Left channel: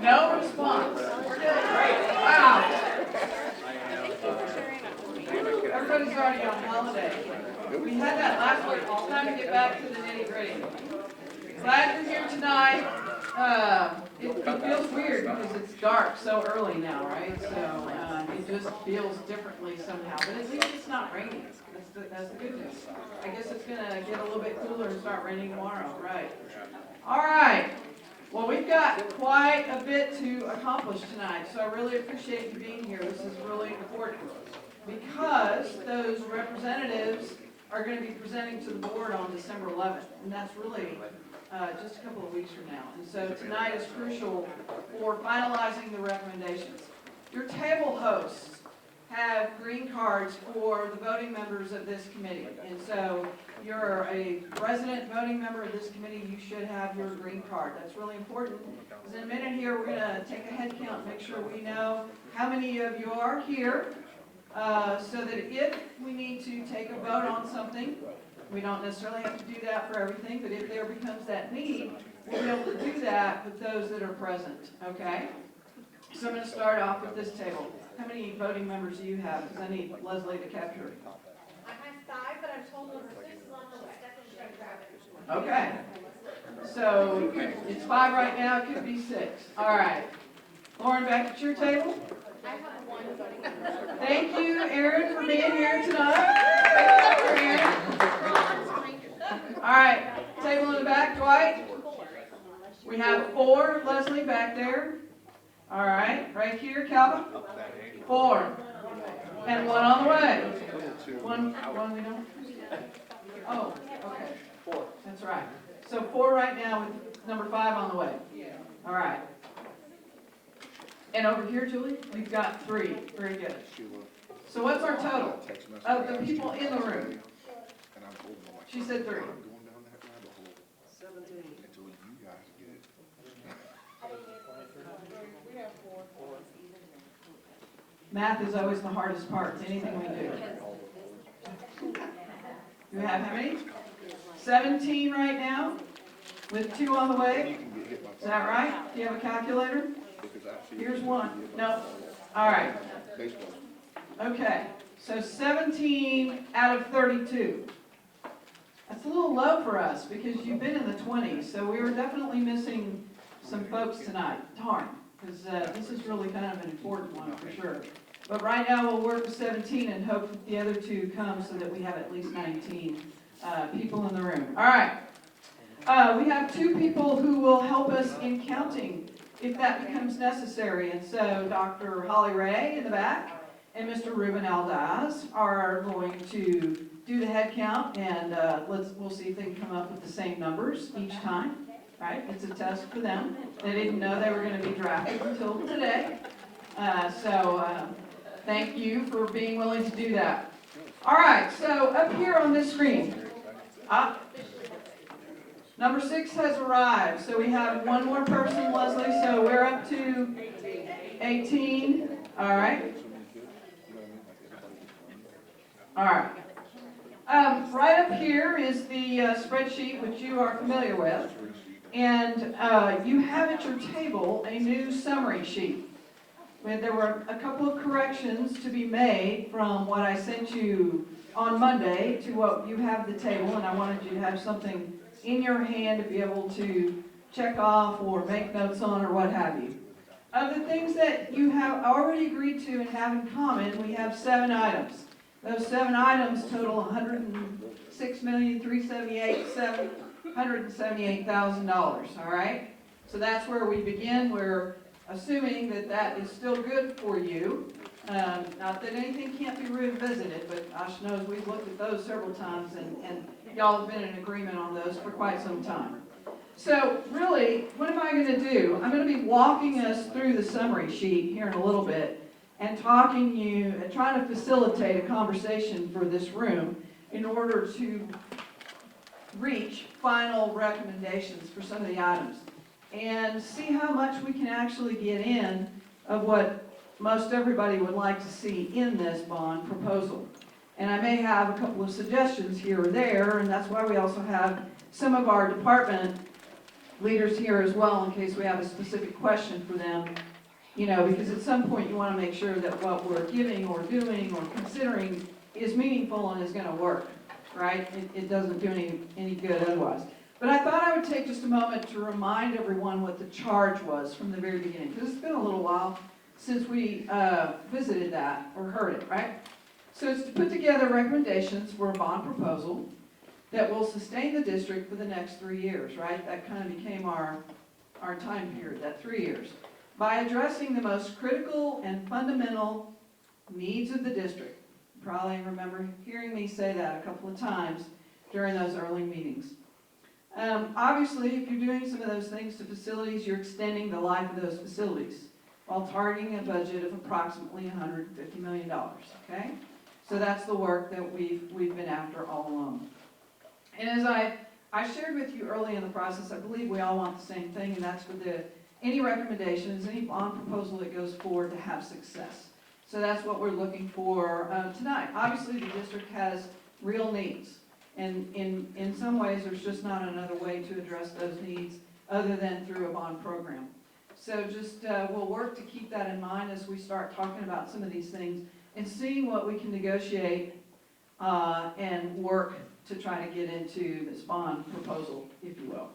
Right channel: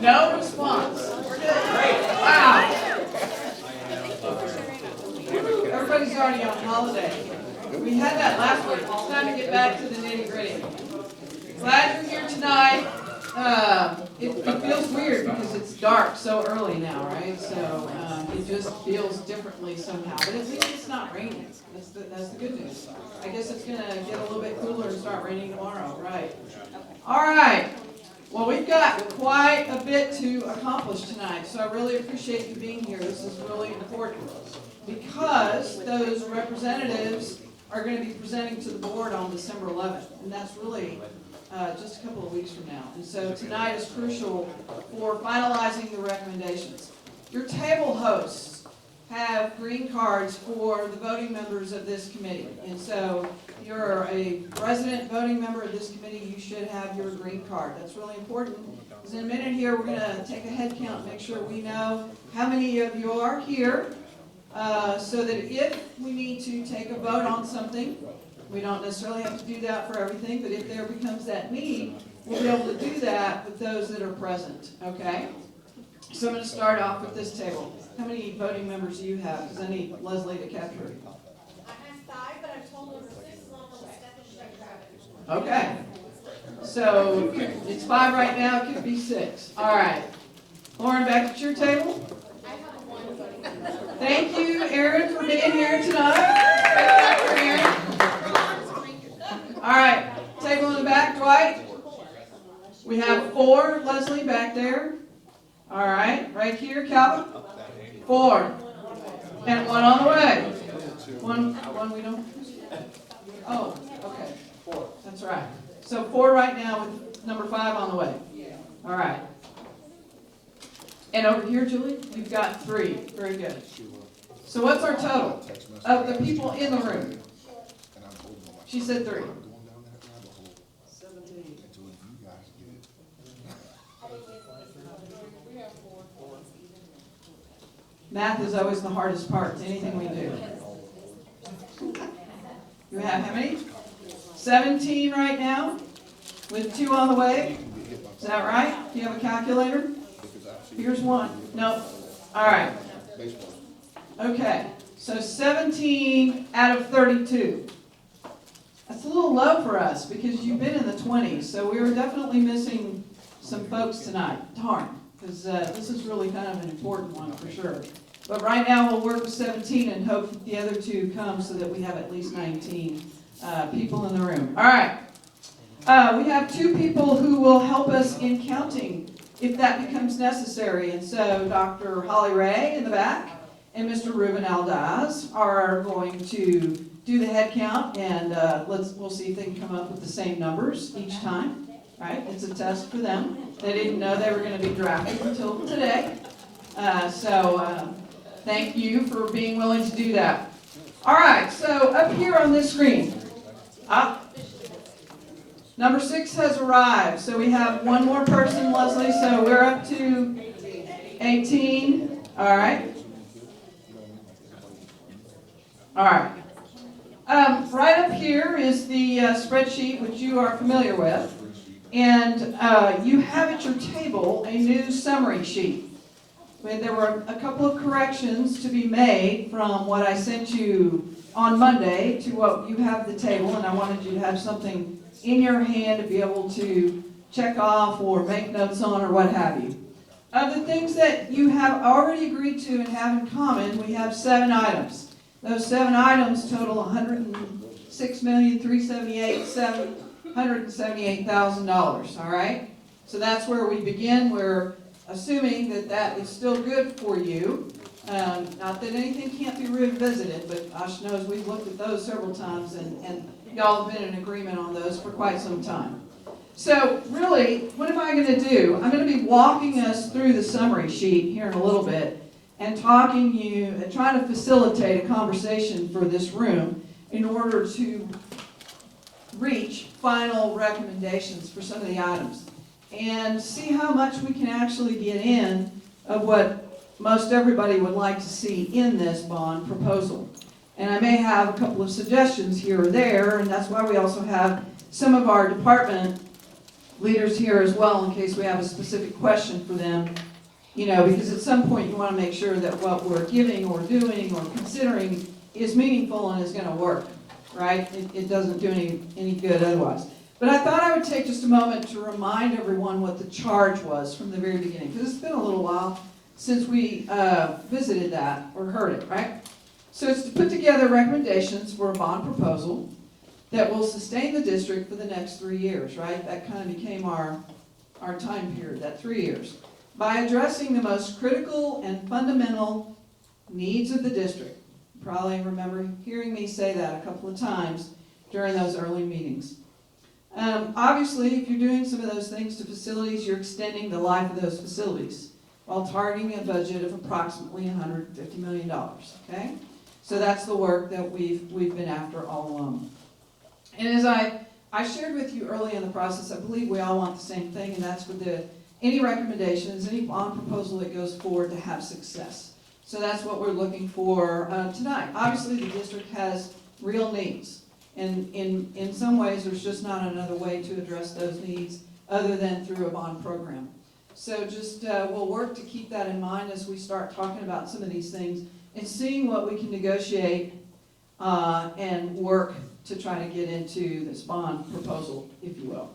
No response. Wow. Everybody's already on holiday. We had that last week. It's time to get back to the nitty-gritty. Glad you're here tonight. It feels weird because it's dark so early now, right? So it just feels differently somehow. But at least it's not raining. That's the good news. I guess it's going to get a little bit cooler and start raining tomorrow, right? All right. Well, we've got quite a bit to accomplish tonight, so I really appreciate you being here. This is really important because those representatives are going to be presenting to the board on December 11th, and that's really just a couple of weeks from now. And so tonight is crucial for finalizing the recommendations. Your table hosts have green cards for the voting members of this committee. And so if you're a resident voting member of this committee, you should have your green card. That's really important because in a minute here we're going to take a head count and make sure we know how many of you are here so that if we need to take a vote on something, we don't necessarily have to do that for everything, but if there becomes that need, we'll be able to do that with those that are present, okay? So I'm going to start off with this table. How many voting members do you have? Because I need Leslie to capture it. I have 5, but I've told over 6 on the list. Okay. So it's 5 right now. It could be 6. All right. Lauren, back at your table. I have 1 voting. Thank you, Aaron, for being here tonight. Aaron. All right. Table in the back, Dwight. We have 4. Leslie, back there. All right. Right here, Calvin. 4. And 1 on the way. One we don't. Oh, okay. 4. That's right. So 4 right now with number 5 on the way. All right. And over here, Julie, we've got 3. Very good. So what's our total of the people in the room? She said 3. Math is always the hardest part to anything we do. You have how many? 17 right now, with 2 on the way. Is that right? Do you have a calculator? Here's 1. No. All right. Okay. So 17 out of 32. That's a little low for us because you've been in the 20s. So we were definitely missing some folks tonight. Darn. Because this is really kind of an important one for sure. But right now we'll work with 17 and hope that the other 2 come so that we have at least 19 people in the room. All right. We have 2 people who will help us in counting if that becomes necessary. And so Dr. Holly Ray in the back and Mr. Ruben Aldaz are going to do the head count, and we'll see if they can come up with the same numbers each time. Right? It's a test for them. They didn't know they were going to be drafted until today. So thank you for being willing to do that. All right, so up here on this screen, number 6 has arrived. So we have 1 more person, Leslie. So we're up to 18. All right. All right. Right up here is the spreadsheet, which you are familiar with. And you have at your table a new summary sheet. There were a couple of corrections to be made from what I sent you on Monday to what you have at the table, and I wanted you to have something in your hand to be able to check off or make notes on or what have you. Of the things that you have already agreed to and have in common, we have 7 items. Those 7 items total $106,378,778,000, all right? So that's where we begin. We're assuming that that is still good for you. Not that anything can't be revisited, but gosh knows we've looked at those several times, and y'all have been in agreement on those for quite some time. So really, what am I going to do? I'm going to be walking us through the summary sheet here in a little bit and trying to facilitate a conversation for this room in order to reach final recommendations for some of the items and see how much we can actually get in of what most everybody would like to see in this bond proposal. And I may have a couple of suggestions here or there, and that's why we also have some of our department leaders here as well in case we have a specific question for them. You know, because at some point you want to make sure that what we're giving or doing or considering is meaningful and is going to work, right? It doesn't do any good otherwise. But I thought I would take just a moment to remind everyone what the charge was from the very beginning, because it's been a little while since we visited that or heard it, right? So it's to put together recommendations for a bond proposal that will sustain the district for the next 3 years, right? That kind of became our time period, that 3 years, by addressing the most critical and fundamental needs of the district. You probably remember hearing me say that a couple of times during those early meetings. Obviously, if you're doing some of those things to facilities, you're extending the life of those facilities while targeting a budget of approximately $150 million, okay? So that's the work that we've been after all along. And as I shared with you early in the process, I believe we all want the same thing, and that's for any recommendations, any bond proposal that goes forward to have success. So that's what we're looking for tonight. Obviously, the district has real needs. And in some ways, there's just not another way to address those needs other than through a bond program. So just we'll work to keep that in mind as we start talking about some of these things and seeing what we can negotiate and work to try to get into this bond proposal, if you will.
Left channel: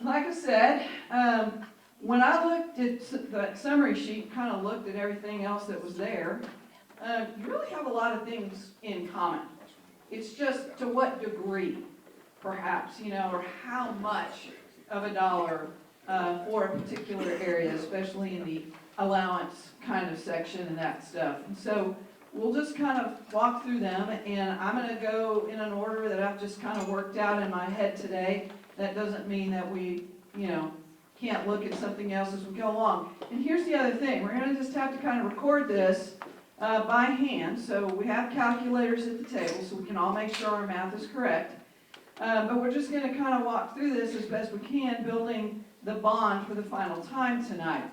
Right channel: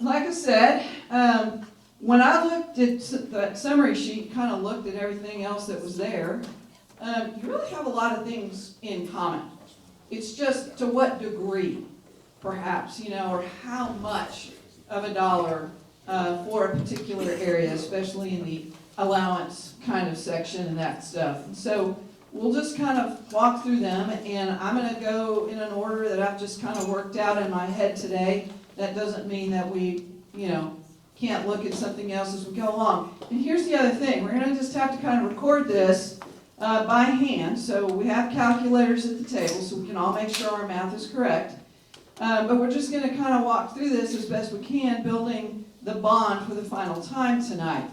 Like I said, when I looked at that summary sheet, kind of looked at everything else that was there, you really have a lot of things in common. It's just to what degree, perhaps, you know, or how much of a dollar for a particular area, especially in the allowance kind of section and that stuff. And so we'll just kind of walk through them, and I'm going to go in an order that I've just kind of worked out in my head today. That doesn't mean that we, you know, can't look at something else as we go along. And here's the other thing. We're going to just have to kind of record this by hand. So we have calculators at the table so we can all make sure our math is correct. But we're just going to kind of walk through this as best we can, building the bond for the final time tonight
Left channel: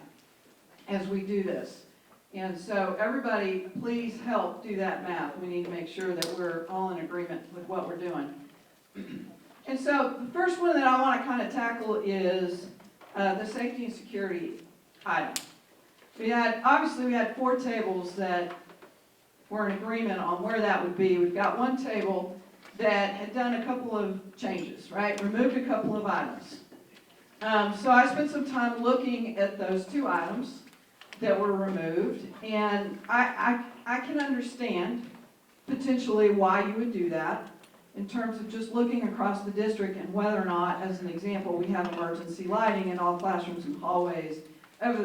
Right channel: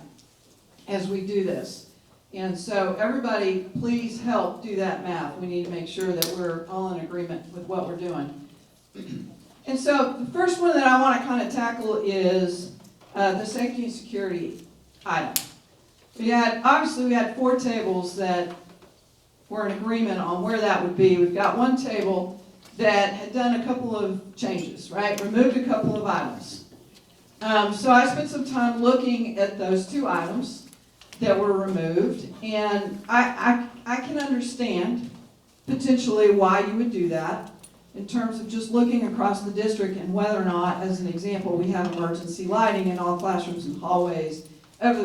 as we do this. And so everybody, please help do that math. We need to make sure that we're all in agreement with what we're doing. And so the first one that I want to kind of tackle is the safety and security item. Obviously we had 4 tables that were in agreement on where that would be. We've got one table that had done a couple of changes, right? Removed a couple of items. So I spent some time looking at those 2 items that were removed, and I can understand potentially why you would do that in terms of just looking across the district and whether or not, as an example, we have emergency lighting in all classrooms and hallways of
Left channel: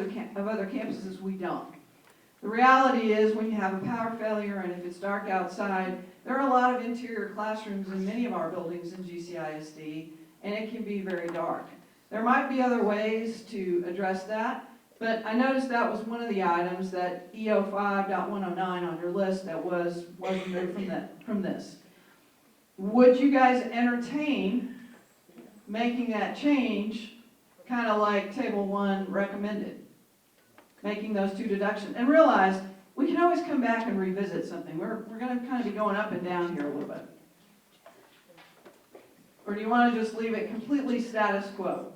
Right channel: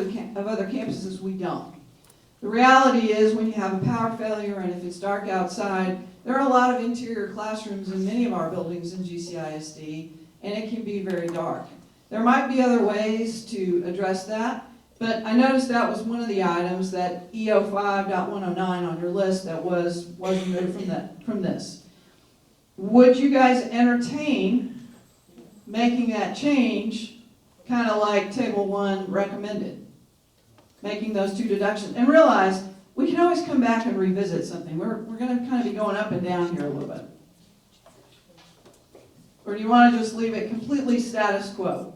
other campuses. We don't. The reality is when you have a power failure and if it's dark outside, there are a lot of interior classrooms in many of our buildings in GCISD, and it can be very dark. There might be other ways to address that, but I noticed that was one of the items, that E05.109 on your list, that was removed from this. Would you guys entertain making that change, kind of like Table 1 recommended? Making those 2 deductions. And realize, we can always come back and revisit something. We're going to kind of be going up and down here a little bit. Or do you want to just leave it completely status quo,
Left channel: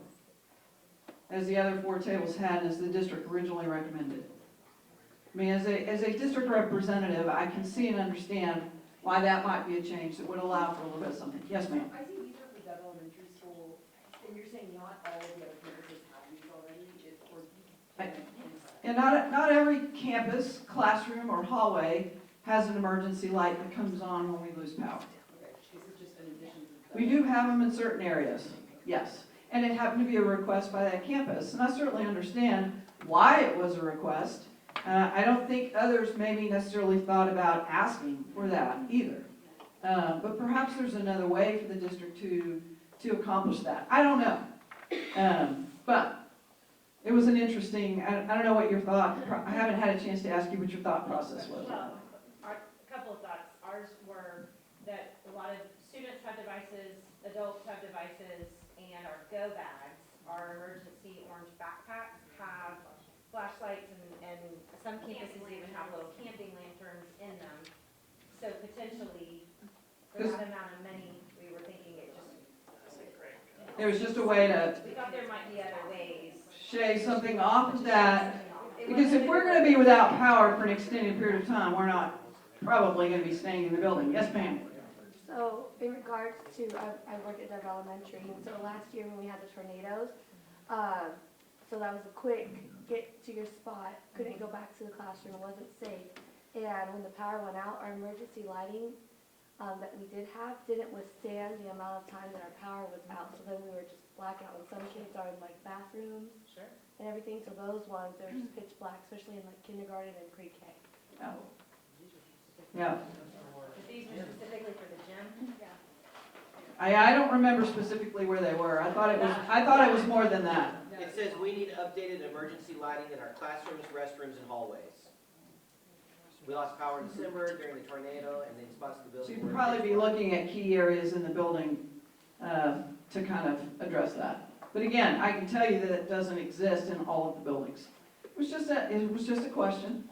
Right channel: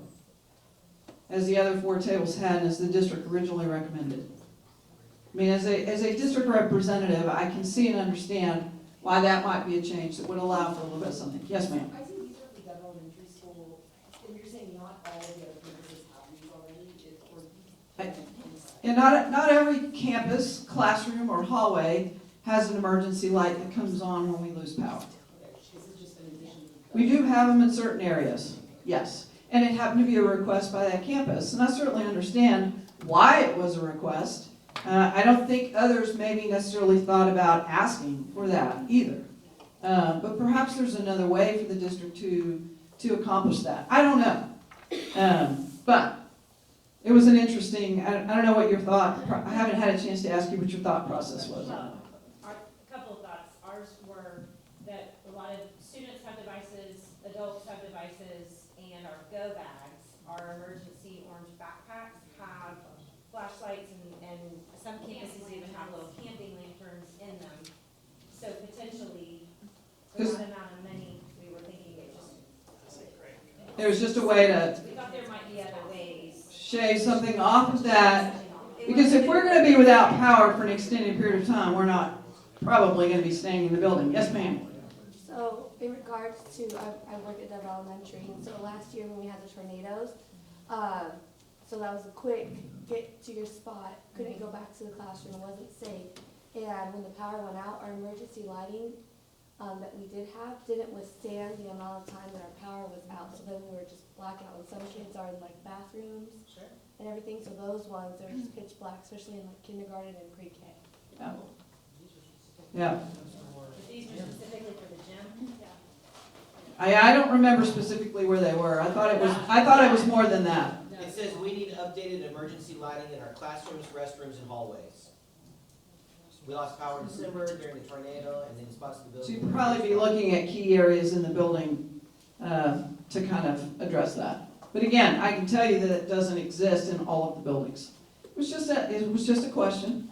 as the other 4 tables had, as the district originally recommended? I mean, as a district representative, I can see and understand why that might be a change that would allow for a little bit of something. Yes, ma'am? I think these are for Dove Elementary School, and you're saying not all of the other campuses have these already? And not every campus, classroom, or hallway has an emergency light that comes on when we lose power. We do have them in certain areas, yes. And it happened to be a request by that campus, and I certainly understand why it was a request. I don't think others maybe necessarily thought about asking for that either. But perhaps there's another way for the district to accomplish that. I don't know. But it was an interesting, I don't know what your thought, I haven't had a chance to ask you what your thought process was. Well, a couple of thoughts. Ours were that a lot of students have devices, adults have devices, and our go bags, our emergency orange backpacks, have flashlights, and some campuses even have little camping lanterns in them. So potentially, for that amount of money, we were thinking it just. It was just a way to, We thought shave something off of that, because if we're gonna be without power for an extended period of time, we're not probably gonna be staying in the building. Yes, ma'am? So in regards to, I work at Dove Elementary, so last year when we had the tornadoes, so that was a quick get to your spot, couldn't go back to the classroom, wasn't safe. And when the power went out, our emergency lighting, that we did have, didn't withstand the amount of time that our power was out, so then we were just blacking out. And some kids are in like bathrooms and everything, so those ones, they were just pitch black, especially in like kindergarten and pre-K. Yeah. These are specifically for the gym. I don't remember specifically where they were. I thought it was more than that. It says we need updated emergency lighting in our classrooms, restrooms, and hallways. We lost power in December during the tornado, and then spots of the So building. you could probably be looking at key areas in the building to kind of address that. But again, I can tell you that it doesn't exist in all of the buildings. It was just a question.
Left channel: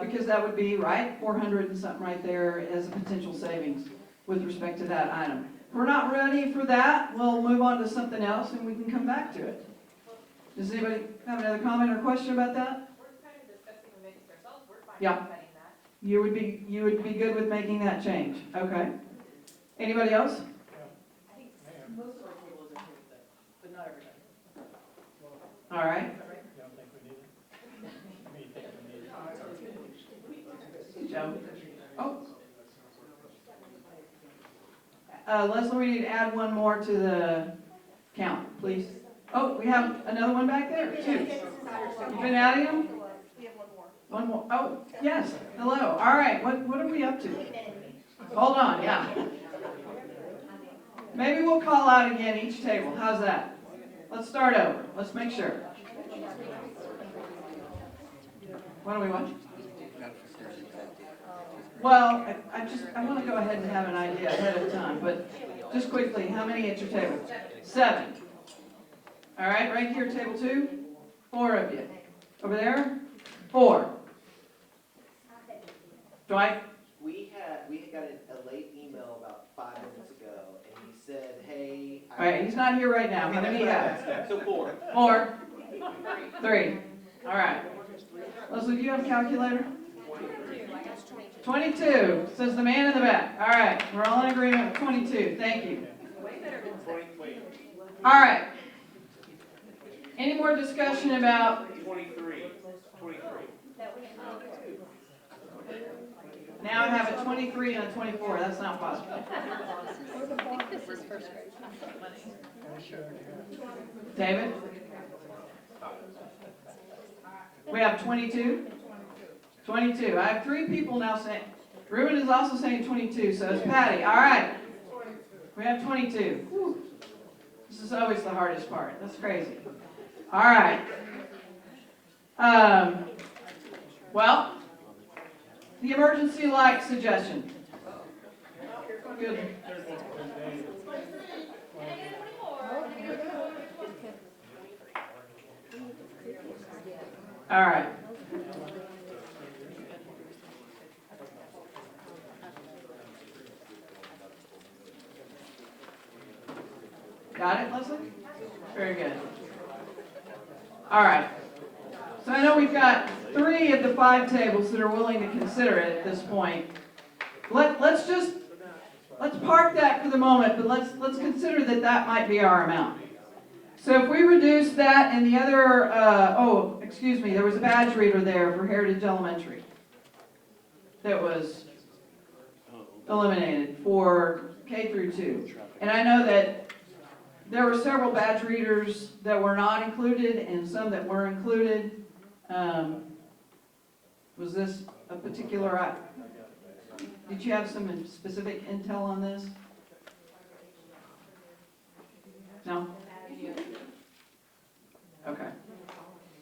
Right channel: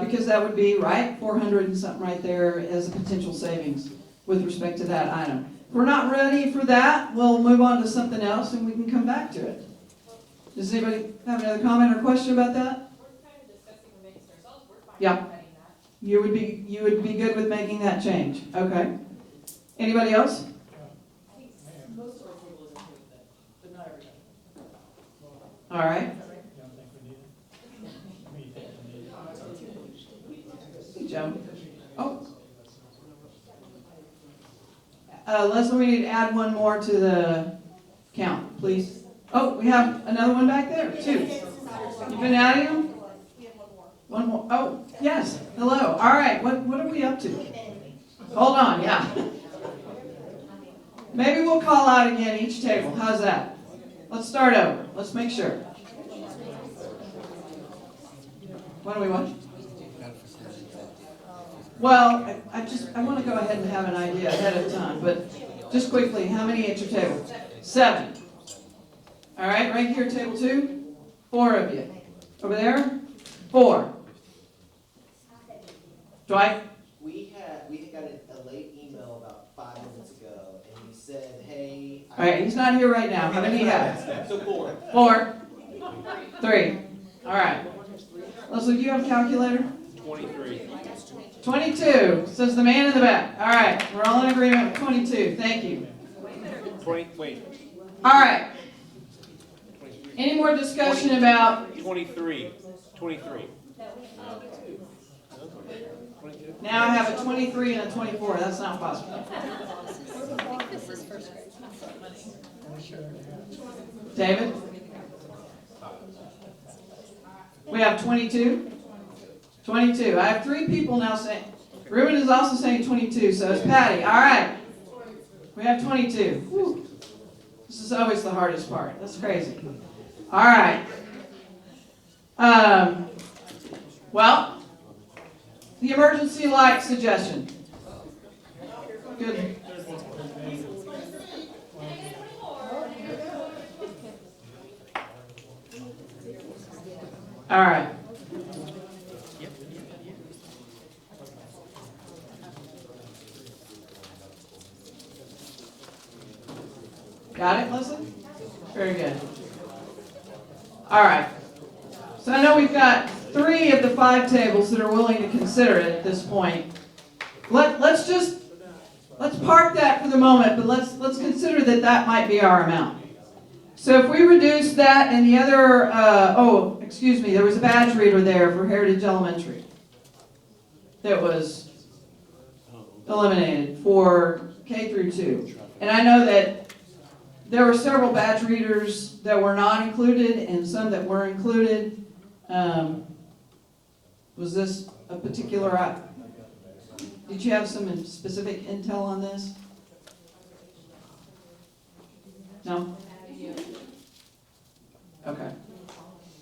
Because that would be, right, 400 and something right there as a potential savings with respect to that item. If we're not ready for that, we'll move on to something else and we can come back to it. Does anybody have another comment or question about that? We're kind of discussing amongst ourselves, we're fine Yeah. with cutting that. You would be good with making that change. Okay. Anybody else? I think most of our table is okay with it, but not everything. All right. Hey, Joe. Oh. Leslie, we need to add one more to the count, please. Oh, we have another one back there, too. You've been adding them? One more. Oh, yes. Hello. All right. What are we up to? Hold on. Yeah. Maybe we'll call out again each table. How's that? Let's start over. Let's make sure. What do we want? Well, I want to go ahead and have an idea ahead of time, but just quickly, how many at your table? 7. All right, right here, table 2. 4 of you. Over there, 4. Dwight? We got a late email about 5 minutes ago, and he said, hey. All right, he's not here right now. How many do you have? So 4. 4. 3. All right. Leslie, do you have a calculator? 23. 22, says the man in the back. All right, we're all in agreement with 22. Thank you. 20, wait, All right. Any more discussion about, 23. 23. now I have a 23 and a 24. That's not possible. David? We have 22? 22. I have 3 people now saying, Ruben is also saying 22, so it's Patty. All right. We have 22. Whew. This is always the hardest part. That's crazy. All right. Well, the emergency light suggestion. Good. All right. Got it, Leslie? Very good. All right. So I know we've got 3 of the 5 tables that are willing to consider it at this point. Let's park that for the moment, but let's consider that might be our amount. So if we reduce that and the other, there was a badge reader there for Heritage Elementary that was eliminated for K through 2. And I know that there were several badge readers that were not included and some that were included. Was this a particular, did you have some specific intel on this? No? Okay.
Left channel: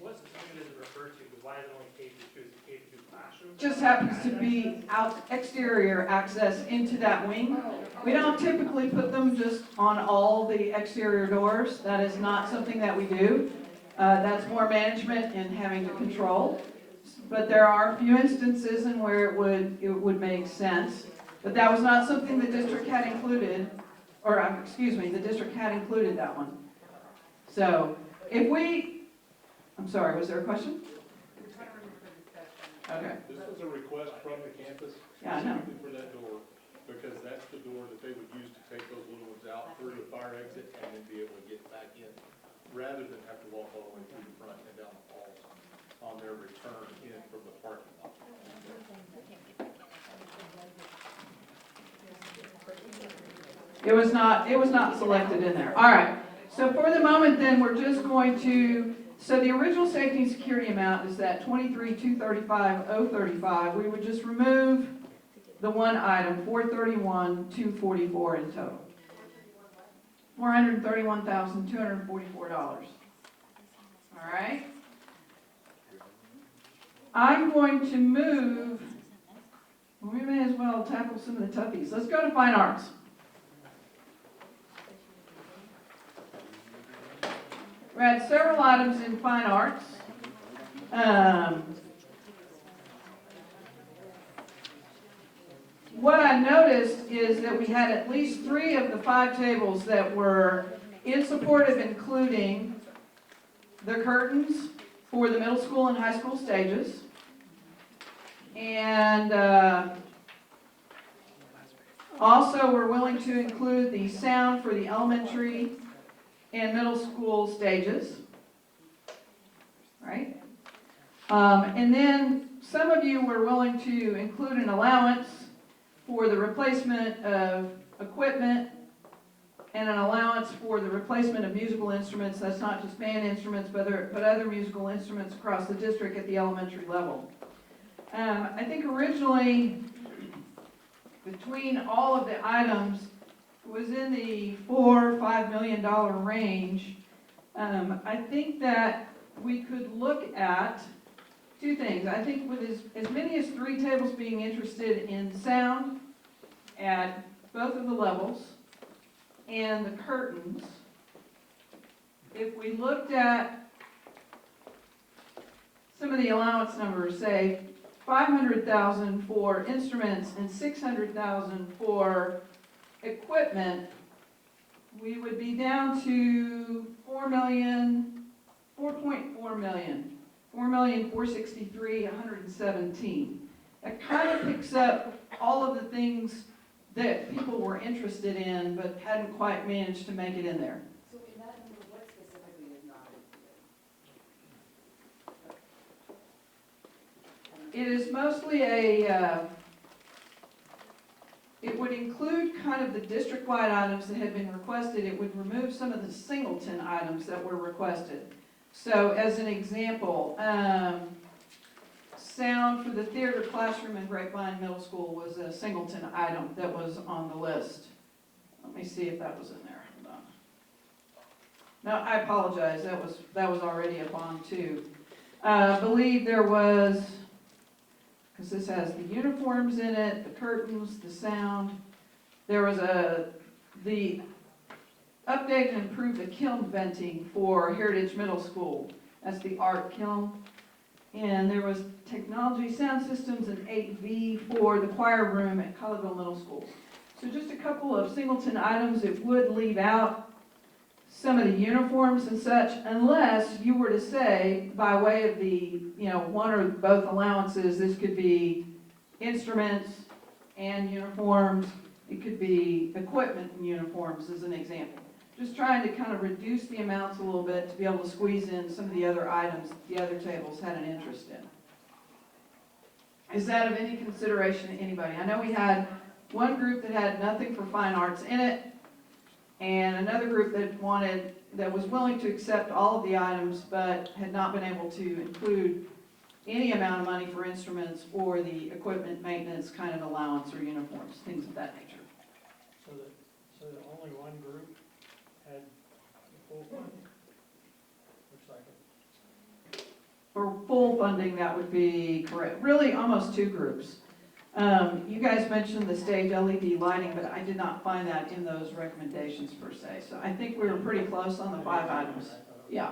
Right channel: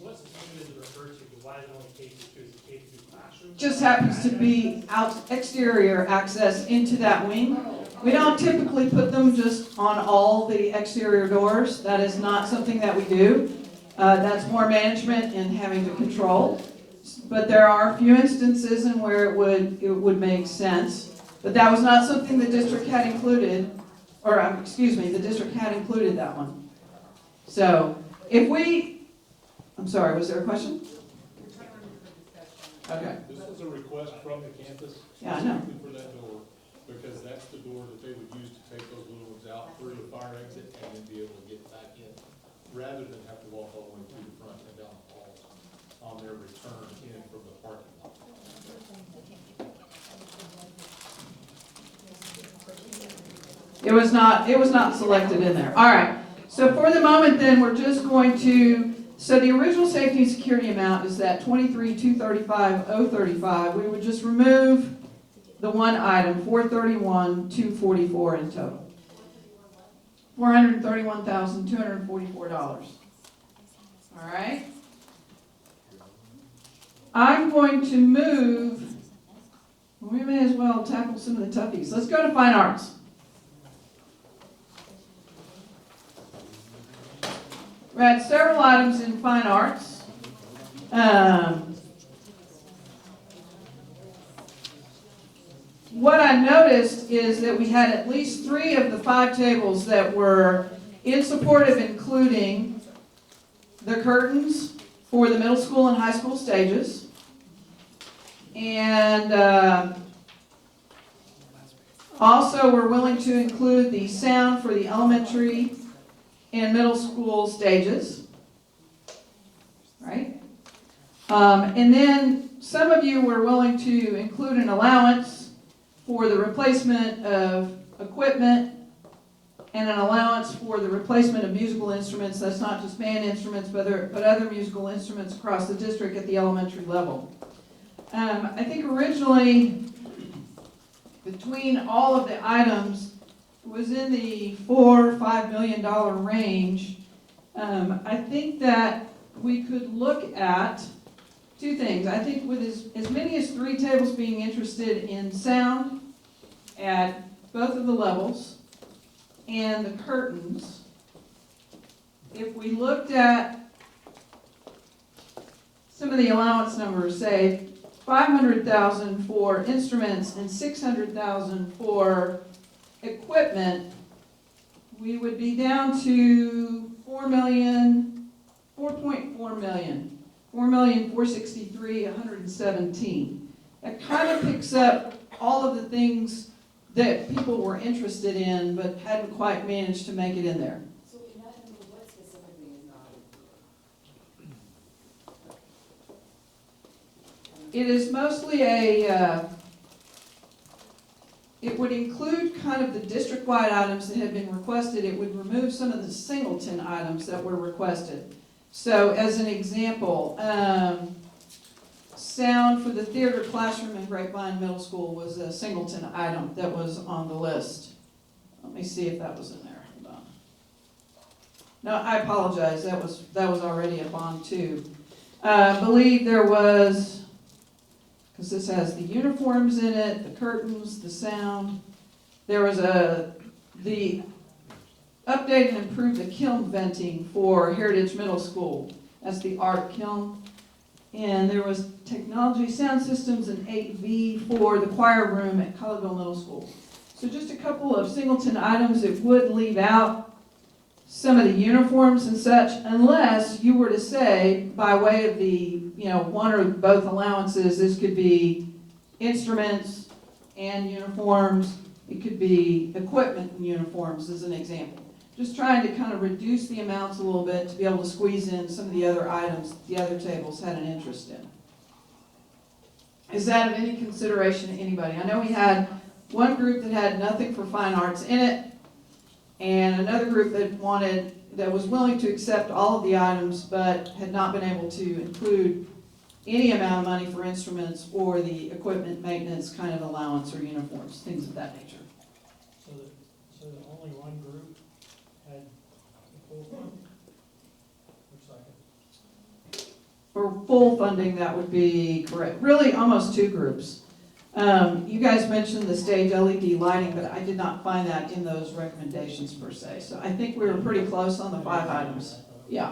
What's the thing that it refers to? Because why is it only K through 2? Is it K through classroom? Just happens to be exterior access into that wing. We don't typically put them just on all the exterior doors. That is not something that we do. That's more management and having to control. But there are a few instances in where it would make sense. But that was not something the district had included, the district had included that one. So if I'm sorry, was there a question? Okay. This was a request from the campus Yeah, I know. specifically for that door, because that's the door that they would use to take those little ones out through the fire exit and then be able to get back in, rather than have to walk all the way through the front and down the halls on their return in from the parking lot. It was not selected in there. All right. So for the moment then, we're just going to, so the original safety and security amount is that 23,235,035. We would just remove the one item, 431,244 in total. $431,244. All right. I'm going to move, we may as well tackle some of the toughies. Let's go to fine arts. We had several items in fine arts. What I noticed is that we had at least 3 of the 5 tables that were in support of including the curtains for the middle school and high school stages. And also we're willing to include the sound for the elementary and middle school stages, right? And then some of you were willing to include an allowance for the replacement of equipment and an allowance for the replacement of musical instruments. That's not just band instruments, but other musical instruments across the district at the elementary level. I think originally, between all of the items, was in the $4 or $5 million range. I think that we could look at 2 things. I think with as many as 3 tables being interested in sound at both of the levels and the curtains, if we looked at some of the allowance numbers, say $500,000 for instruments and $600,000 for equipment, we would be down to $4.4 million, $4,463,117. That kind of picks up all of the things that people were interested in but hadn't quite managed to make it in there. So in that number, what specifically is not included? It is mostly it would include kind of the district-wide items that had been requested. It would remove some of the singleton items that were requested. So as an example, sound for the theater classroom in Grapevine Middle School was a singleton item that was on the list. Let me see if that was in there. Hold on. No, I apologize. That was already up on too. I believe there was, because this has the uniforms in it, the curtains, the sound. There was the update and improve the kiln venting for Heritage Middle School. That's the art kiln. And there was technology sound systems and 8V for the choir room at Collegeville Middle School. So just a couple of singleton items. It would leave out some of the uniforms and such, unless you were to say, by way of the, one or both allowances, this could be instruments and uniforms. It could be equipment and uniforms, as an example. Just trying to kind of reduce the amounts a little bit to be able to squeeze in some of the other items that the other tables had an interest in. Is that of any consideration to anybody? I know we had one group that had nothing for fine arts in it, and another group that was willing to accept all of the items, but had not been able to include any amount of money for instruments or the equipment maintenance kind of allowance or uniforms, things of that nature. So that only one group had full fund? Looks like it. For full funding, that would be correct. Really, almost 2 groups. You guys mentioned the stage LED lighting, but I did not find that in those recommendations per se. So I think we were pretty close on the 5 items. Yeah.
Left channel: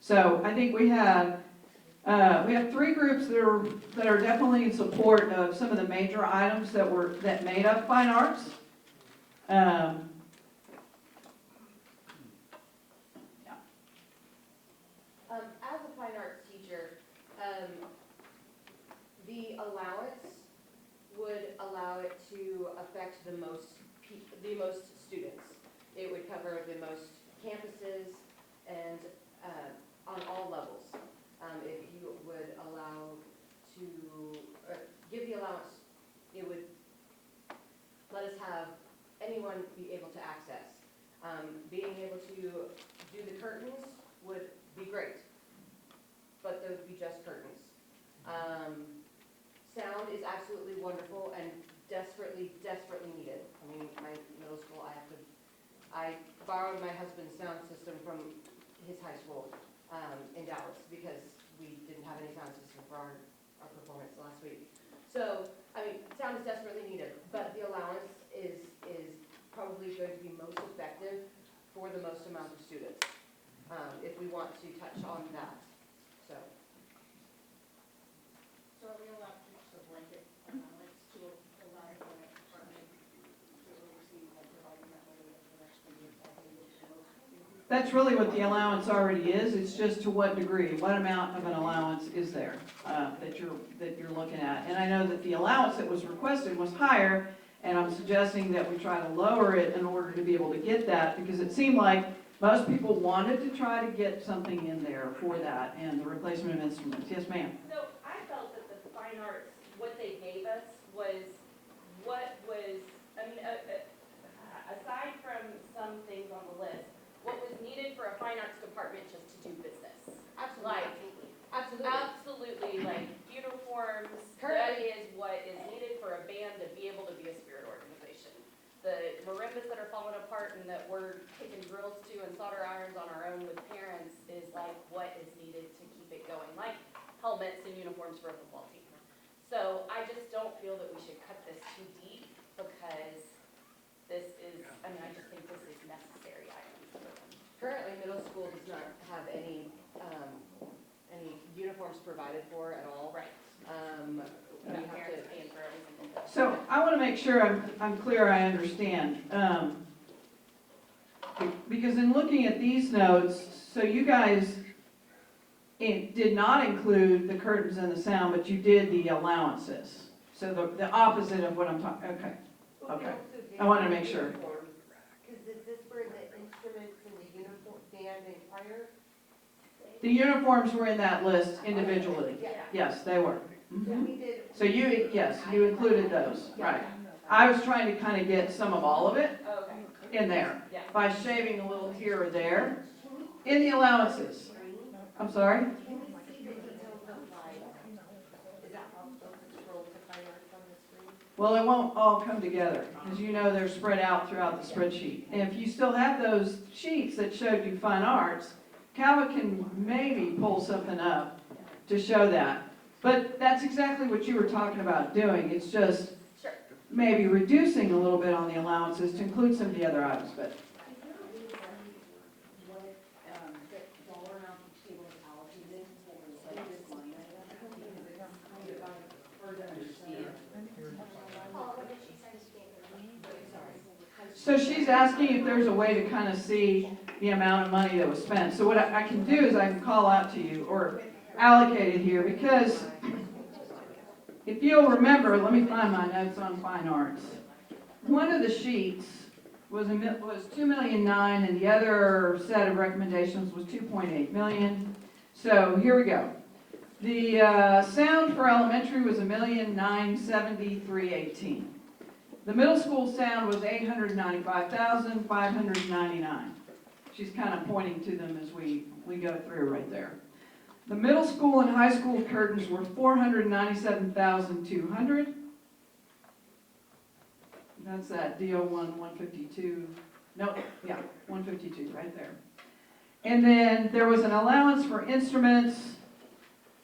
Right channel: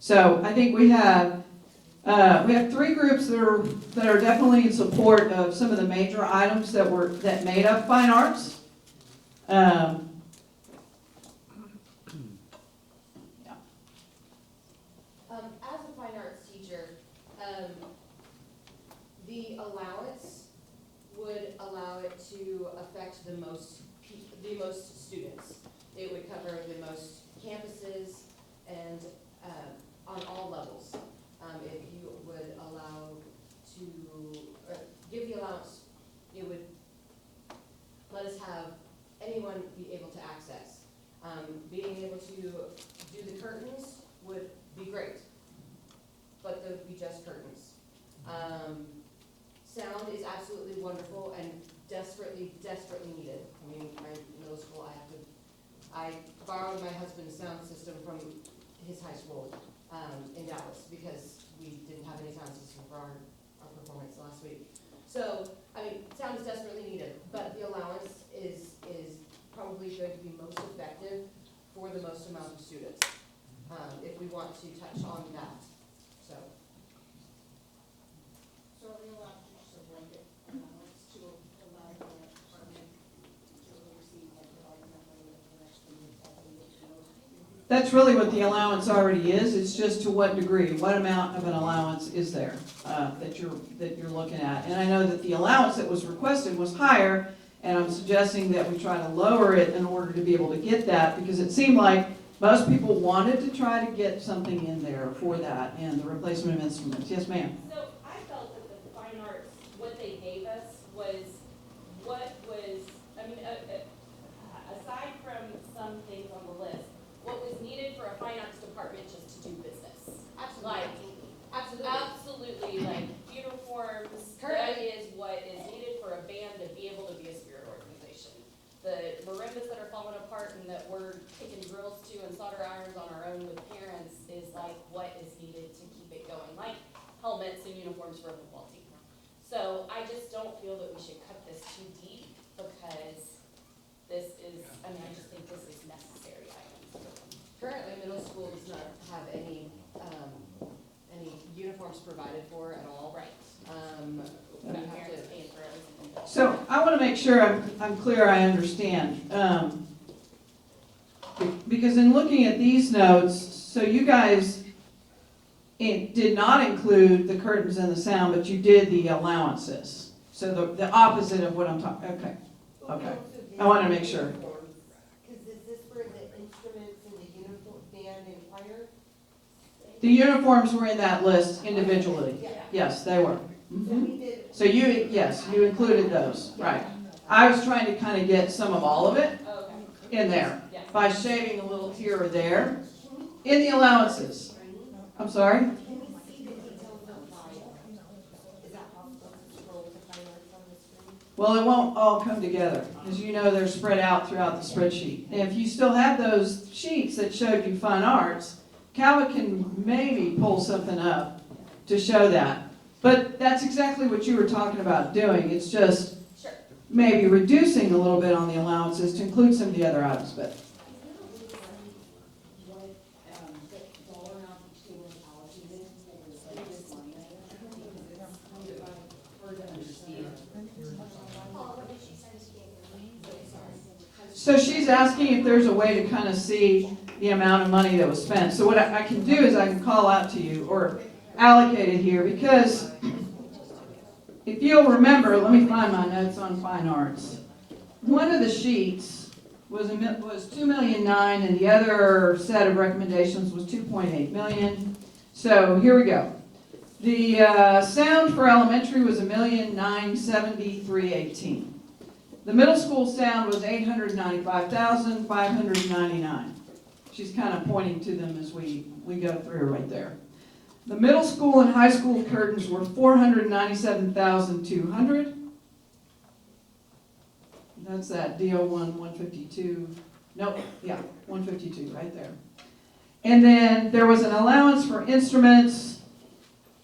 So I think we have 3 groups that are definitely in support of some of the major items that made up fine arts. That's really what the allowance already is, it's just to what degree, what amount of an allowance is there, that you're looking at. And I know that the allowance that was requested was higher, and I'm suggesting that we try to lower it in order to be able to get that, because it seemed like most people wanted to try to get something in there for that, and the replacement of instruments. Yes, ma'am? So I felt that the fine arts, what they gave us was what was, I mean, aside from some things on the list, what was needed for a fine arts department just to do business. Like, absolutely, like uniforms, that is what is needed for a band to be able to be a spirit organization. The marimbas that are falling apart and that we're kicking drills to and solder irons on our own with parents is like what is needed to keep it going, like helmets and uniforms for a football team. So I just don't feel that we should cut this too deep because this is, I mean, I just think this is necessary items. Currently, middle school does not have any uniforms provided for at all. Right. You Got have parents to, paying for everything. So I want to make sure I'm clear, I understand. Because in looking at these notes, so you guys did not include the curtains and the sound, but you did the allowances. So the opposite of what I'm talking, okay. I want to make sure. Because is this for the instruments and the uniform band and choir? The uniforms were in that list individually. Yeah. Yes, they were. So Mhm. we did. So you included those, right. I was trying to kind of get some of all of it Okay. in there Yeah. by shaving a little here or there in the allowances. I'm sorry? Can we see the details of like, is that possible to scroll to fine arts on the screen? Well, it won't all come together. As you know, they're spread out throughout the spreadsheet. If you still have those sheets that showed you fine arts, Calvin can maybe pull something up to show that. But that's exactly what you were talking about doing. It's just Sure. maybe reducing a little bit on the allowances to include some of the other items, but what, dollar amount each table is allocated for this line item, because it's hard to understand. so she's asking if there's a way to kind of see the amount of money that was spent. So what I can do is I can call out to you or allocate it here, because if you'll remember, let me find my notes on fine arts. One of the sheets was $2.9 million, and the other set of recommendations was $2.8 million. So here we go. The sound for elementary was $1,973,18. The middle school sound was $895,599. She's kind of pointing to them as we go through right there. The middle school and high school curtains were $497,200. That's that DO1 152. Nope, yeah, 152 right there. And then there was an allowance for instruments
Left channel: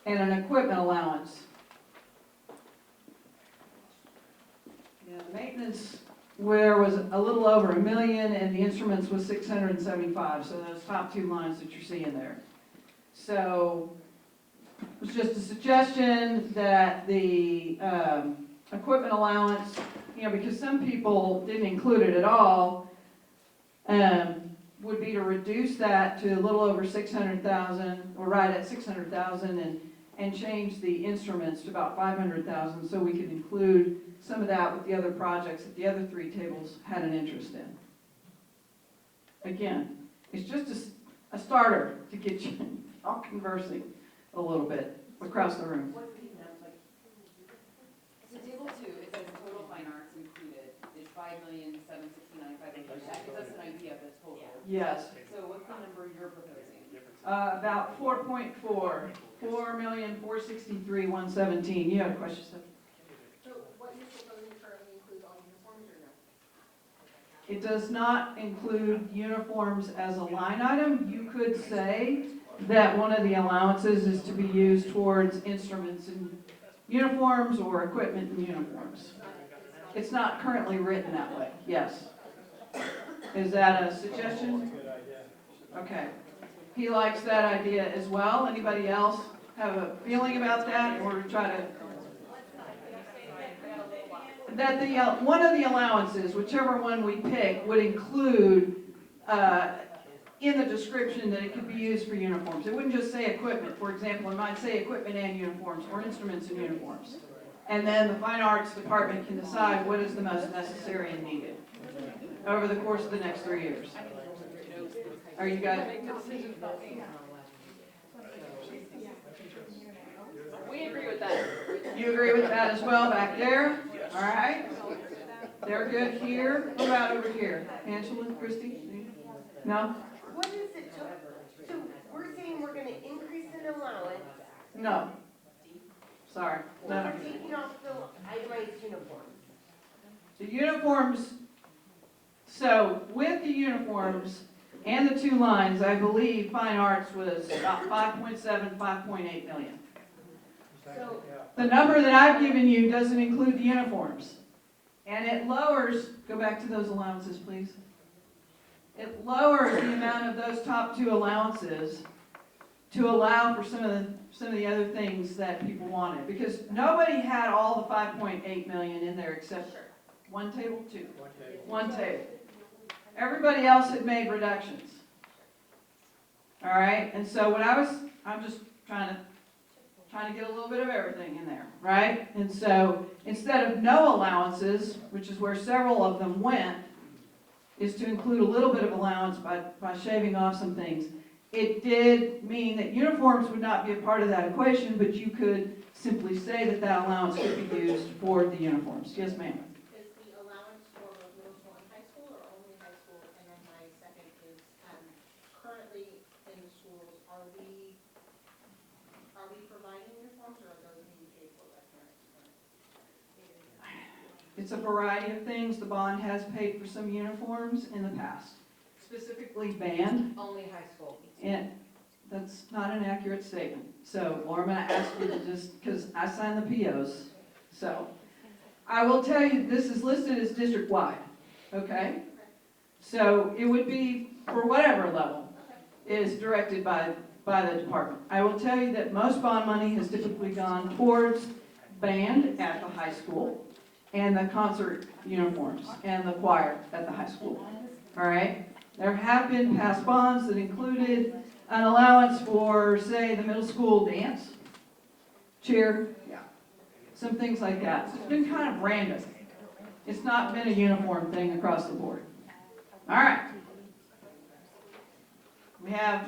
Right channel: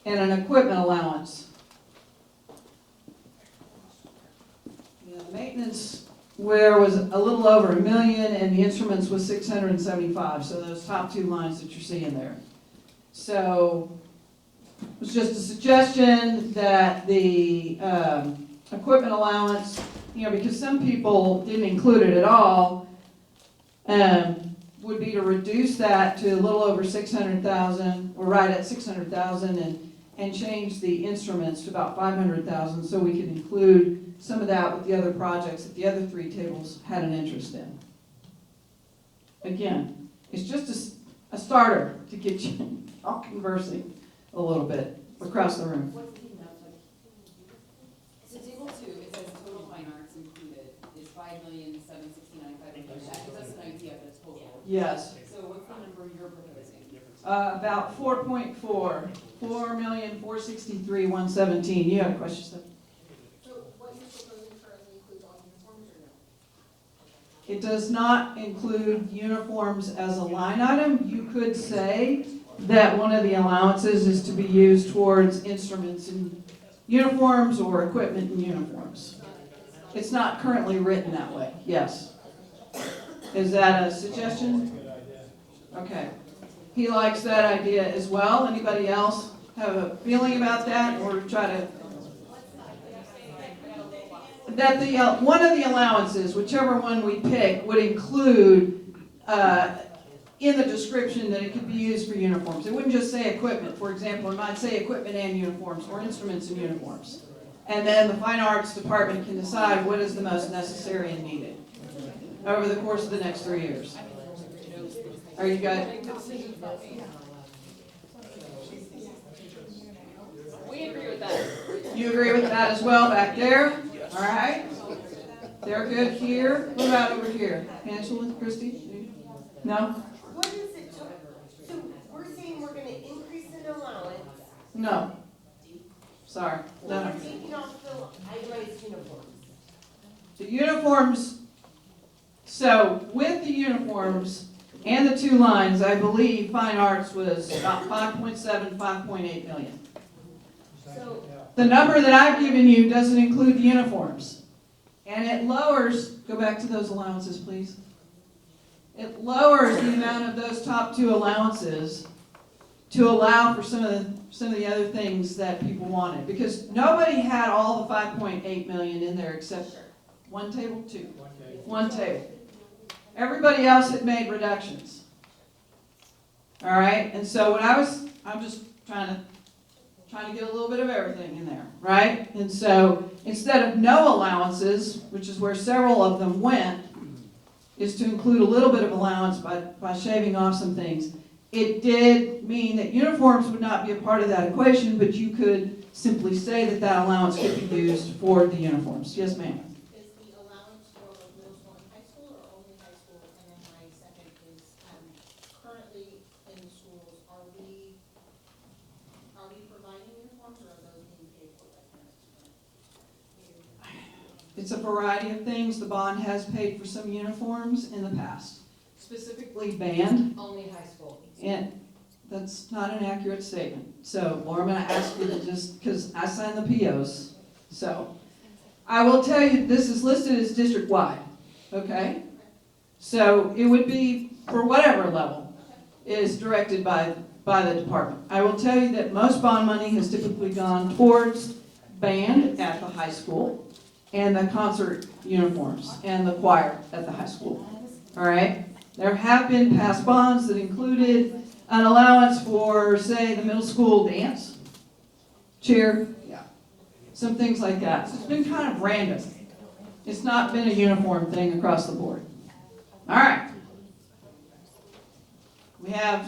and an equipment allowance. Yeah, the maintenance where was a little over $1 million, and the instruments was 675. So those top two lines that you're seeing there. So it was just a suggestion that the equipment allowance, because some people didn't include it at all, would be to reduce that to a little over 600,000, or right at 600,000, and change the instruments to about 500,000, so we could include some of that with the other projects that the other three tables had an interest in. Again, it's just a starter to get you all conversing a little bit across the room. What's the amount, like, so table 2, it says total fine arts included is $5,769,500. That gives us an idea of the total. Yes, So what's the number you're proposing? about 4.4, 4,463,117. You have a question, Steph? So what you're proposing currently includes all uniforms or no? It does not include uniforms as a line item. You could say that one of the allowances is to be used towards instruments and uniforms or equipment and uniforms. It's not currently written that way, yes. Is that a suggestion? Okay. He likes that idea as well. Anybody else have a feeling about that, or try to? That one of the allowances, whichever one we pick, would include in the description that it could be used for uniforms. It wouldn't just say equipment, for example, it might say equipment and uniforms, or instruments and uniforms. And then the fine arts department can decide what is the most necessary and needed over the course of the next 3 years. Are you good? We agree with that. You agree with that as well back there? All right. They're good here. What about over here? Angela, Christie? No? What is it, so we're saying we're gonna increase in allowance, No. Sorry. No. we're taking off the itemized uniforms. The uniforms, so with the uniforms and the 2 lines, I believe fine arts was about 5.7, 5.8 million. So, The number that I've given you doesn't include the uniforms. And it lowers, go back to those allowances, please. It lowers the amount of those top 2 allowances to allow for some of the other things that people wanted. Because nobody had all the 5.8 million in there except one table, 2. One table. Everybody else had made reductions. All right, and so I'm just trying to get a little bit of everything in there, right? And so instead of no allowances, which is where several of them went, is to include a little bit of allowance by shaving off some things. It did mean that uniforms would not be a part of that equation, but you could simply say that that allowance could be used for the uniforms. Yes, ma'am. Is the allowance for middle school and high school, or only high school? And then my second is, currently in the schools, are we providing uniforms, or are those being paid for by parents? It's a variety of things. The bond has paid for some uniforms in the past, specifically band. Only high school. And that's not an accurate statement. So, Laura, I'm going to ask you to just, because I signed the POs. So, I will tell you, this is listed as district-wide, okay? So, it would be, for whatever level is directed by the department. I will tell you that most bond money has typically gone towards band at the high school, and the concert uniforms, and the choir at the high school, all right? There have been past bonds that included an allowance for, say, the middle school dance, cheer, some things like that. So it's been kind of random. It's not been a uniform thing across the board. All right. We have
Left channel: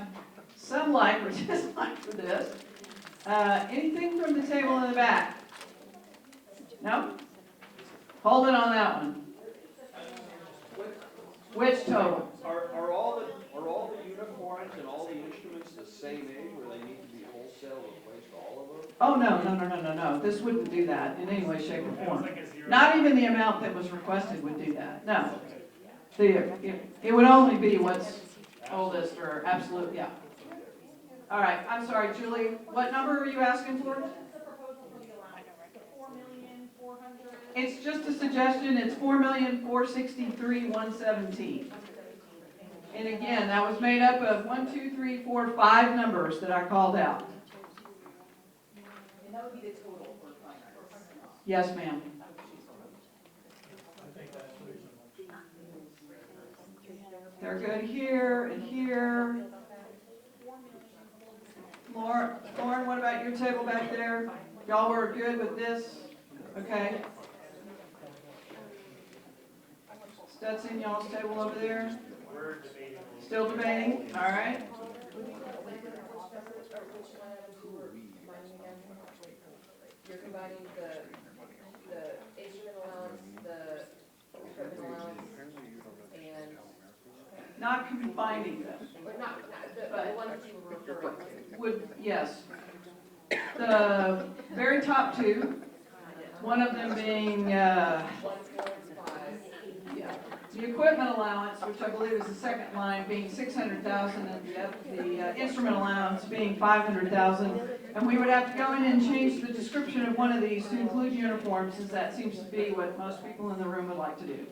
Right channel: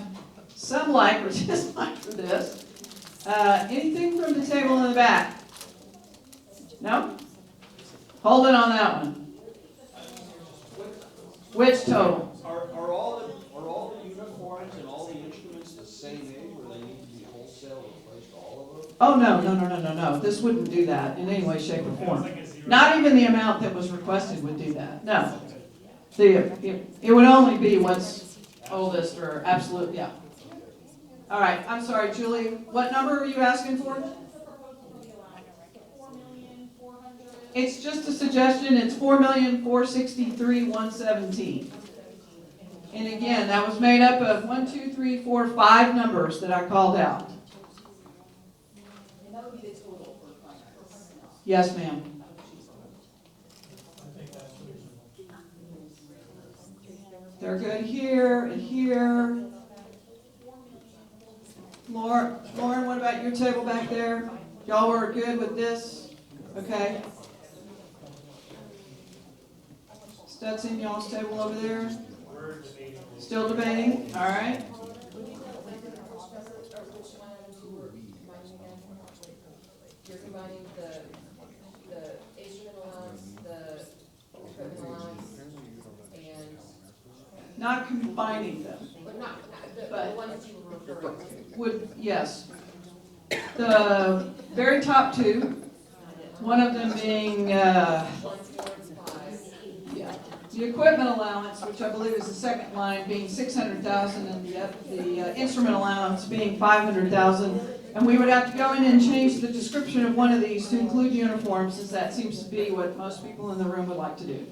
some light, which is fine for this. Anything from the table in the back? No? Hold it on that one. Which total? Are all the uniforms and all the instruments the same age, where they need to be wholesale replaced all of them? Oh, no. This wouldn't do that in any way, shape, or form. Not even the amount that was requested would do that. No. It would only be what's oldest or absolute, yeah. All right, I'm sorry, Julie. What number are you asking for? It's just a suggestion. It's 4,463,117. And again, that was made up of 1, 2, 3, 4, 5 numbers that I called out. And that would be the total for fine arts. Yes, ma'am. They're good here and here. Lauren, what about your table back there? Y'all were good with this? Okay. Stetson, y'all's table over there? Still debating? All right. You're combining the instrument allowance, the equipment allowance, and, Not combining them. but not, the ones you were referring to. Yes. The very top 2, one of them being, the equipment allowance, which I believe is the second line, being 600,000, and the instrument allowance being 500,000. And we would have to go in and change the description of one of these to include uniforms, since that seems to be what most people in the room would like to do.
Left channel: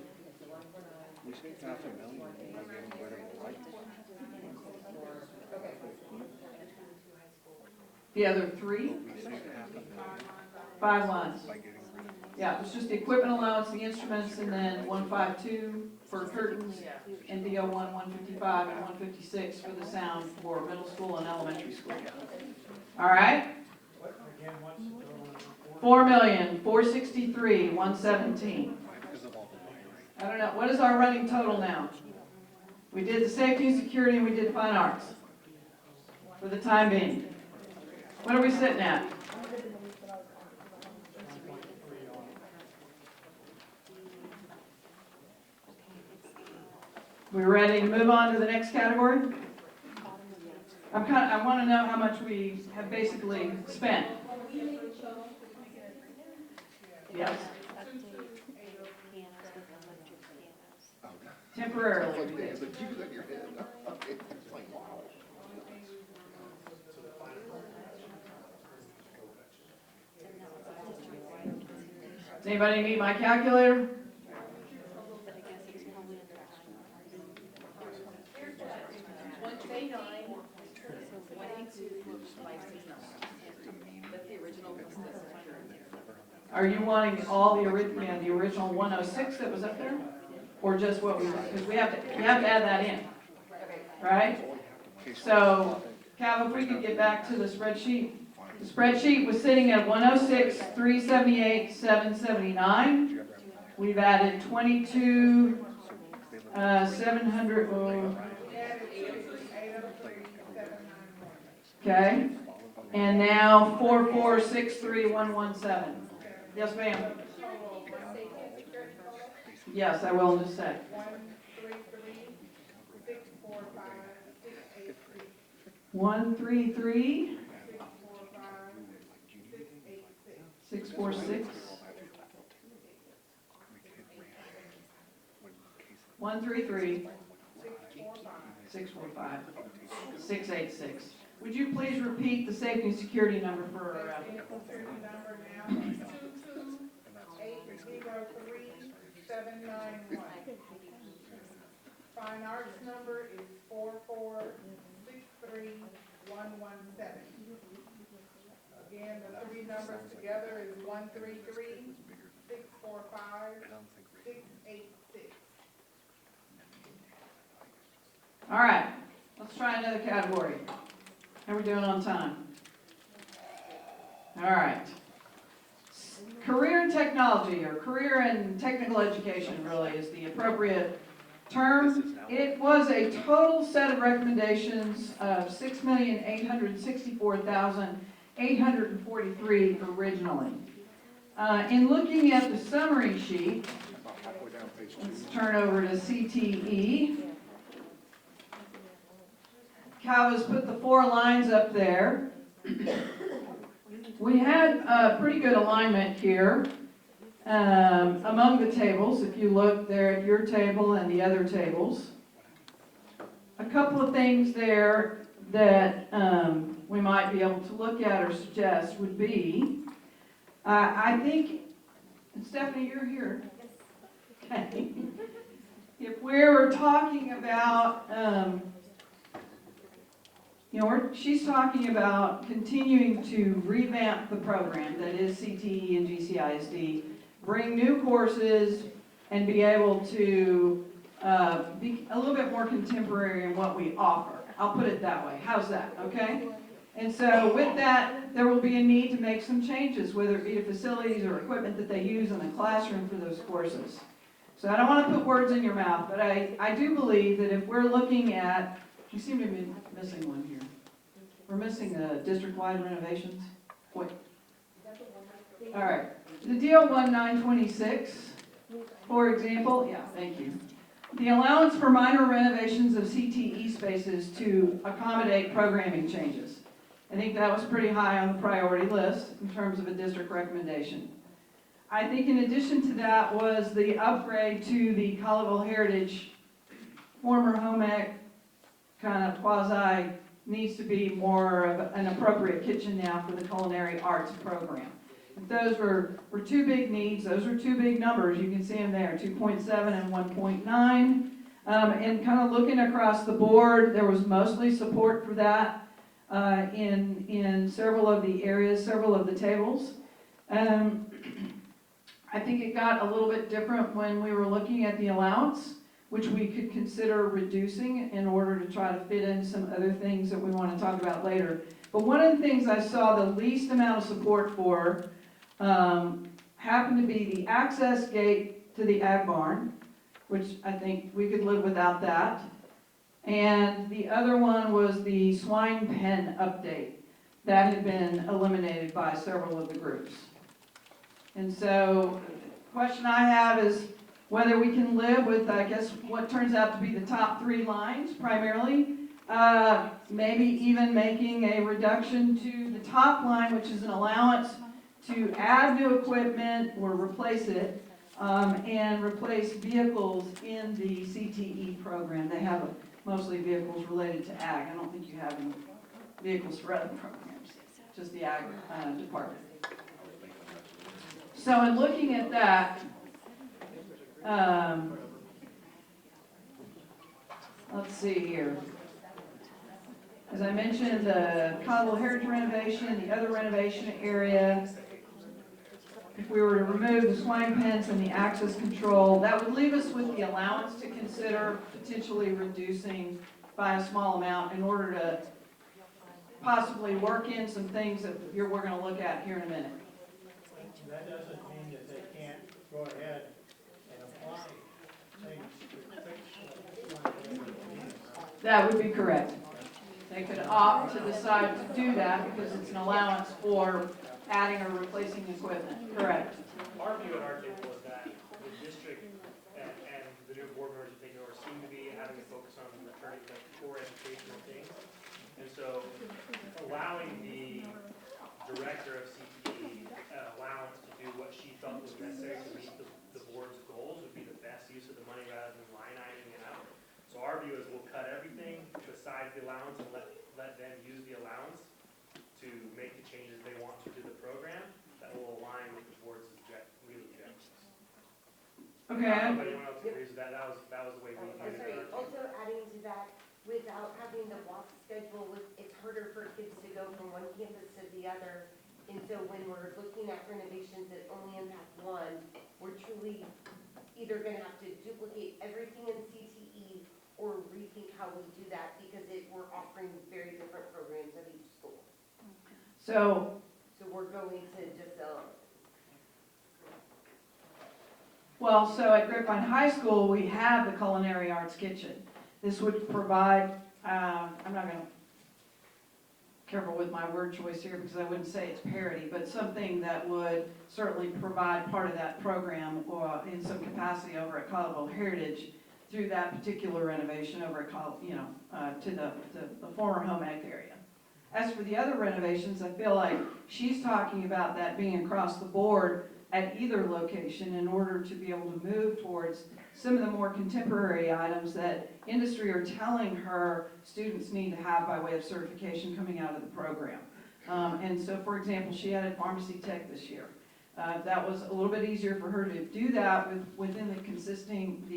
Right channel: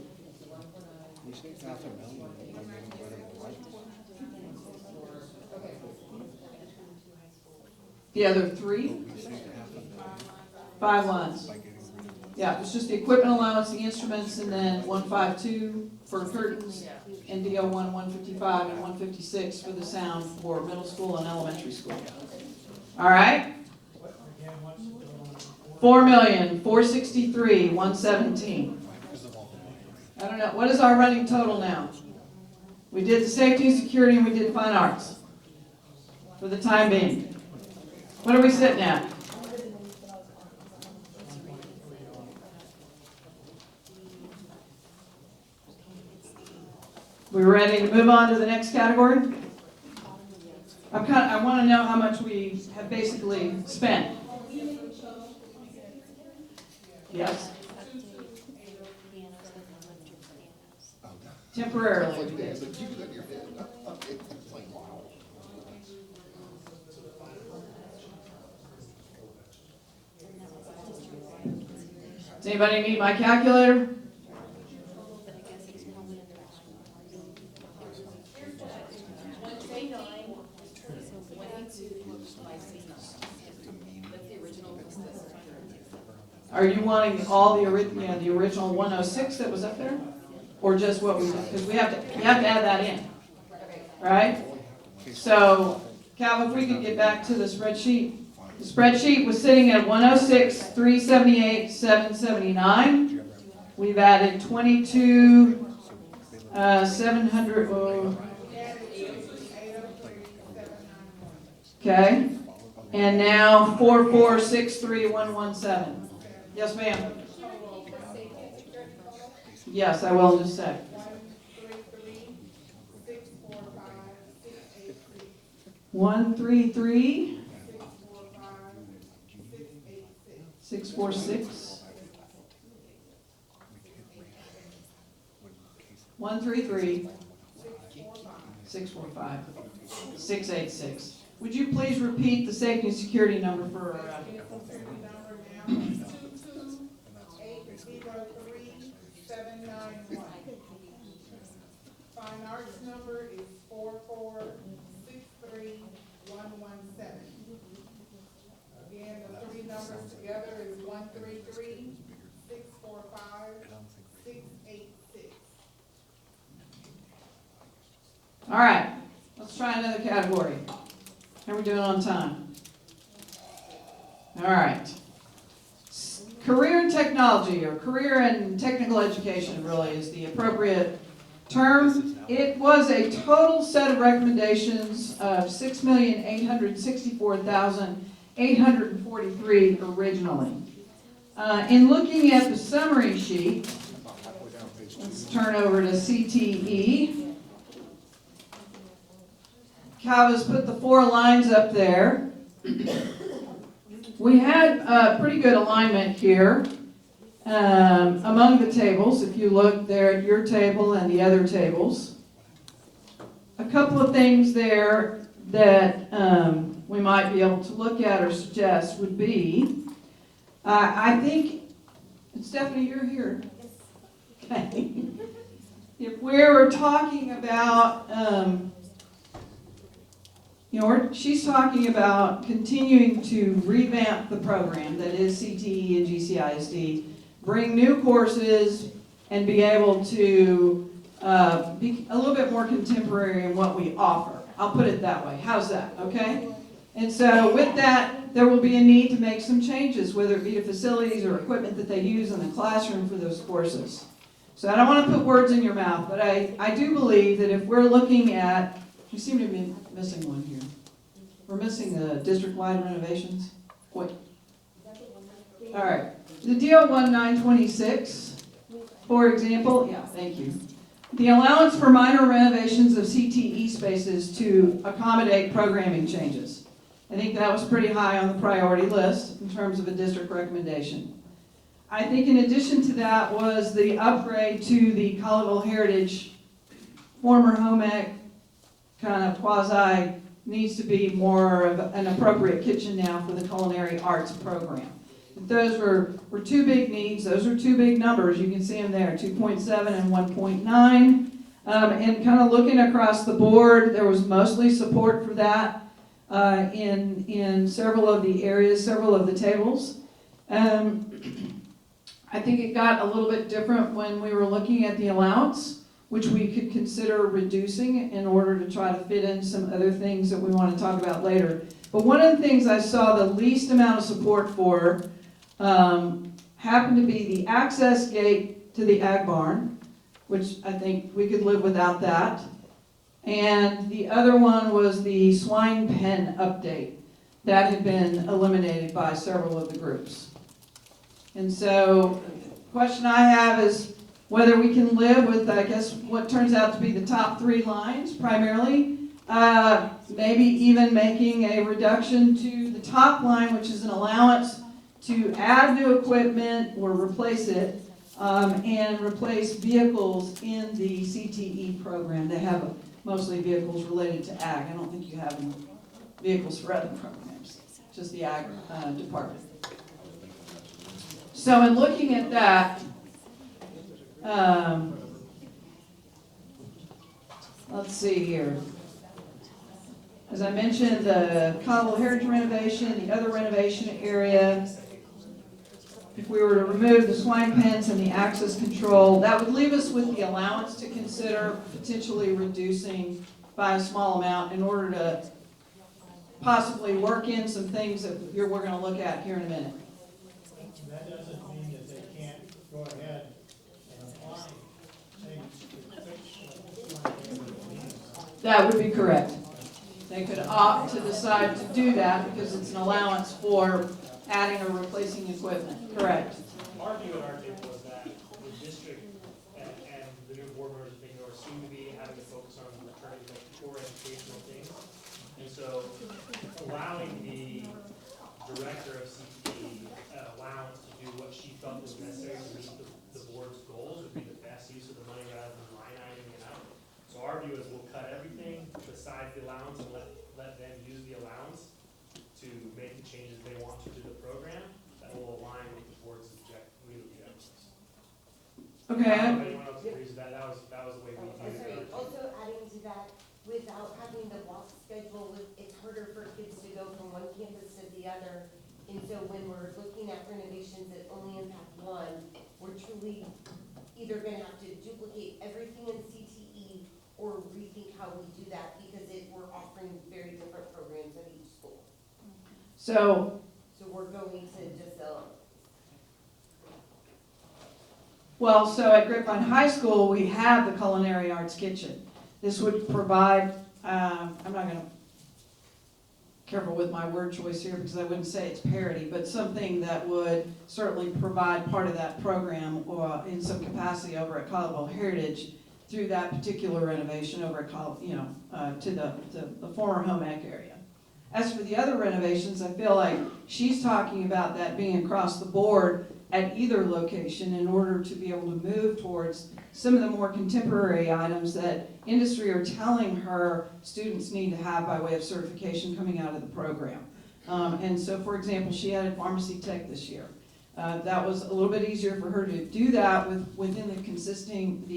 The other 3? 5 lines. Yeah, it's just the equipment allowance, the instruments, and then 152 for curtains, and DO 155, and 156 for the sound for middle school and elementary school. All right? 4,463,117. I don't know, what is our running total now? We did the safety and security and we did fine arts for the time being. What are we sitting at? We ready to move on to the next category? I want to know how much we have basically spent. Yes? Temporarily we did. Does anybody need my calculator? Are you wanting all the original 106 that was up there? Or just what we did? Because you have to add that in, right? So, Cal, if we could get back to the spreadsheet. The spreadsheet was sitting at 106, 378, 779. We've added 22, 700, okay. And now 4463117. Yes, ma'am. Yes, I will in just a sec. 133 646 133 645 686. Would you please repeat the safety and security number for Fine arts number is 4463117. Again, the three numbers together is 133-645-686. All right, let's try another category. How are we doing on time? All right. Career in technology, or career in technical education, really is the appropriate term. It was a total set of recommendations of 6,864,843 originally. In looking at the summary sheet, let's turn over to CTE. Cal has put the 4 lines up there. We had pretty good alignment here among the tables, if you look there at your table and the other tables. A couple of things there that we might be able to look at or suggest would be, I think, Stephanie, you're here. Okay. If we were talking about, she's talking about continuing to revamp the program that is CTE and GCISD, bring new courses, and be able to be a little bit more contemporary in what we offer. I'll put it that way. How's that? Okay? And so with that, there will be a need to make some changes, whether it be to facilities or equipment that they use in the classroom for those courses. So I don't want to put words in your mouth, but I do believe that if we're looking at, we seem to be missing one here. We're missing the district-wide renovations. Wait. All right. The DO 1926, for example, yeah, thank you. The allowance for minor renovations of CTE spaces to accommodate programming changes. I think that was pretty high on the priority list in terms of a district recommendation. I think in addition to that was the upgrade to the Colleyville Heritage former home ec kind of quasi needs to be more of an appropriate kitchen now for the culinary arts program. If those were 2 big needs, those are 2 big numbers. You can see them there, 2.7 and 1.9. And kind of looking across the board, there was mostly support for that in several of the areas, several of the tables. I think it got a little bit different when we were looking at the allowance, which we could consider reducing in order to try to fit in some other things that we want to talk about later. But one of the things I saw the least amount of support for happened to be the access gate to the ag barn, which I think we could live without that. And the other one was the swine pen update. That had been eliminated by several of the groups. And so the question I have is whether we can live with, I guess, what turns out to be the top 3 lines primarily. Maybe even making a reduction to the top line, which is an allowance to add new equipment or replace it, and replace vehicles in the CTE program. They have mostly vehicles related to ag. I don't think you have any vehicles for other programs, just the ag department. So in looking at that, let's see here. As I mentioned, the Cottle Heritage renovation, the other renovation area, if we were to remove the swine pens and the access control, that would leave us with the allowance to consider potentially reducing by a small amount in order to possibly work in some things that we're going to look at here in a minute. That doesn't mean that they can't go ahead and apply things. That would be correct. They could opt to decide to do that because it's an allowance for adding or replacing equipment. Correct. Our view at our table was that the district and the new board members and things seem to be having a focus on returning to core educational things. And so allowing the director of CTE an allowance to do what she felt was necessary to meet the board's goals would be the best use of the money rather than line iteming it out. So our view is we'll cut everything besides the allowance and let them use the allowance to make the changes they want to the program that will align with the board's real objectives. Okay. Anyone else agrees with that? That was the way we viewed Sorry, it. also adding to that, without having the block schedule, it's harder for kids to go from one campus to the other. And so when we're looking at renovations that only impact one, we're truly either gonna have to duplicate everything in CTE or rethink how we do that because we're offering very different programs at each school. So We're going to just, so at Grapevine High School, we have the Culinary Arts Kitchen. This would provide, I'm not going to, careful with my word choice here because I wouldn't say it's parity, but something that would certainly provide part of that program or in some capacity over at Colorado Heritage through that particular renovation over at to the former home ec area. As for the other renovations, I feel like she's talking about that being across the board at either location in order to be able to move towards some of the more contemporary items that industry are telling her students need to have by way of certification coming out of the program. And so, for example, she added pharmacy tech this year. That was a little bit easier for her to do that within the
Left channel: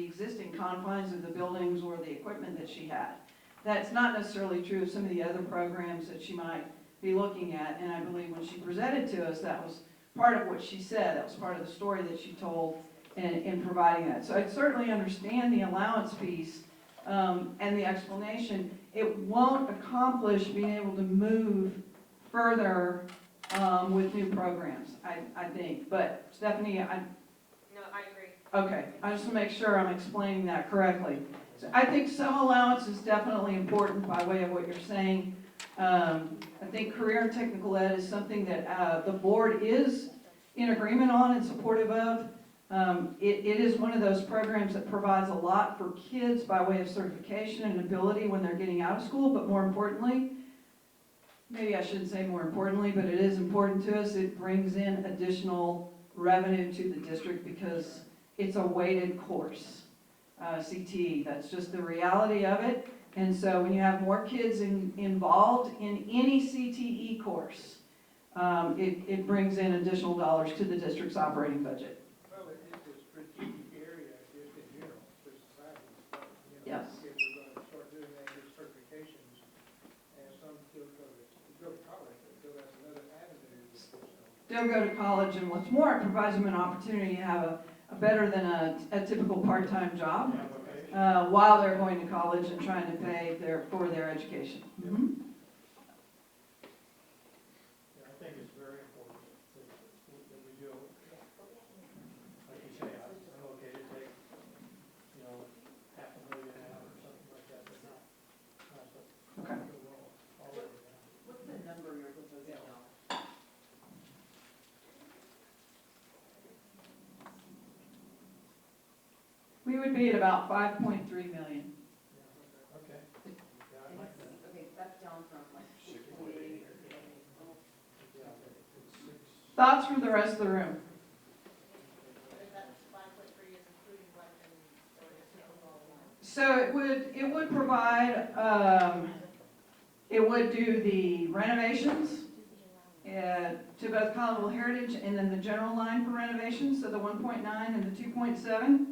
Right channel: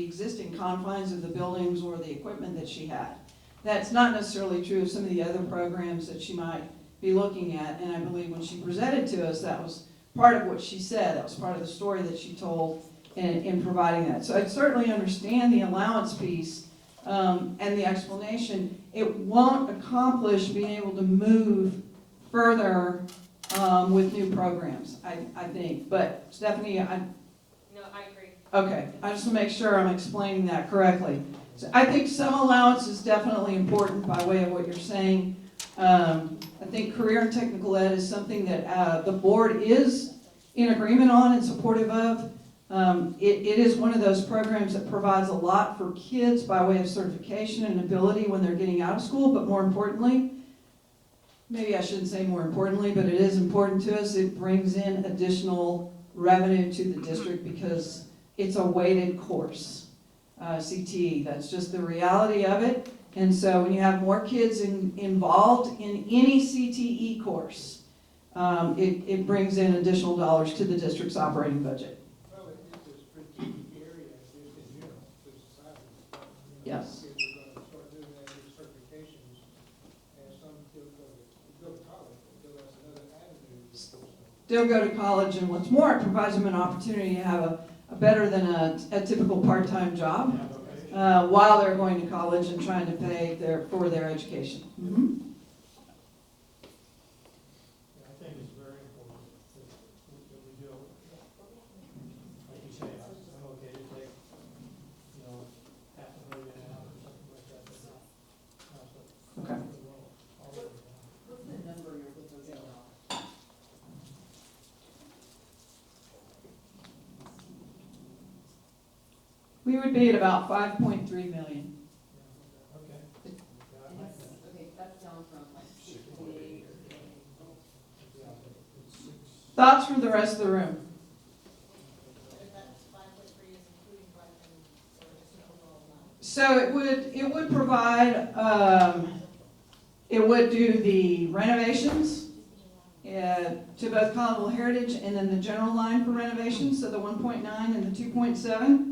existing confines of the buildings or the equipment that she had. That's not necessarily true of some of the other programs that she might be looking at, and I believe when she presented to us, that was part of what she said. That was part of the story that she told in providing that. So I certainly understand the allowance piece and the explanation. It won't accomplish being able to move further with new programs, I think. But Stephanie, No, I agree. okay, I just want to make sure I'm explaining that correctly. So I think some allowance is definitely important by way of what you're saying. I think career and technical ed is something that the board is in agreement on and supportive of. It is one of those programs that provides a lot for kids by way of certification and ability when they're getting out of school, but more importantly, maybe I shouldn't say more importantly, but it is important to us, it brings in additional revenue to the district because it's a weighted course, CTE. That's just the reality of it. And so when you have more kids involved in any CTE course, it brings in additional dollars to the district's operating budget. Well, it's a strategic area, to society. Yes. Kids are going to start doing that with certifications, and some still go to college, until that's another avenue. Still go to college, and what's more, it provides them an opportunity to have a better than a typical part-time job. while they're going to college and trying to pay for their education. Mhm. I think it's very important that we do, like you say, I'm okay to take, $500,000 out or something like that. Okay. What's the number you're proposing now? We would be at about 5.3 million. Okay. Okay, that's down from like 68 or Thoughts from the rest of the room? So it would provide, it would do the renovations to both Collinsville Heritage and then the general line for renovations, so the 1.9 and the 2.7.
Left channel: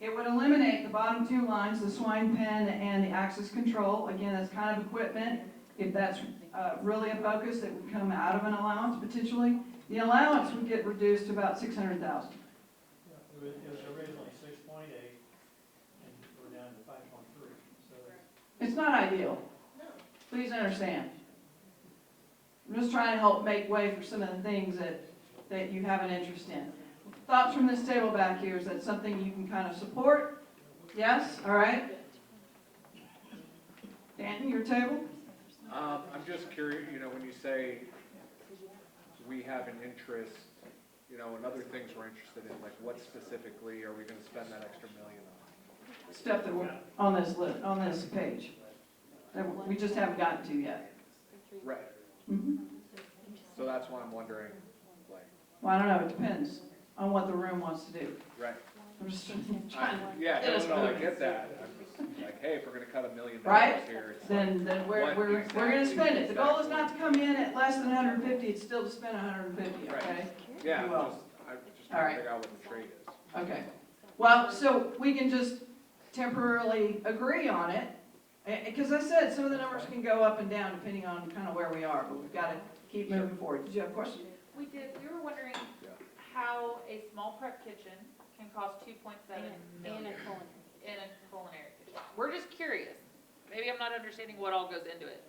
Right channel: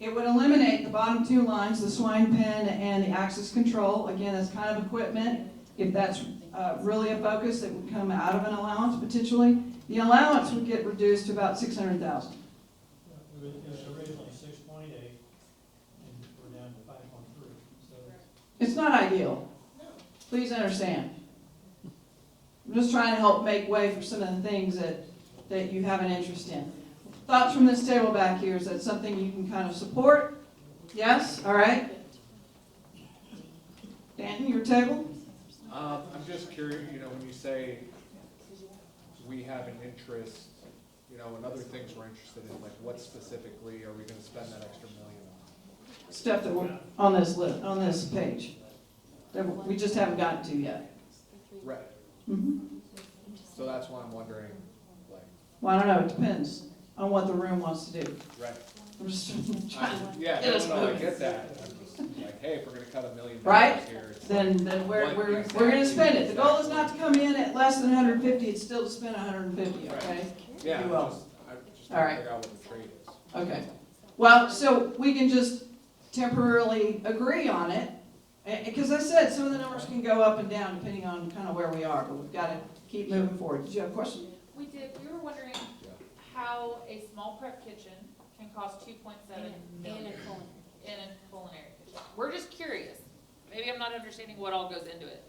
It would eliminate the bottom two lines, the swine pen and the access control. Again, that's kind of equipment. If that's really a focus, it would come out of an allowance potentially. The allowance would get reduced to about 600,000. It was originally 6.8, and we're down to 5.3, so. It's not ideal. Please understand. I'm just trying to help make way for some of the things that you have an interest in. Thoughts from this table back here, is that something you can kind of support? Yes? All right. Dan, your table? I'm just curious, when you say we have an interest, and other things we're interested in, like what specifically are we gonna spend that extra million on? Stuff that we're on this list, on this page, that we just haven't gotten to yet. Right. Mm-hmm. So that's why I'm wondering, like. Well, I don't know, it depends on what the room wants to do. Right. I'm just trying to Yeah, get us I moving. get that. I'm just like, hey, if we're gonna cut $1 million Right? here, it's. Then we're gonna spend it. The goal is not to come in at less than 150, it's still to spend 150, okay? Yeah, You will. I just All want right. to figure out what the trade is. Okay. Well, so we can just temporarily agree on it, because I said some of the numbers can go up and down depending on kind of where we are, but we've got to keep moving forward. Did you have a question? We did, we were wondering how a small prep kitchen can cost 2.7 million in a culinary kitchen. We're just curious. Maybe I'm not understanding what all goes into it.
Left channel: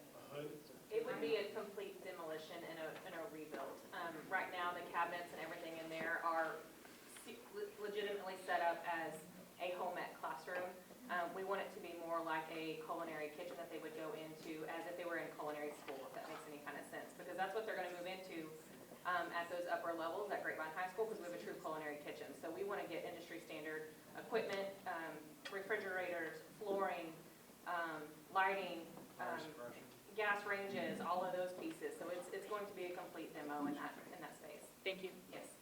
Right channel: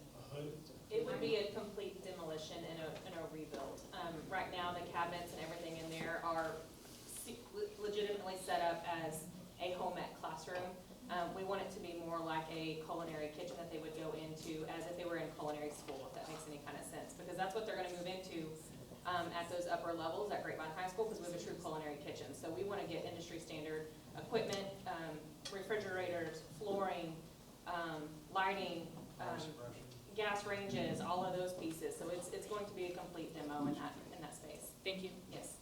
It would be a complete demolition and a rebuild. Right now, the cabinets and everything in there are legitimately set up as a home ec classroom. We want it to be more like a culinary kitchen that they would go into as if they were in culinary school, if that makes any kind of sense. Because that's what they're gonna move into at those upper levels at Grapevine High School, because we have a true culinary kitchen. So we wanna get industry standard equipment, refrigerators, flooring, lighting, gas ranges, all of those pieces. So it's going to be a complete demo in that space. Thank you. Yes.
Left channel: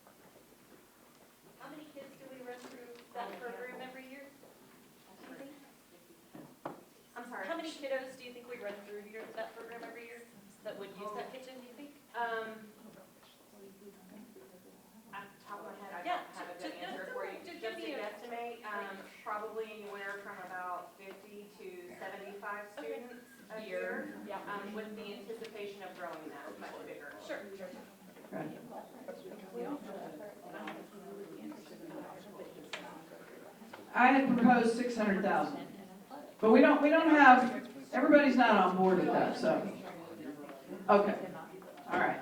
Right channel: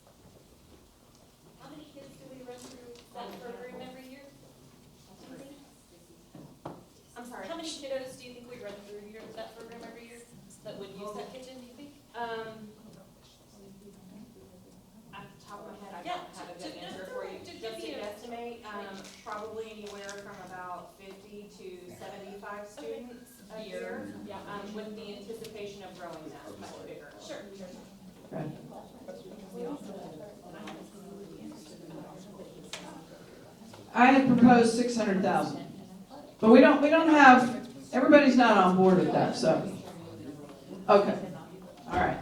How many kids do we run through that program every year? I'm sorry. How many kiddos do you think we run through here, that program every year, that would use that kitchen, do you think? At the top of my head, I Yeah, don't have a good answer for you. to Just give to me a- estimate, probably anywhere from about 50 to 75 students a year, Yeah. with the anticipation of growing that much bigger. Sure. Right. I had proposed 600,000, but we don't have, everybody's not on board with that, so. Okay, all right.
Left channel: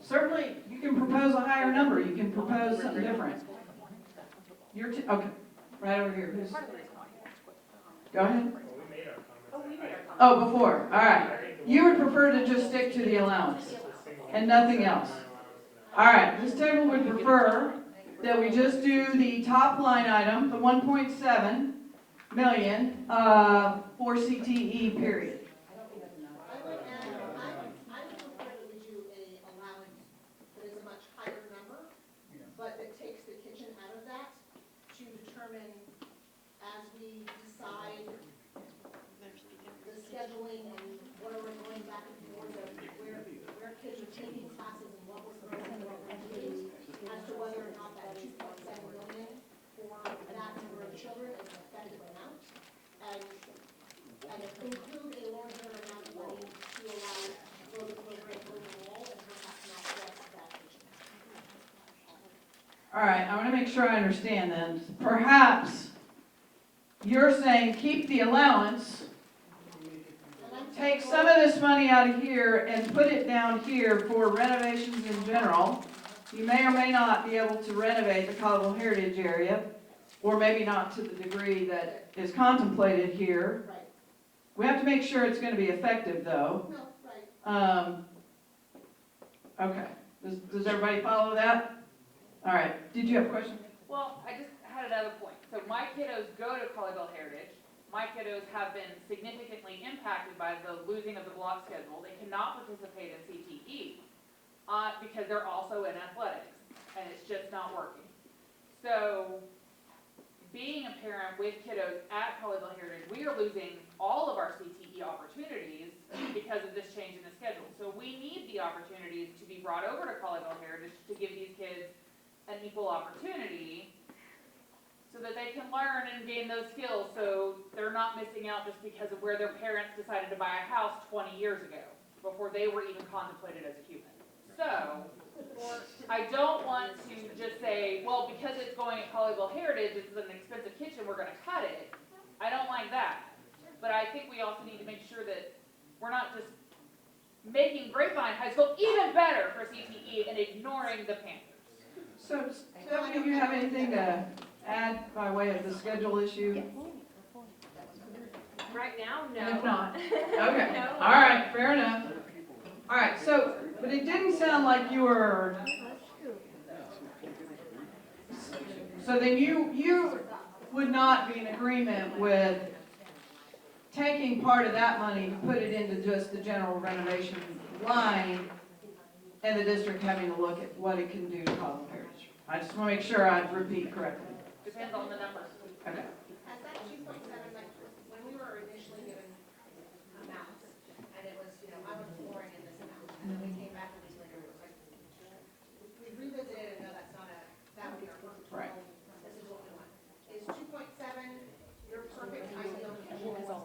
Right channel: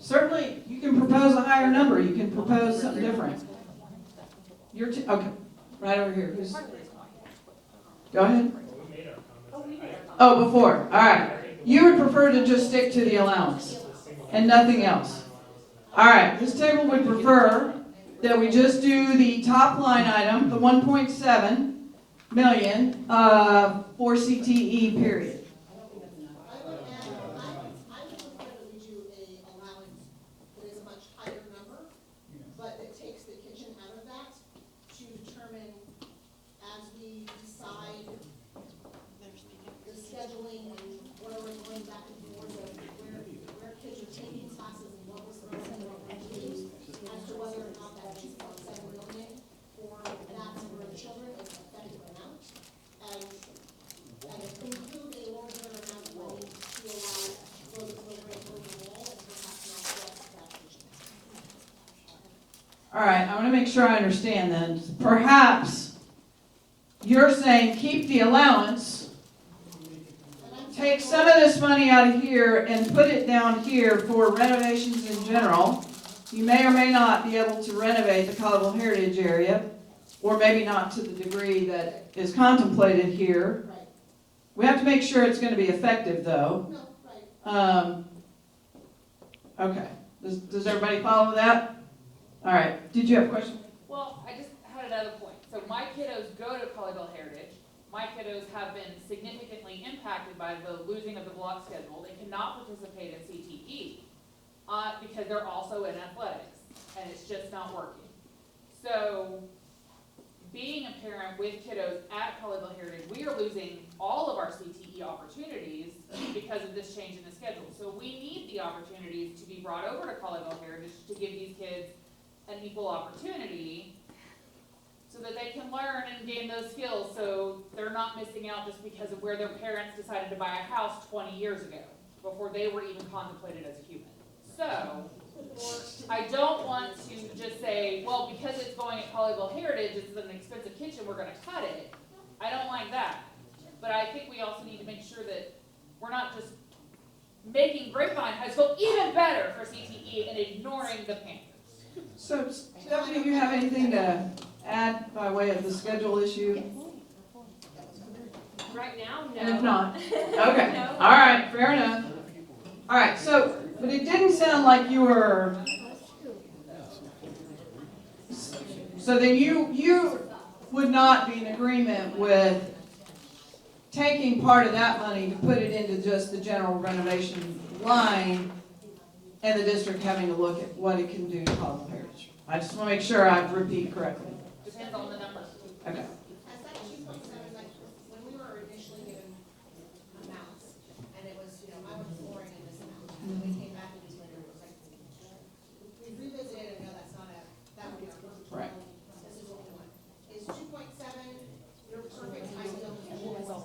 Certainly, you can propose a higher number, you can propose something different. Okay, right over here, who's? Go ahead. We made our comments. Oh, before, all right. You would prefer to just stick to the allowance and nothing else. All right, this table would prefer that we just do the top line item, the 1.7 million, for CTE period. I would prefer that we do a allowance that is a much higher number, but that takes the kitchen out of that to determine as we decide the scheduling and what are we going back to do, where kids are taking classes and what was the rest of the regulations as to whether or not that 2.7 million for that number of children is an effective amount. And include a larger amount of money to allow for the program over the wall and perhaps not just that kitchen. All right, I want to make sure I understand then. Perhaps your saying keep the allowance, take some of this money out of here and put it down here for renovations in general. You may or may not be able to renovate the Collinsville Heritage area, or maybe not to the degree that is contemplated here. We have to make sure it's going to be effective, though. Okay. Does everybody follow that? All right. Did you have a question? Well, I just had another point. So my kiddos go to Colleyville Heritage. My kiddos have been significantly impacted by the losing of the block schedule. They cannot participate in CTE because they're also in athletics, and it's just not working. So being a parent with kiddos at Colleyville Heritage, we are losing all of our CTE opportunities because of this change in the schedule. So we need the opportunities to be brought over to Colleyville Heritage to give these kids an equal opportunity so that they can learn and gain those skills, so they're not missing out just because of where their parents decided to buy a house 20 years ago, before they were even contemplated as a human. So, I don't want to just say, well, because it's going at Colleyville Heritage, it's an expensive kitchen, we're gonna cut it. I don't like that. But I think we also need to make sure that we're not just making Grapevine High School even better for CTE and ignoring the Panthers. So, Stephanie, do you have anything to add by way of the schedule issue? Right now, no. And if not, okay, all right, fair enough. All right, so, but it didn't sound like you were, so then you would not be in agreement with taking part of that money to put it into just the general renovation line and the district having to look at what it can do to Colleyville Heritage. I just want to make sure I repeat correctly. Depends on the numbers. Okay. As that 2.7, when we were initially given amounts, and it was, I was flooring in this amount, and then we came back with later, it was like, we revisited, and no, that's not that would be our first. Right. This is what we want. Is 2.7 your perfect ideal, or is it,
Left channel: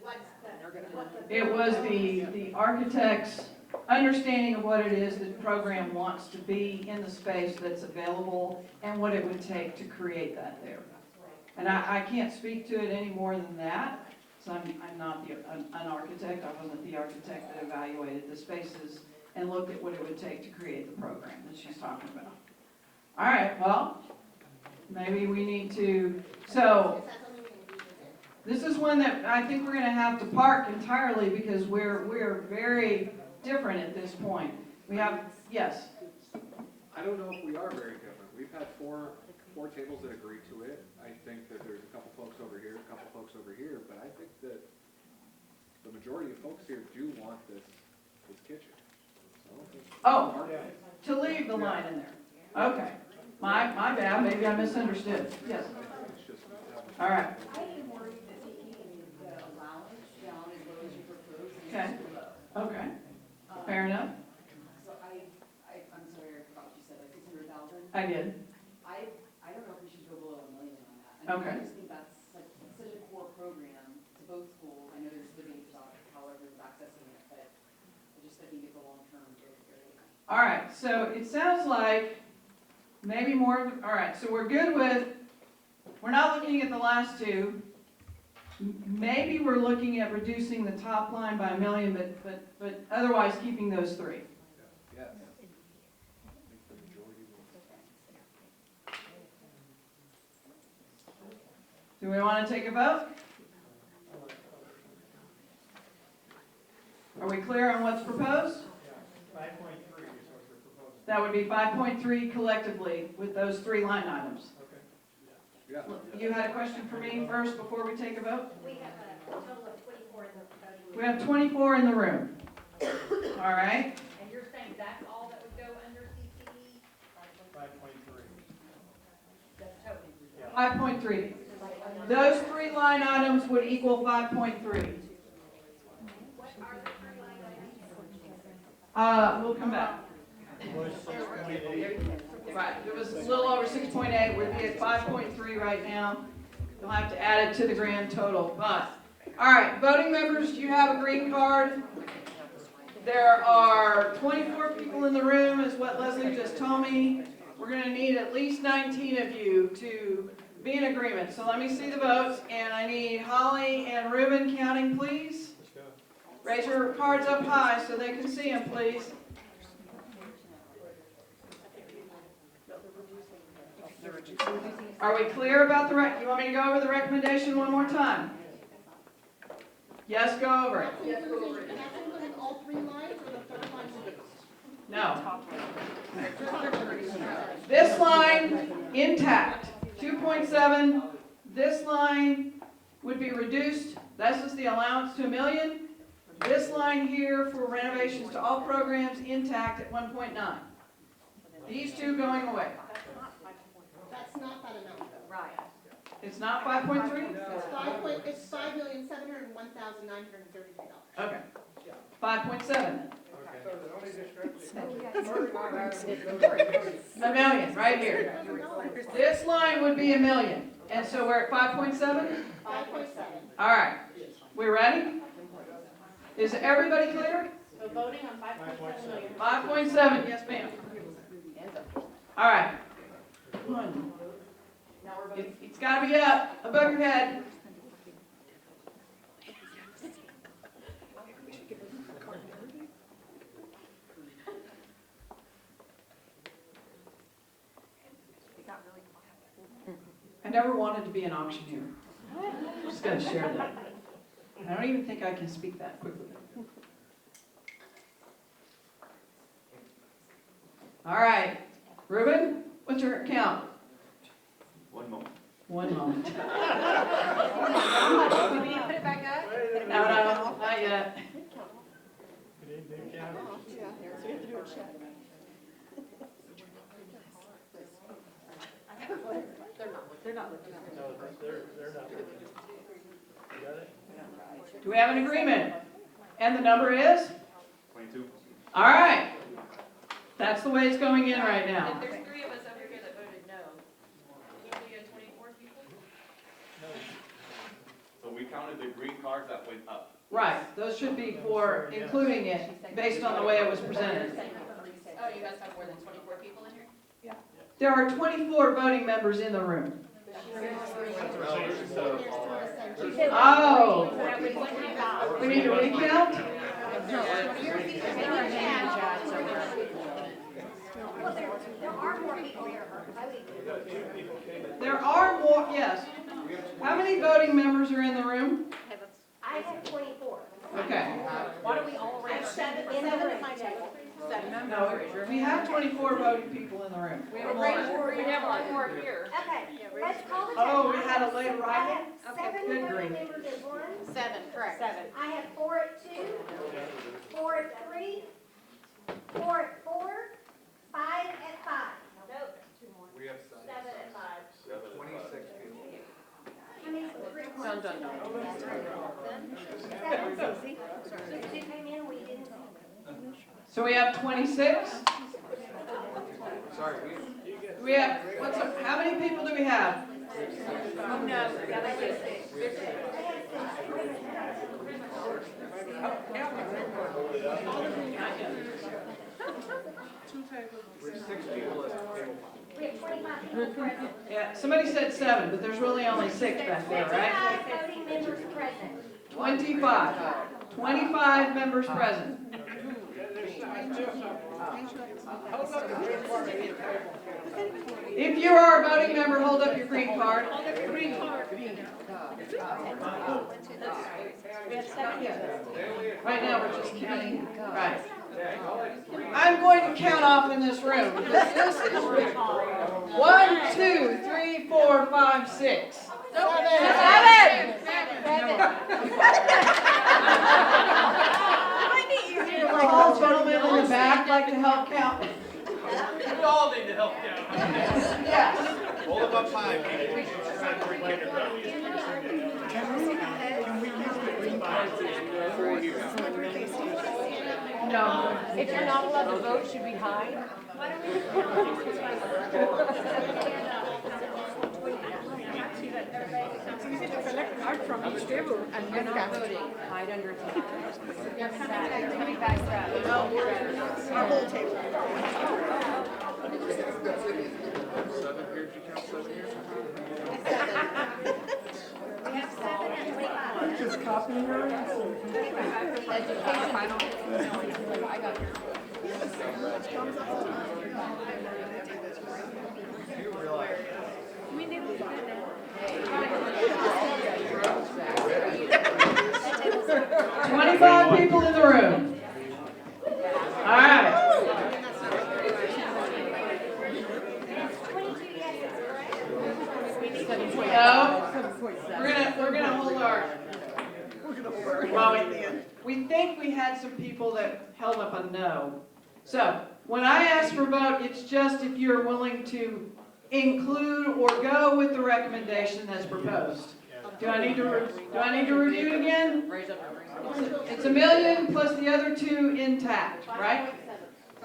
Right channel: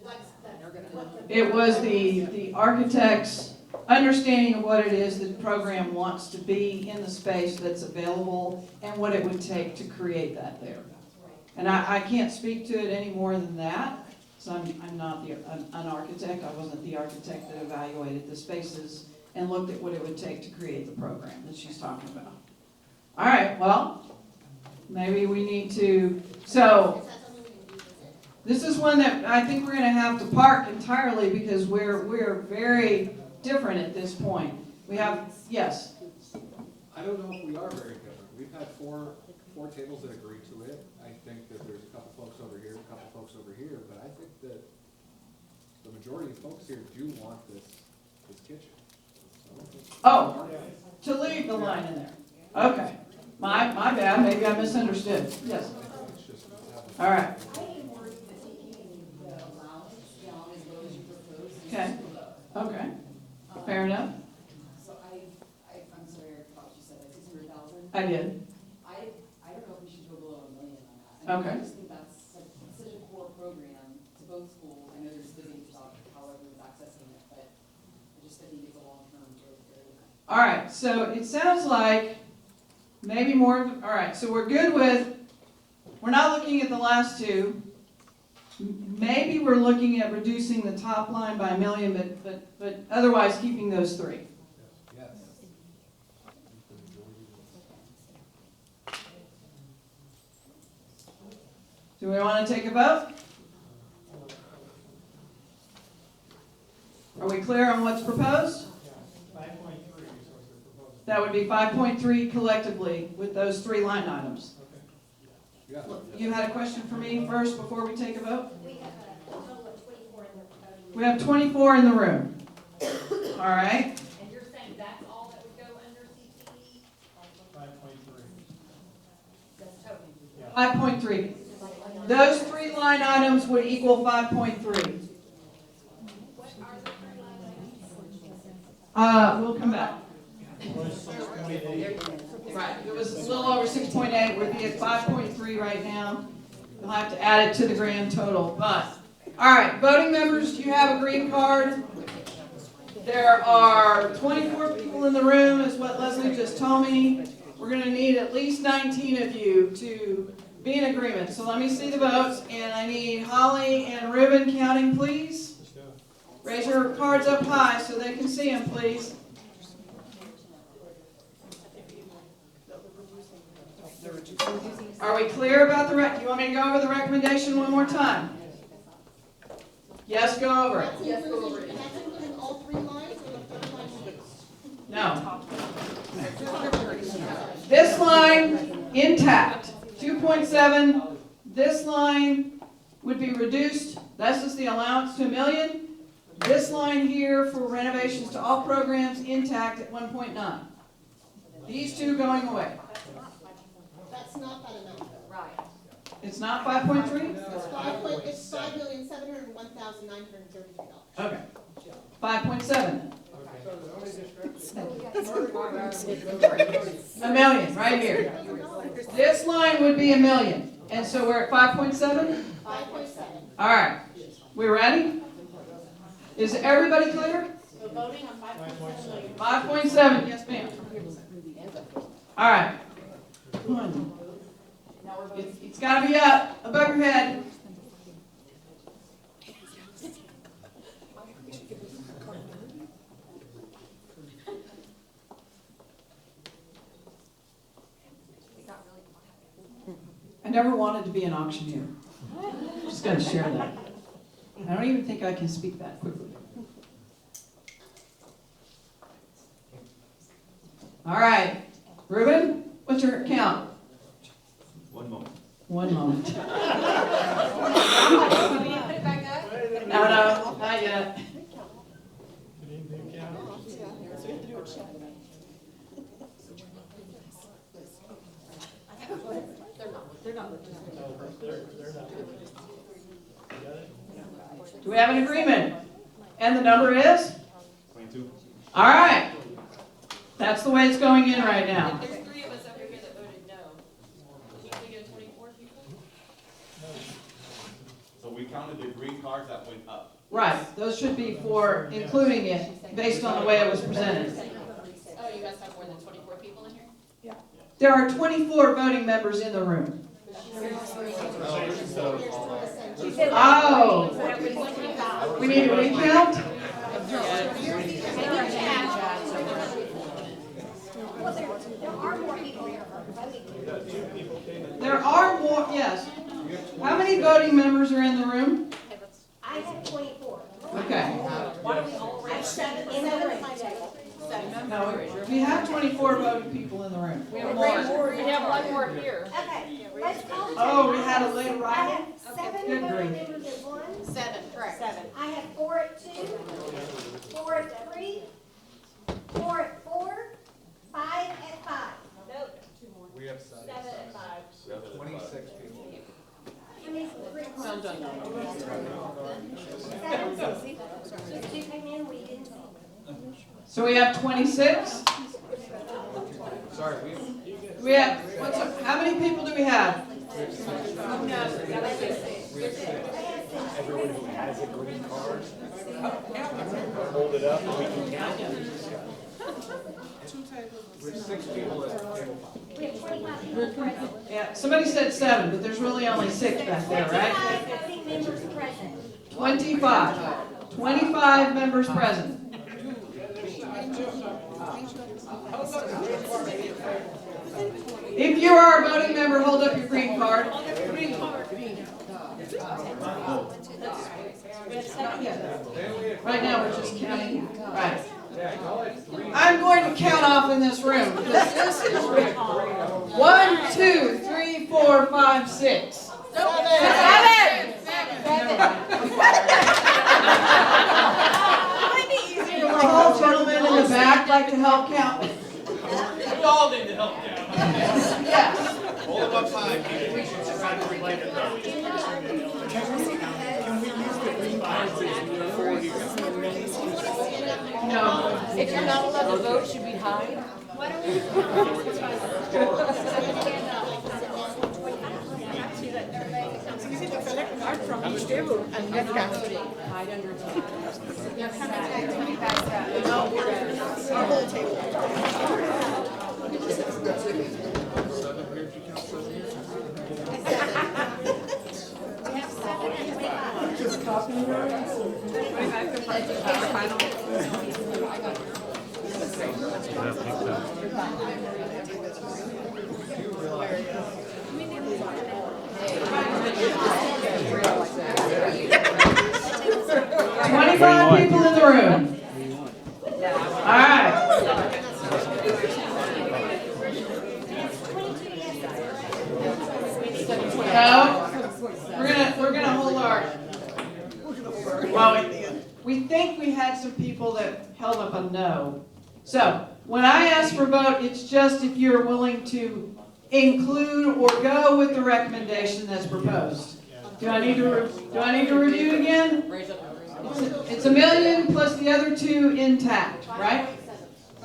what's the, It was the architect's understanding of what it is that the program wants to be in the space that's available and what it would take to create that there. And I can't speak to it any more than that, so I'm not an architect. I wasn't the architect that evaluated the spaces and looked at what it would take to create the program that she's talking about. All right, well, maybe we need to, so this is one that I think we're gonna have to park entirely because we're very different at this point. We have, yes, I don't know if we are very different. We've had four tables that agree to it. I think that there's a couple folks over here, a couple folks over here, but I think that the majority of folks here do want this kitchen. oh, to leave the line in there. Okay, my bad, maybe I misunderstood, yes. It's just, All right, I am worried that taking the allowance down as low as you propose is Okay. too low. okay, fair enough, So I'm sorry, I forgot what you said, like 600,000? I did, I don't know if we should go below $1 million on that. Okay. I just think that's like such a core program to both schools. I know there's debates about how everyone's accessing it, but I think it's a long-term growth area. all right, so it sounds like maybe more, all right, so we're good with, we're not looking at the last two. Maybe we're looking at reducing the top line by $1 million, but otherwise keeping those three. yes. Do we want to take a vote? Are we clear on what's proposed? 5.3 is what we're proposing. That would be 5.3 collectively with those three line items. Yeah. You had a question for me first before we take a vote? We have a total of 24 in the. We have 24 in the room. All right, And you're saying that's all that would go under CTE? 5.3. That's total. 5.3. Those three line items would equal 5.3. We'll come back. Right, it was a little over 6.8, would be at 5.3 right now. You'll have to add it to the grand total, but, all right, voting members, do you have a green card? There are 24 people in the room, is what Leslie just told me. We're gonna need at least 19 of you to be in agreement. So let me see the votes, and I need Holly and Ruben counting, please. Raise your cards up high so they can see them, please. Are we clear about the do you want me to go over the recommendation one more time? Yes, go over it. That's including all three lines or the third line reduced? No. This line intact, 2.7. This line would be reduced. That's just the allowance to $1 million. This line here for renovations to all programs intact at 1.9. These two going away. That's not that amount. Right. It's not 5.3? It's $5,701,933. Okay. 5.7. $1 million, right here. This line would be $1 million. And so we're at 5.7? 5.7. All right. We ready? Is everybody clear? So voting on 5.7. 5.7, yes ma'am. All right. It's got to be up, above your head. I never wanted to be an auctioneer. I'm just going to share that. I don't even think I can speak that quickly. All right. Ruben, what's your count? 1 moment. 1 moment. Do we need to put it back up? No, not yet. Do we have an agreement? And the number is? 22. All right. That's the way it's going in right now. There's 3 of us over here that voted no. Did you get 24 people? So we counted the green cards that went up. Right. Those should be for including it based on the way it was presented. Oh, you guys have more than 24 people in here? There are 24 voting members in the room. Oh. We need a recount? There are more, yes. How many voting members are in the room? I have 24. Okay. No, we have 24 voting people in the room. We have one more here. Okay, let's call. Oh, we had a late I arrival? have 7 Good voting grief. members at 1. 7, correct. 7. I have 4 at 2, 4 at 3, 4 at 4, 5 at 5. We have 7 at 5. 26 people. How many green cards? 7. Just 2 came in, we didn't say. So we have 26? Sorry, We have, how many people do we have? Everyone who has a green card, hold it up and we can count. there's 6 people at table 5. Yeah, somebody said 7, but there's really only 6 back there, right? 25 voting members present. 25. 25 members present. If you are a voting member, hold up your green card. Right now, we're just counting. Right. I'm going to count off in this room because this is 1, 2, 3, 4, 5, 6. 7. Tall gentlemen in the back like to help count. We all need to help count. Yes. Hold it up high, people. No. If you're not allowed to vote, should we hide? 25 people in the room. All right. No, we're gonna hold our, well, we think we had some people that held up a no. So, when I ask for a vote, it's just if you're willing to include or go with the recommendation that's proposed. Do I need to review it again? It's $1 million plus the other two intact, right?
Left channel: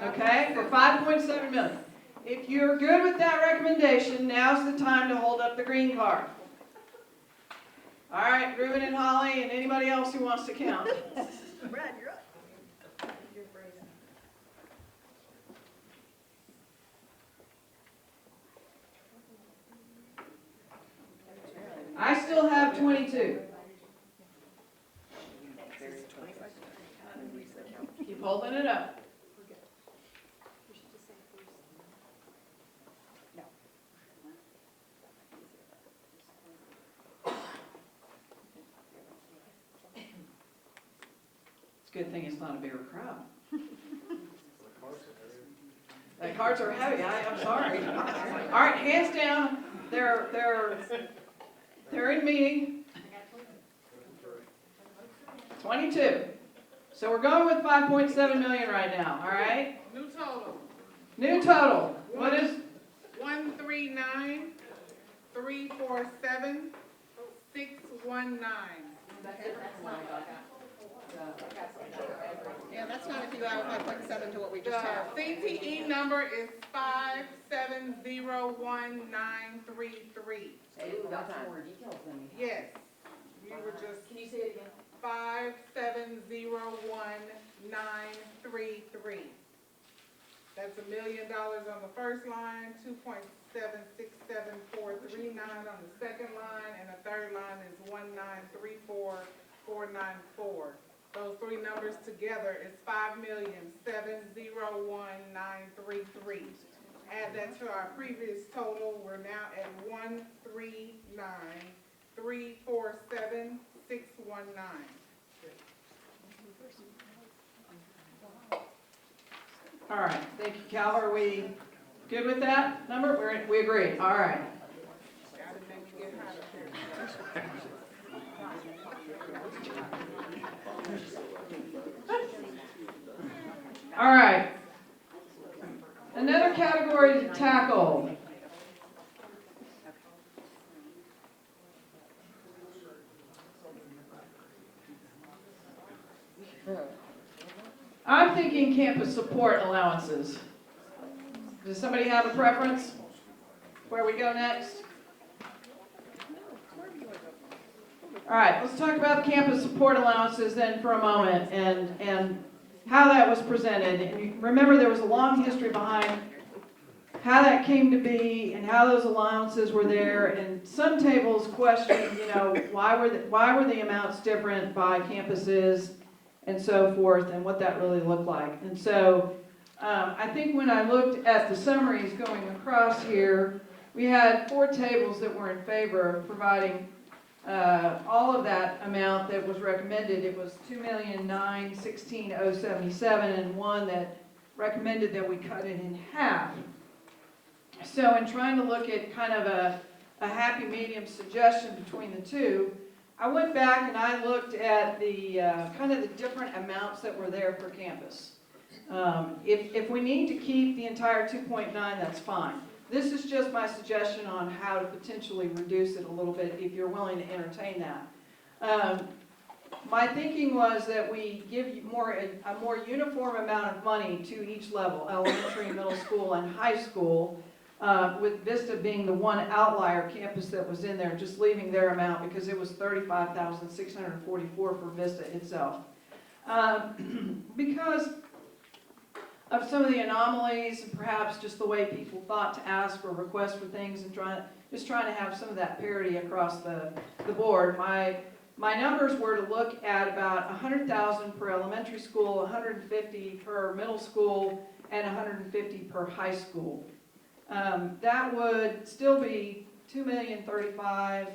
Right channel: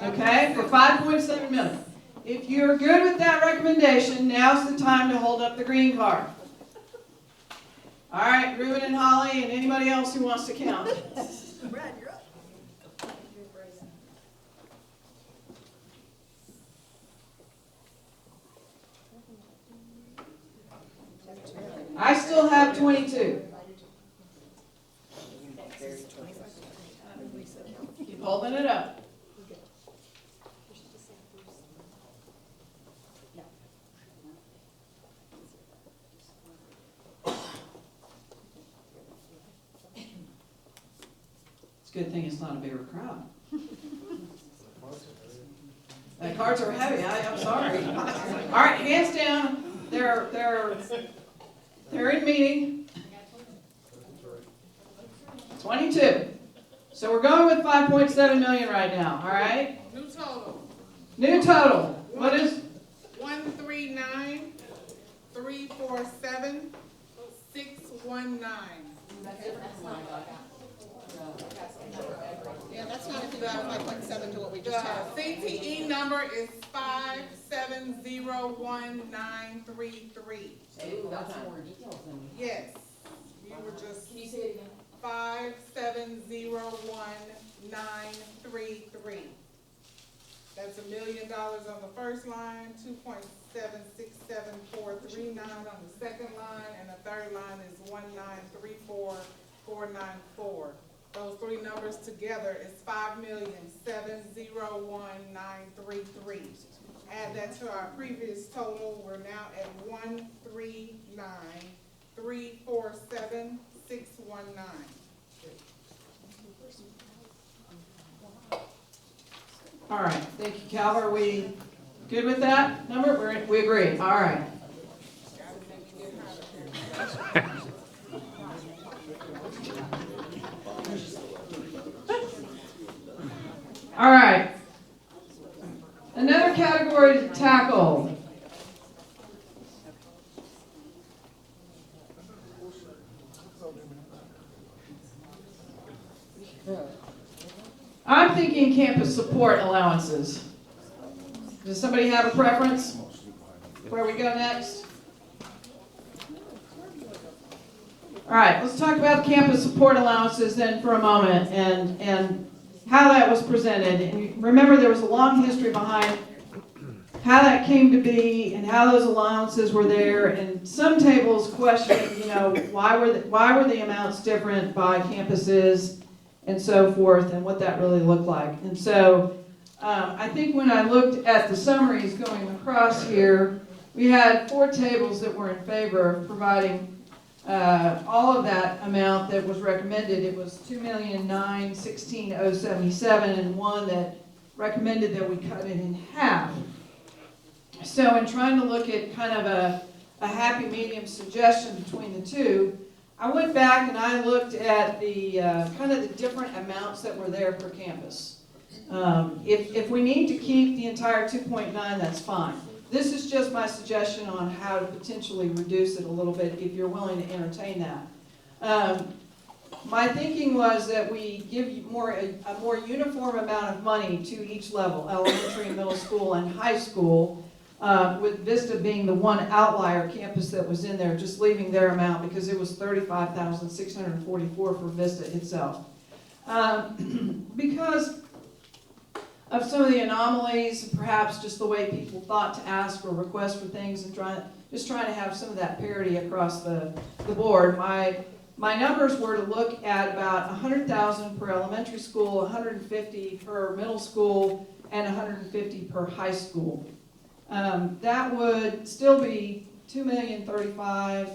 Okay, for 5.7 million. If you're good with that recommendation, now's the time to hold up the green card. All right, Ruben and Holly and anybody else who wants to count. I still have 22. Keep holding it up. It's a good thing it's not a bigger crowd. The cards are heavy. I'm sorry. All right, hands down. They're in meeting. 22. So we're going with 5.7 million right now. All right. New total. New total. What is? 139,347,619. Yeah, that's not if you add 5.7 to what we just had. The CTE number is 5701933. Hey, we got some more details than we. Yes, you were just. Can you say it again? 5701933. That's $1 million on the first line, 2.767439 on the second line, and the third line is 1934494. Those three numbers together is 5,701,933. Add that to our previous total, we're now at 139,347,619. All right. Thank you, Cal. Are we good with that number? We agree. All right. All right. Another category to tackle. I'm thinking campus support allowances. Does somebody have a preference? Where we go next? All right, let's talk about campus support allowances then for a moment and how that was presented. And remember, there was a long history behind how that came to be and how those allowances were there. And some tables questioning, why were the amounts different by campuses and so forth, and what that really looked like. And so I think when I looked at the summaries going across here, we had 4 tables that were in favor of providing all of that amount that was recommended. It was $2,916,077, and one that recommended that we cut it in half. So in trying to look at kind of a happy medium suggestion between the two, I went back and I looked at the kind of the different amounts that were there per campus. If we need to keep the entire 2.9, that's fine. This is just my suggestion on how to potentially reduce it a little bit if you're willing to entertain that. My thinking was that we give you a more uniform amount of money to each level, elementary, middle school, and high school, with Vista being the one outlier campus that was in there, just leaving their amount because it was $35,644 for Vista itself. Because of some of the anomalies, perhaps just the way people thought to ask or request for things, and trying to have some of that parity across the board. My my numbers were to look at about 100,000 per elementary school, 150 per middle school, and 150 per high school. That would still be $2,035,000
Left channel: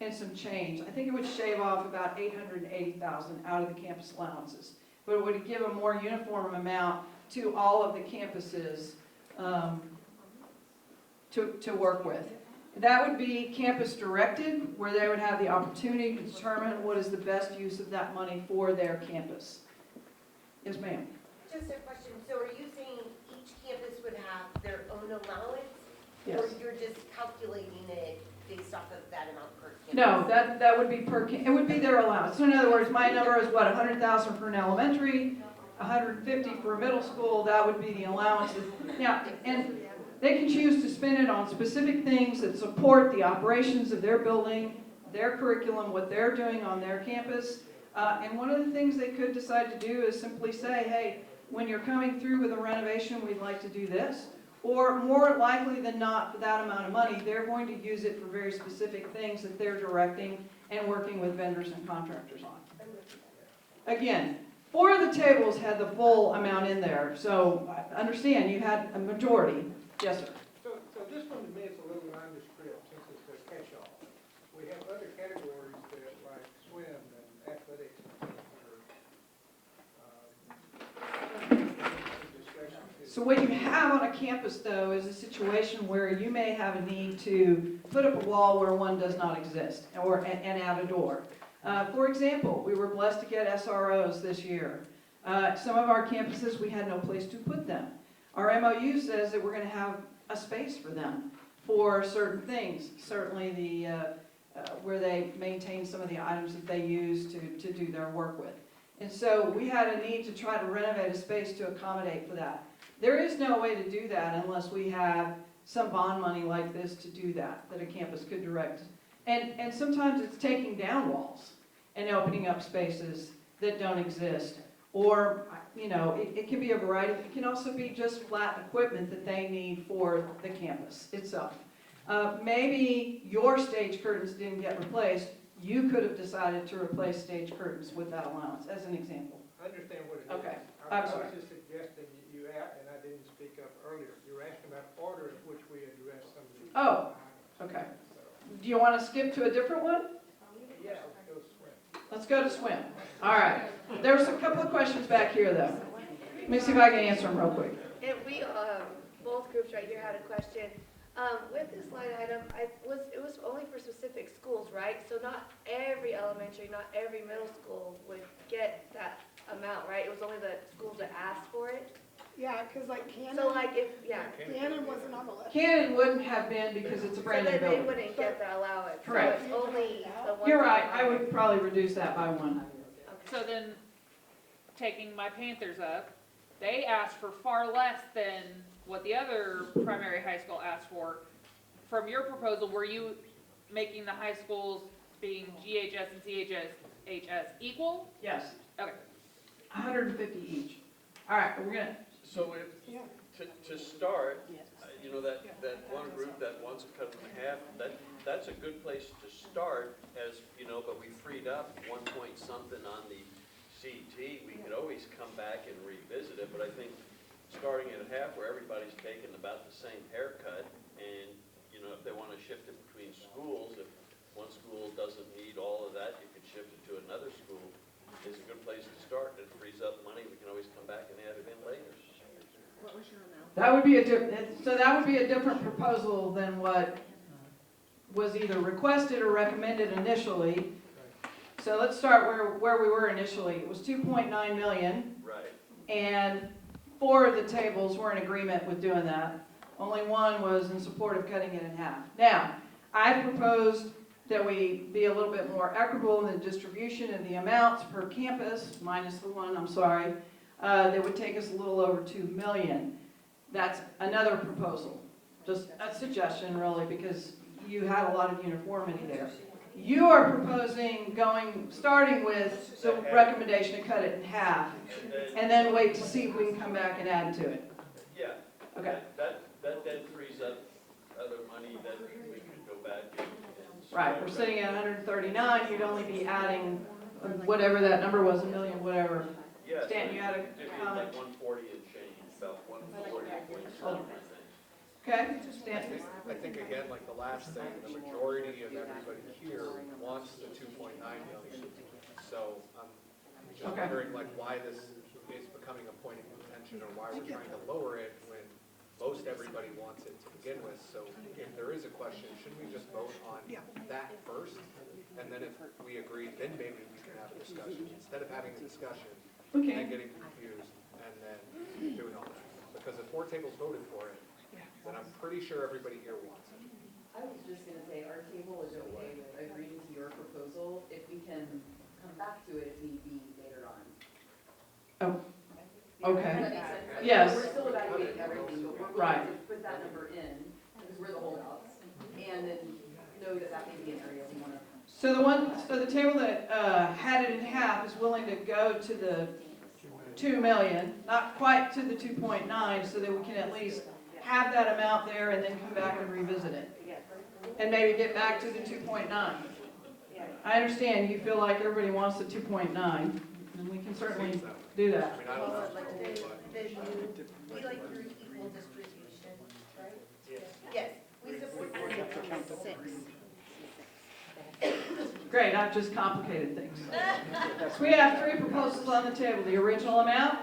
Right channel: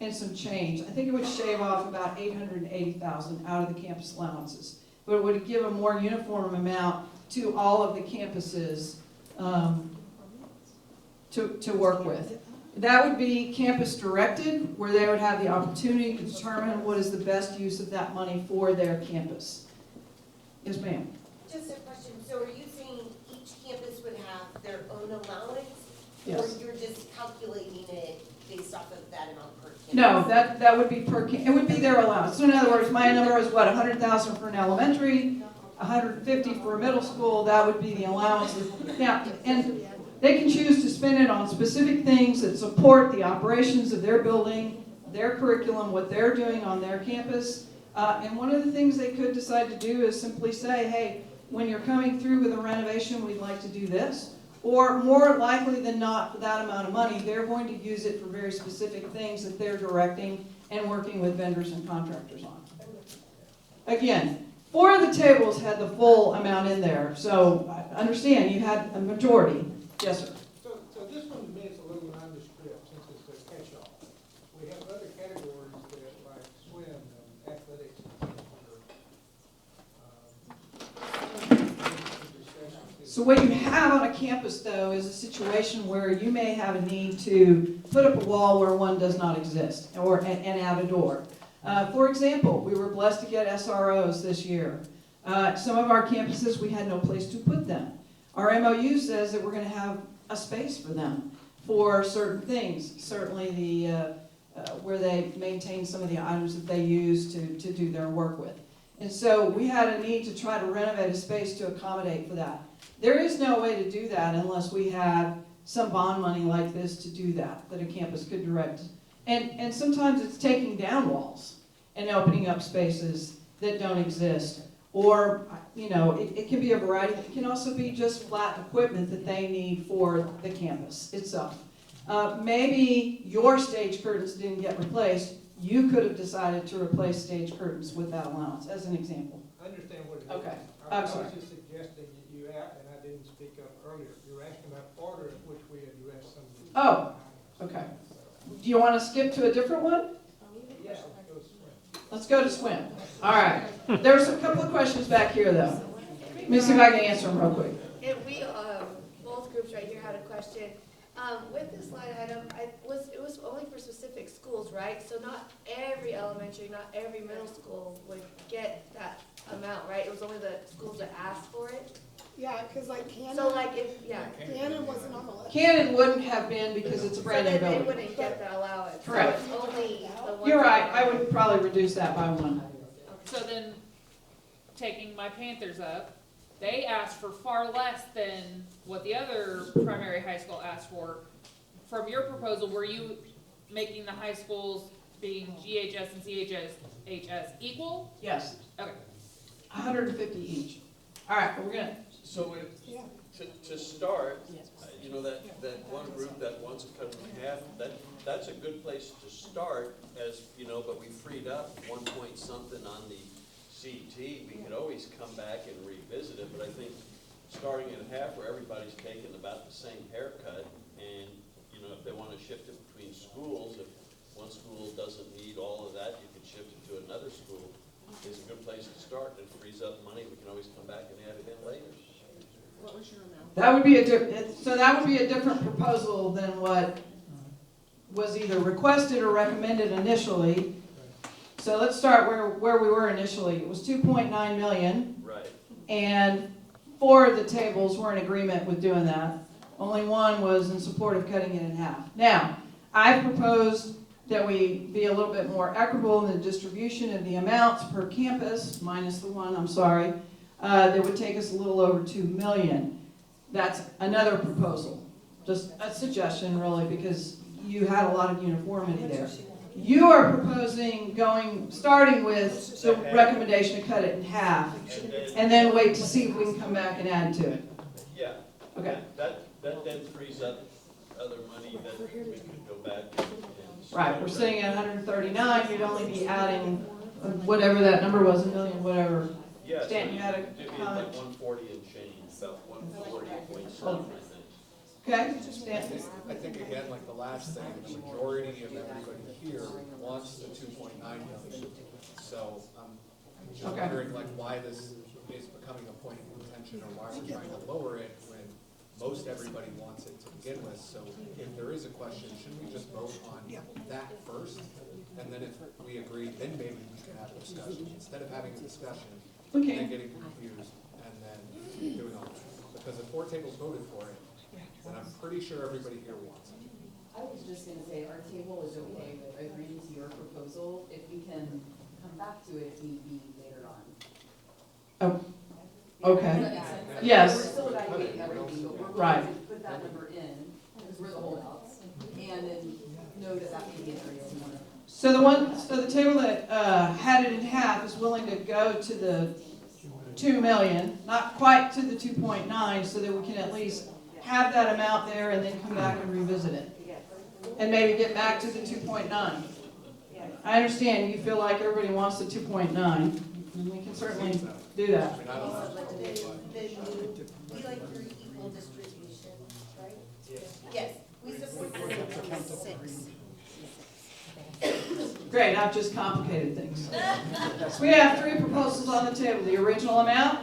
and some change. I think it would shave off about $880,000 out of the campus allowances, but it would give a more uniform amount to all of the campuses to work with. That would be campus directed, where they would have the opportunity to determine what is the best use of that money for their campus. Yes, ma'am. Just a question, so are you saying each campus would have their own allowance? Yes. Or you're just calculating it based off of that amount per No, campus? that would be it would be their allowance. So in other words, my number is what, 100,000 for an elementary, 150 for a middle school, that would be the allowances. Now, and they can choose to spend it on specific things that support the operations of their building, their curriculum, what they're doing on their campus. And one of the things they could decide to do is simply say, hey, when you're coming through with a renovation, we'd like to do this. Or more likely than not, for that amount of money, they're going to use it for very specific things that they're directing and working with vendors and contractors on. Again, 4 of the tables had the full amount in there, so understand you had a majority. Yes, sir. So this one to me is a little nondescript since it's a catch-all. We have other categories that like swim and athletics or So what you have on a campus, though, is a situation where you may have a need to put up a wall where one does not exist, and add a door. For example, we were blessed to get SROs this year. Some of our campuses, we had no place to put them. Our MOU says that we're going to have a space for them for certain things, certainly the where they maintain some of the items that they use to do their work with. And so we had a need to try to renovate a space to accommodate for that. There is no way to do that unless we had some bond money like this to do that a campus could direct. And sometimes it's taking down walls and opening up spaces that don't exist. Or, you know, it can be a variety. It can also be just flat equipment that they need for the campus itself. Maybe your stage curtains didn't get replaced. You could have decided to replace stage curtains with that allowance, as an example. I understand what it is. Okay. I I'm was sorry. just suggesting that you add, and I didn't speak up earlier, you were asking about order in which we address some of these. Oh, okay. Do you want to skip to a different one? Yeah, let's go swim. Let's go to swim. All right. There's a couple of questions back here, though. Let me see if I can answer them real quick. And we, both groups right here had a question. With this line item, it was only for specific schools, right? So not every elementary, not every middle school would get that amount, right? It was only the schools that asked for it? Yeah, cause like Cannon, So like if, yeah. Cannon wasn't on the list. Cannon wouldn't have been because it's a brand new So then they building. wouldn't get the allowance. Correct. So it's only the ones. You're right. that- I would probably reduce that by 1. So then, taking my Panthers up, they asked for far less than what the other primary high school asked for. From your proposal, were you making the high schools being GHS and CHS equal? Yes. Okay. 150 each. All right, we're gonna. So to start, you know, that one group that wants to cut it in half, that's a good place to start as, you know, but we freed up 1 point something on the CT. We could always come back and revisit it, but I think starting at half where everybody's taking about the same haircut, and, you know, if they want to shift it between schools, if one school doesn't need all of that, you can shift it to another school. It's a good place to start. It frees up money. We can always come back and add it in later. That would be that would be a different proposal than what was either requested or recommended initially. So let's start where we were initially. It was 2.9 million. Right. And 4 of the tables were in agreement with doing that. Only 1 was in support of cutting it in half. Now, I've proposed that we be a little bit more equitable in the distribution of the amounts per campus, minus the 1, I'm sorry, that would take us a little over 2 million. That's another proposal, just a suggestion really, because you had a lot of uniformity there. You are proposing starting with the recommendation to cut it in half, and then wait to see if we can come back and add to it. Yeah. Okay. That then frees up other money that we could go back and Right, we're sitting at 139, you'd only be adding whatever that number was, a million, whatever. Yes. Stan, you had a It's comment? like 140 and change, about 140.7, Hold on. I think. Okay, Stan? I think again, like the last thing, the majority of everybody here wants the 2.9 million. So I'm just Okay. wondering like why this is becoming a point of contention or why we're trying to lower it when most everybody wants it to begin with. So if there is a question, shouldn't we just vote on that first? And then if we agree, then maybe we can have a discussion instead of having a discussion and Okay. then getting confused and then doing all that. Because if four tables voted for it, then I'm pretty sure everybody here wants it. I was just gonna say, our table is okay with agreeing to your proposal, if we can come back to it maybe later on. Oh, okay. Does that make sense? Yes. We're still evaluating everything, but we're Right. willing to put that number in, because we're the holdouts, and then know that that may be an area we want. So the table that had it in half is willing to go to the 2 million, not quite to the 2.9, so that we can at least have that amount there and then come back and revisit it. And maybe get back to the 2.9. I understand you feel like everybody wants the 2.9, and we can certainly do that. I mean, I don't know. We like through equal distribution, right? Yes, we support six. Great, I've just complicated things. So we have three proposals on the table. The original amount,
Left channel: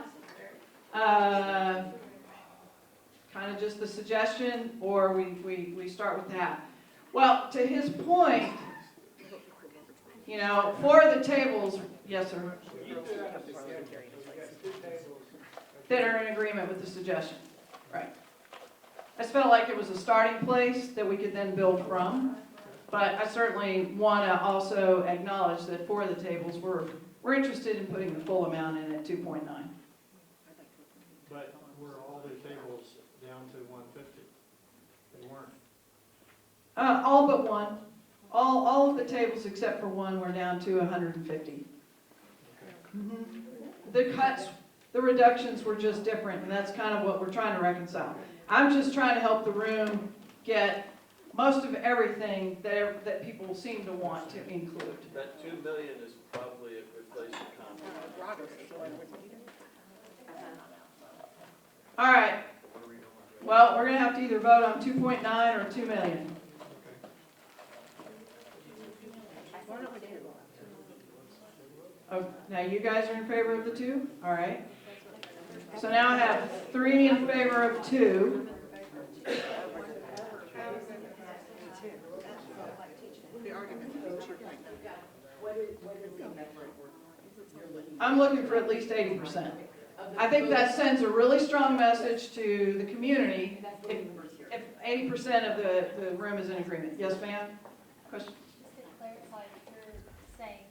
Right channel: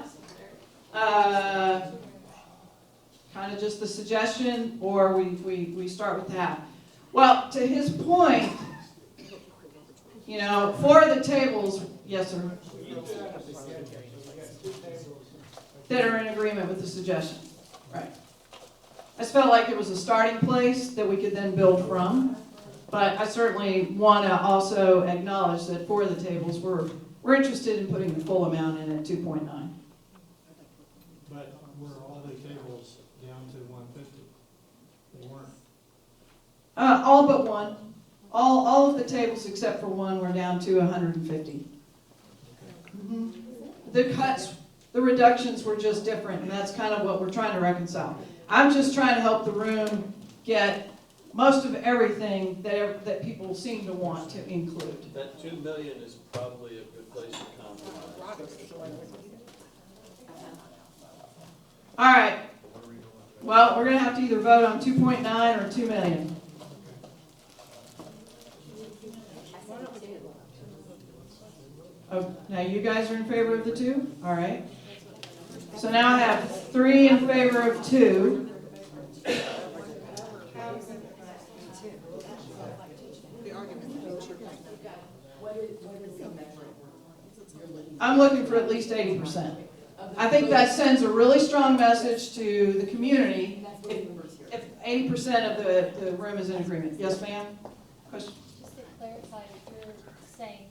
kind of just the suggestion, or we start with that. Well, to his point, you know, for the tables, yes, sir, that are in agreement with the suggestion, right. I just felt like it was a starting place that we could then build from. But I certainly want to also acknowledge that for the tables, we're interested in putting the full amount in at 2.9. But were all the tables down to 150? They weren't. All but one. All of the tables except for one were down to 150. The cuts, the reductions were just different, and that's kind of what we're trying to reconcile. I'm just trying to help the room get most of everything that people seem to want to include. That 2 million is probably a good place to compromise. All right. Well, we're going to have to either vote on 2.9 or 2 million. Oh, now you guys are in favor of the 2? All right. So now I have 3 in favor of 2. I'm looking for at least 80%. I think that sends a really strong message to the community if 80% of the room is in agreement. Yes, ma'am? Question? Just to clarify, you're saying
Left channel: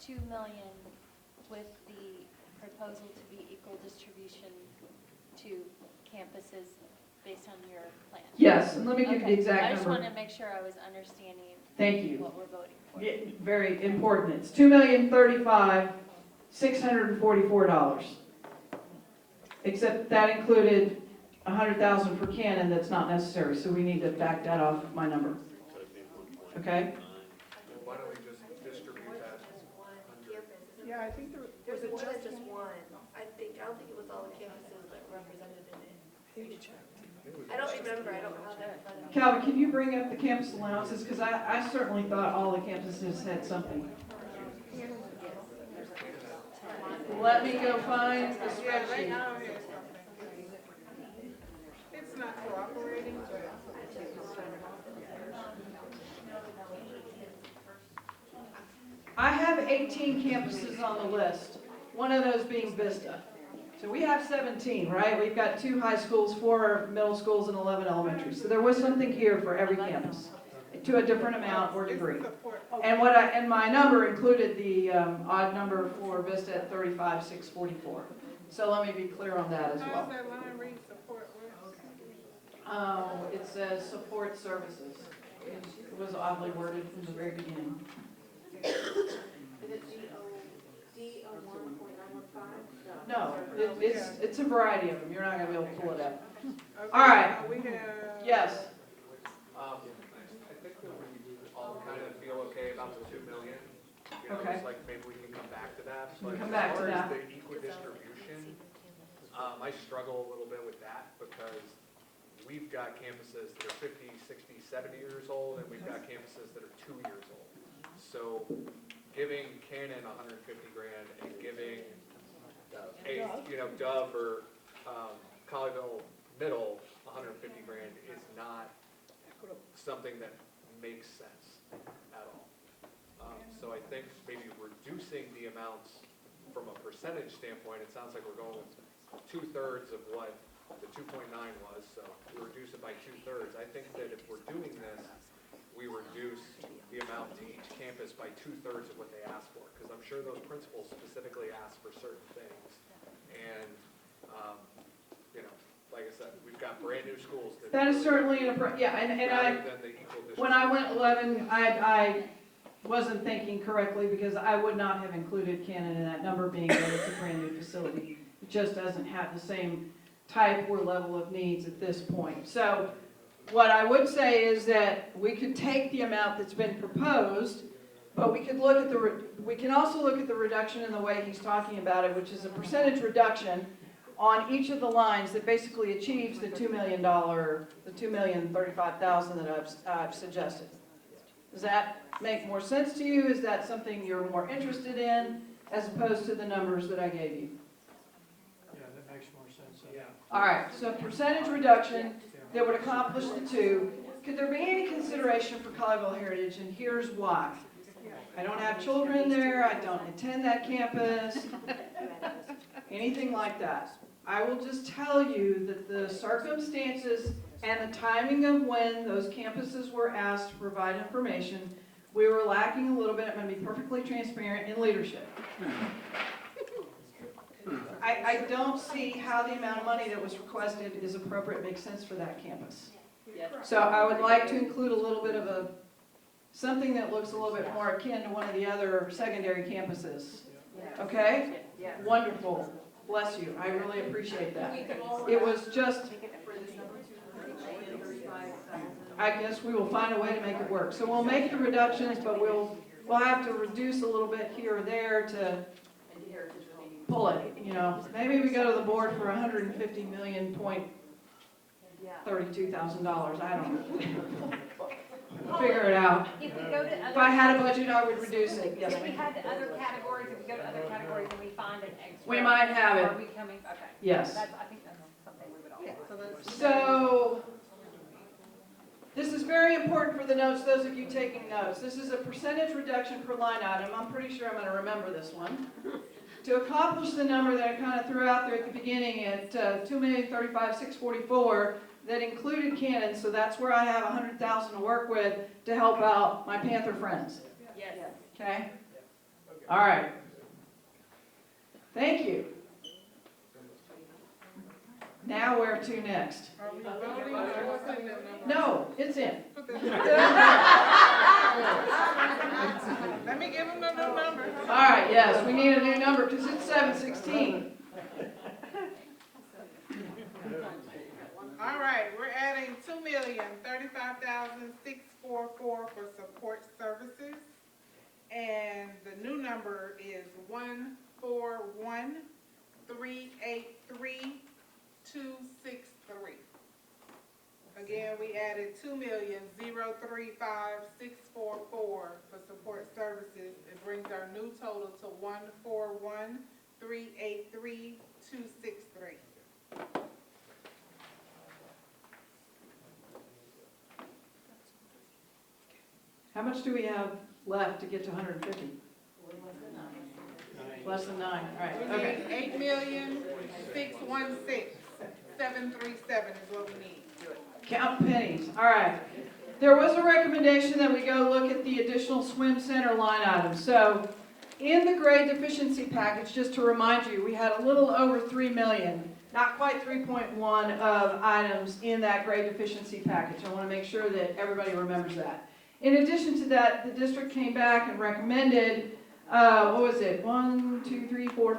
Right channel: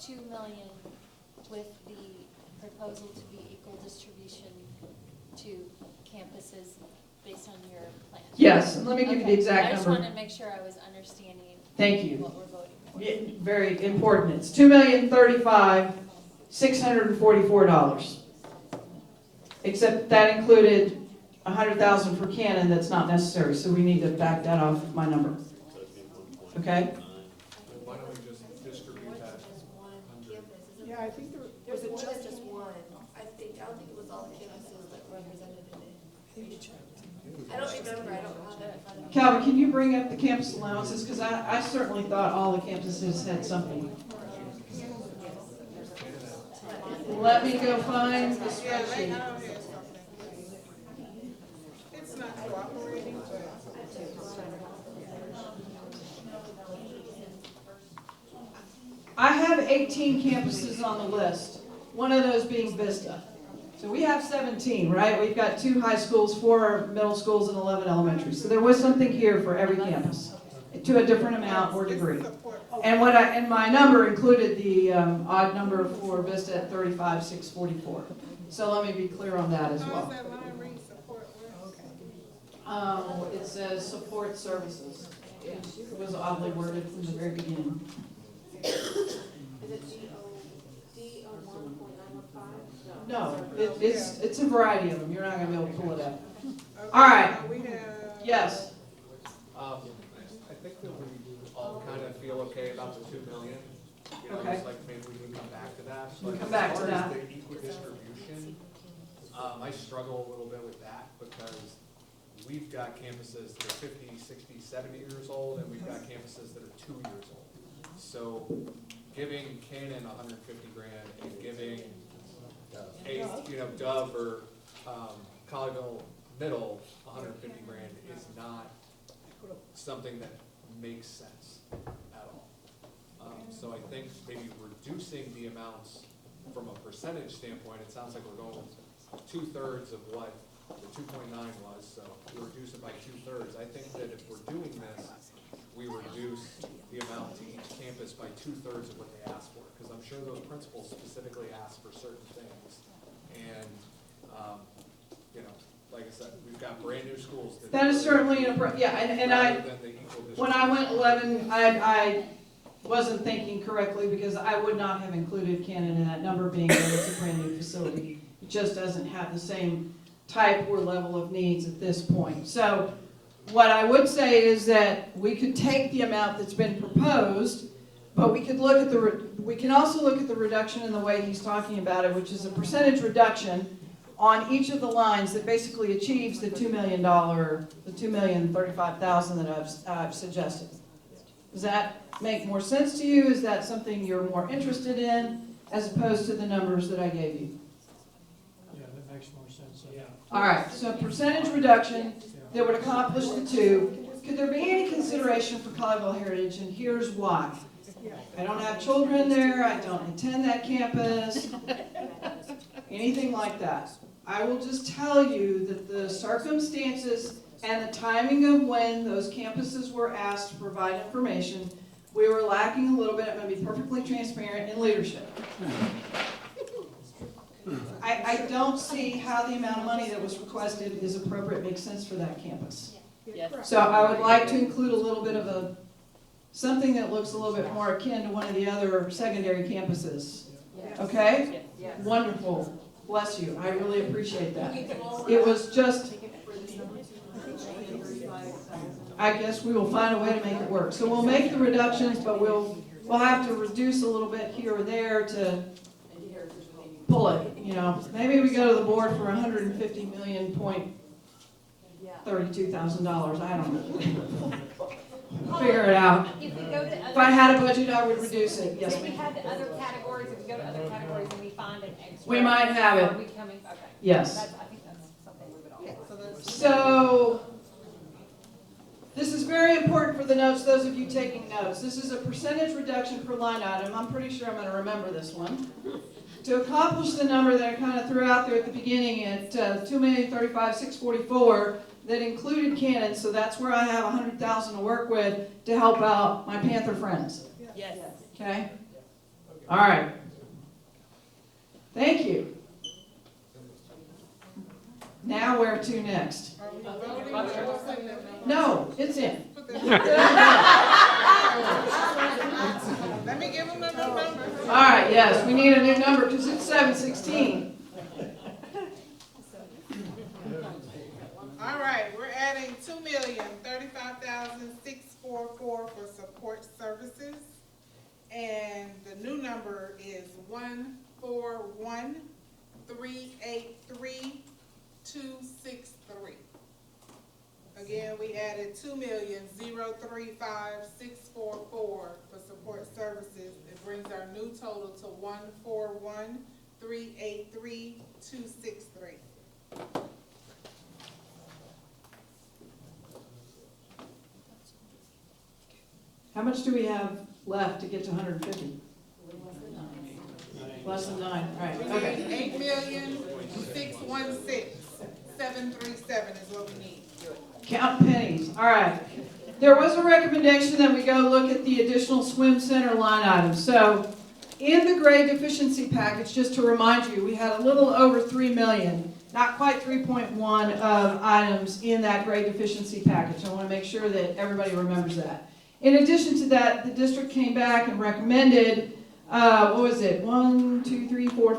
2 million with the proposal to be equal distribution to campuses based on your plan? Yes, and let me give you the exact I just number. wanted to make sure I was understanding Thank you. what we're voting for. Yeah, very important. It's $2,035,644. Except that included $100,000 for Canon that's not necessary, so we need to back that off of my number. Okay? Why don't we just distribute that? Yeah, I think was it just one? I don't think it was all the campuses that were represented in it. I don't remember, I don't have that in front of me. Calvin, can you bring up the campus allowances? Because I certainly thought all the campuses had something. Let me go find the spreadsheet. It's not cooperating. I have 18 campuses on the list, one of those being Vista. So we have 17, right? We've got 2 high schools, 4 middle schools, and 11 elementary. So there was something here for every campus, to a different amount or degree. And my number included the odd number for Vista at 35,644. So let me be clear on that as well. Oh, it says support services. It was oddly worded from the very beginning. No, it's a variety of them. You're not going to be able to pull it up. All right. Yes. I think that we all kind of You know, Okay. it's like maybe we can come back to that. We'll But come back to as that. far as the equal distribution, I struggle a little bit with that because we've got campuses that are 50, 60, 70 years old, and we've got campuses that are 2 years old. So giving Cannon 150 grand and giving Dove or Colleyville Middle 150 grand is not something that makes sense at all. So I think maybe reducing the amounts from a percentage standpoint, it sounds like we're going with 2/3 of what the 2.9 was, so we reduce it by 2/3. I think that if we're doing this, we reduce the amount to each campus by 2/3 of what they asked for, because I'm sure those principals specifically asked for certain things. And, like I said, we've got brand new schools That is certainly and rather than the equal when I went 11, I wasn't thinking correctly because I would not have included Cannon in that number being that it's a brand new facility. It just doesn't have the same type or level of needs at this point. So what I would say is that we could take the amount that's been proposed, but we could look at we can also look at the reduction in the way he's talking about it, which is a percentage reduction on each of the lines that basically achieves the $2 million, the $2,035,000 that I've suggested. Does that make more sense to you? Is that something you're more interested in as opposed to the numbers that I gave you? Yeah, that makes more sense. Yeah. All right, so percentage reduction that would accomplish the two. Could there be any consideration for Colleyville Heritage? And here's why. I don't have children there. I don't attend that campus. Anything like that. I will just tell you that the circumstances and the timing of when those campuses were asked to provide information, we were lacking a little bit, I'm going to be perfectly transparent, in leadership. I don't see how the amount of money that was requested is appropriate, makes sense for that campus. So I would like to include a little bit of something that looks a little bit more akin to one of the other secondary campuses. Okay? Wonderful. Bless you. I really appreciate that. It was just, I guess we will find a way to make it work. So we'll make the reductions, but we'll have to reduce a little bit here or there to pull it, Maybe we go to the board for $150,032,000. I don't know. Figure it out. If I had a budget, I would reduce it. Yes, If we ma'am. had the other categories, if we go to other categories and we find an extra. We might have it. Are we coming, okay. Yes. I think that's something we would all. So, this is very important for the notes, those of you taking notes. This is a percentage reduction per line item. I'm pretty sure I'm going to remember this one. To accomplish the number that I kind of threw out there at the beginning at $2,035,644, that included Cannon, so that's where I have $100,000 to work with to help out my Panther friends. Yes. Okay? All right. Thank you. Now where to next? No, it's in. Let me give them a number. All right, yes, we need a new number because it's 716. All right, we're adding $2,035,644 for support services. And the new number is 141,383,263. Again, we added $2,035,644 for support services. It brings our new total to 141,383,263. How much do we have left to get to 150? Less than 9, all right, okay. 8,616,737 is what we need. Count pennies, all right. There was a recommendation that we go look at the additional swim center line items. So in the grade deficiency package, just to remind you, we had a little over 3 million, not quite 3.1 of items in that grade deficiency package. I want to make sure that everybody remembers that. In addition to that, the district came back and recommended, 5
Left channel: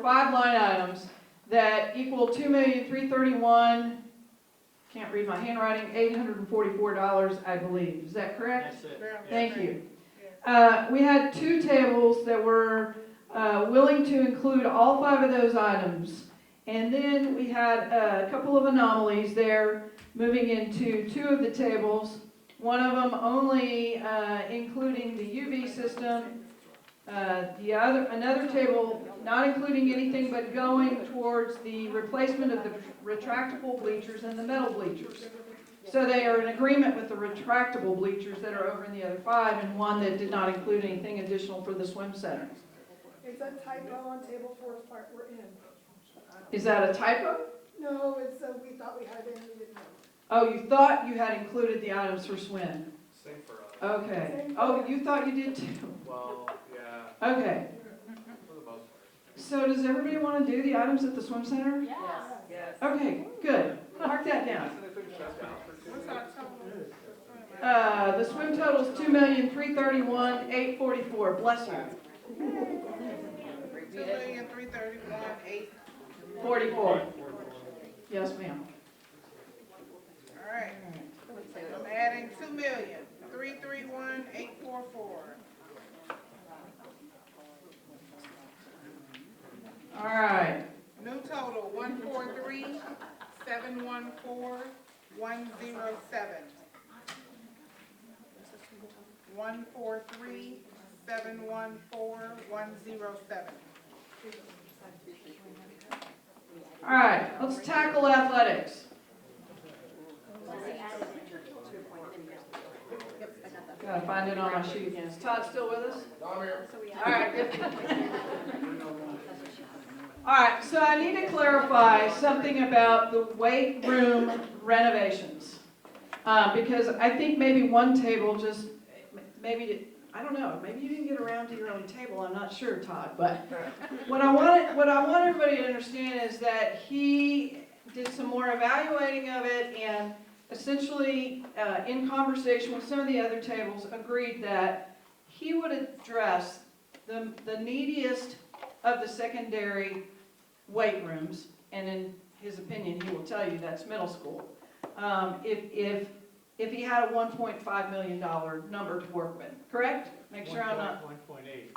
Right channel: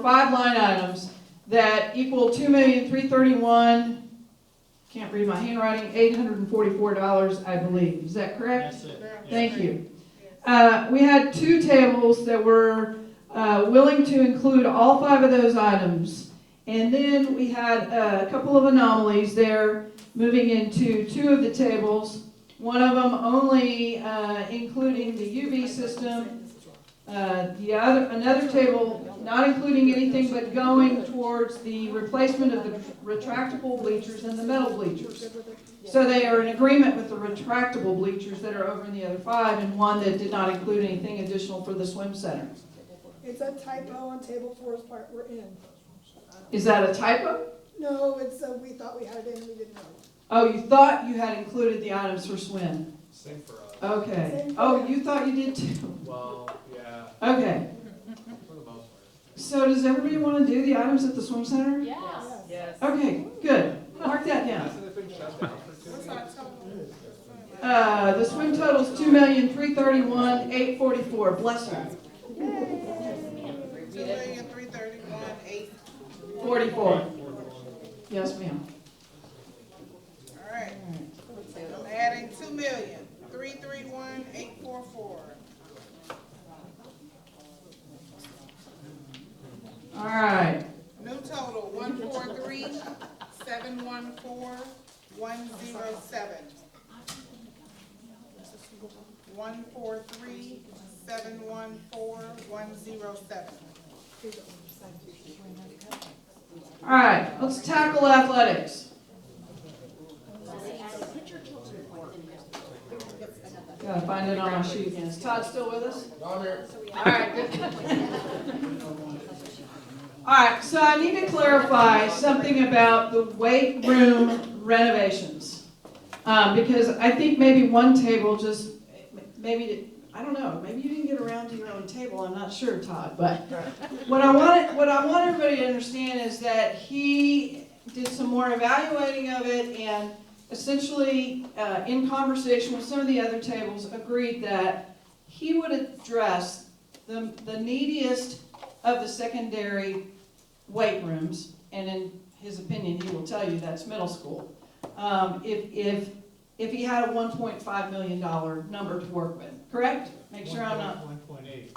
line items that equal $2,331,000. Can't read my handwriting, $844, I believe. Is that correct? That's it. Thank you. we had 2 tables that were willing to include all 5 of those items. And then we had a couple of anomalies there, moving into 2 of the tables. One of them only including the UV system. Another table not including anything but going towards the replacement of the retractable bleachers and the metal bleachers. So they are in agreement with the retractable bleachers that are over in the other 5, and one that did not include anything additional for the swim center. It's a typo on table 4's part we're in. Is that a typo? No, it's, we thought we had it in, we didn't know. Oh, you thought you had included the items for swim. Same for us. Okay. Oh, you thought you did too. Well, yeah, Okay. for the most part. So does everybody want to do the items at the swim center? Yes. Yes. Okay, good. Mark that down. Hasn't it been shut down for 2 years? The swim total is $2,331,844. Bless you. 44. Yes, ma'am. All right. I'm adding 2,331,844. All right. New total, 143,714,107. 143,714,107. All right, let's tackle athletics. Gotta find it on my sheet again. Is Todd still with us? I'm here. All right, good. All right, so I need to clarify something about the weight room renovations. Because I think maybe one table just, maybe, I don't know, maybe you didn't get around to your own table, I'm not sure, Todd. But what I want everybody to understand is that he did some more evaluating of it, and essentially, in conversation with some of the other tables, agreed that he would address the neediest of the secondary weight rooms, and in his opinion, he will tell you that's middle school. If he had a $1.5 million number to work with, correct? Make sure I'm not. 1.8.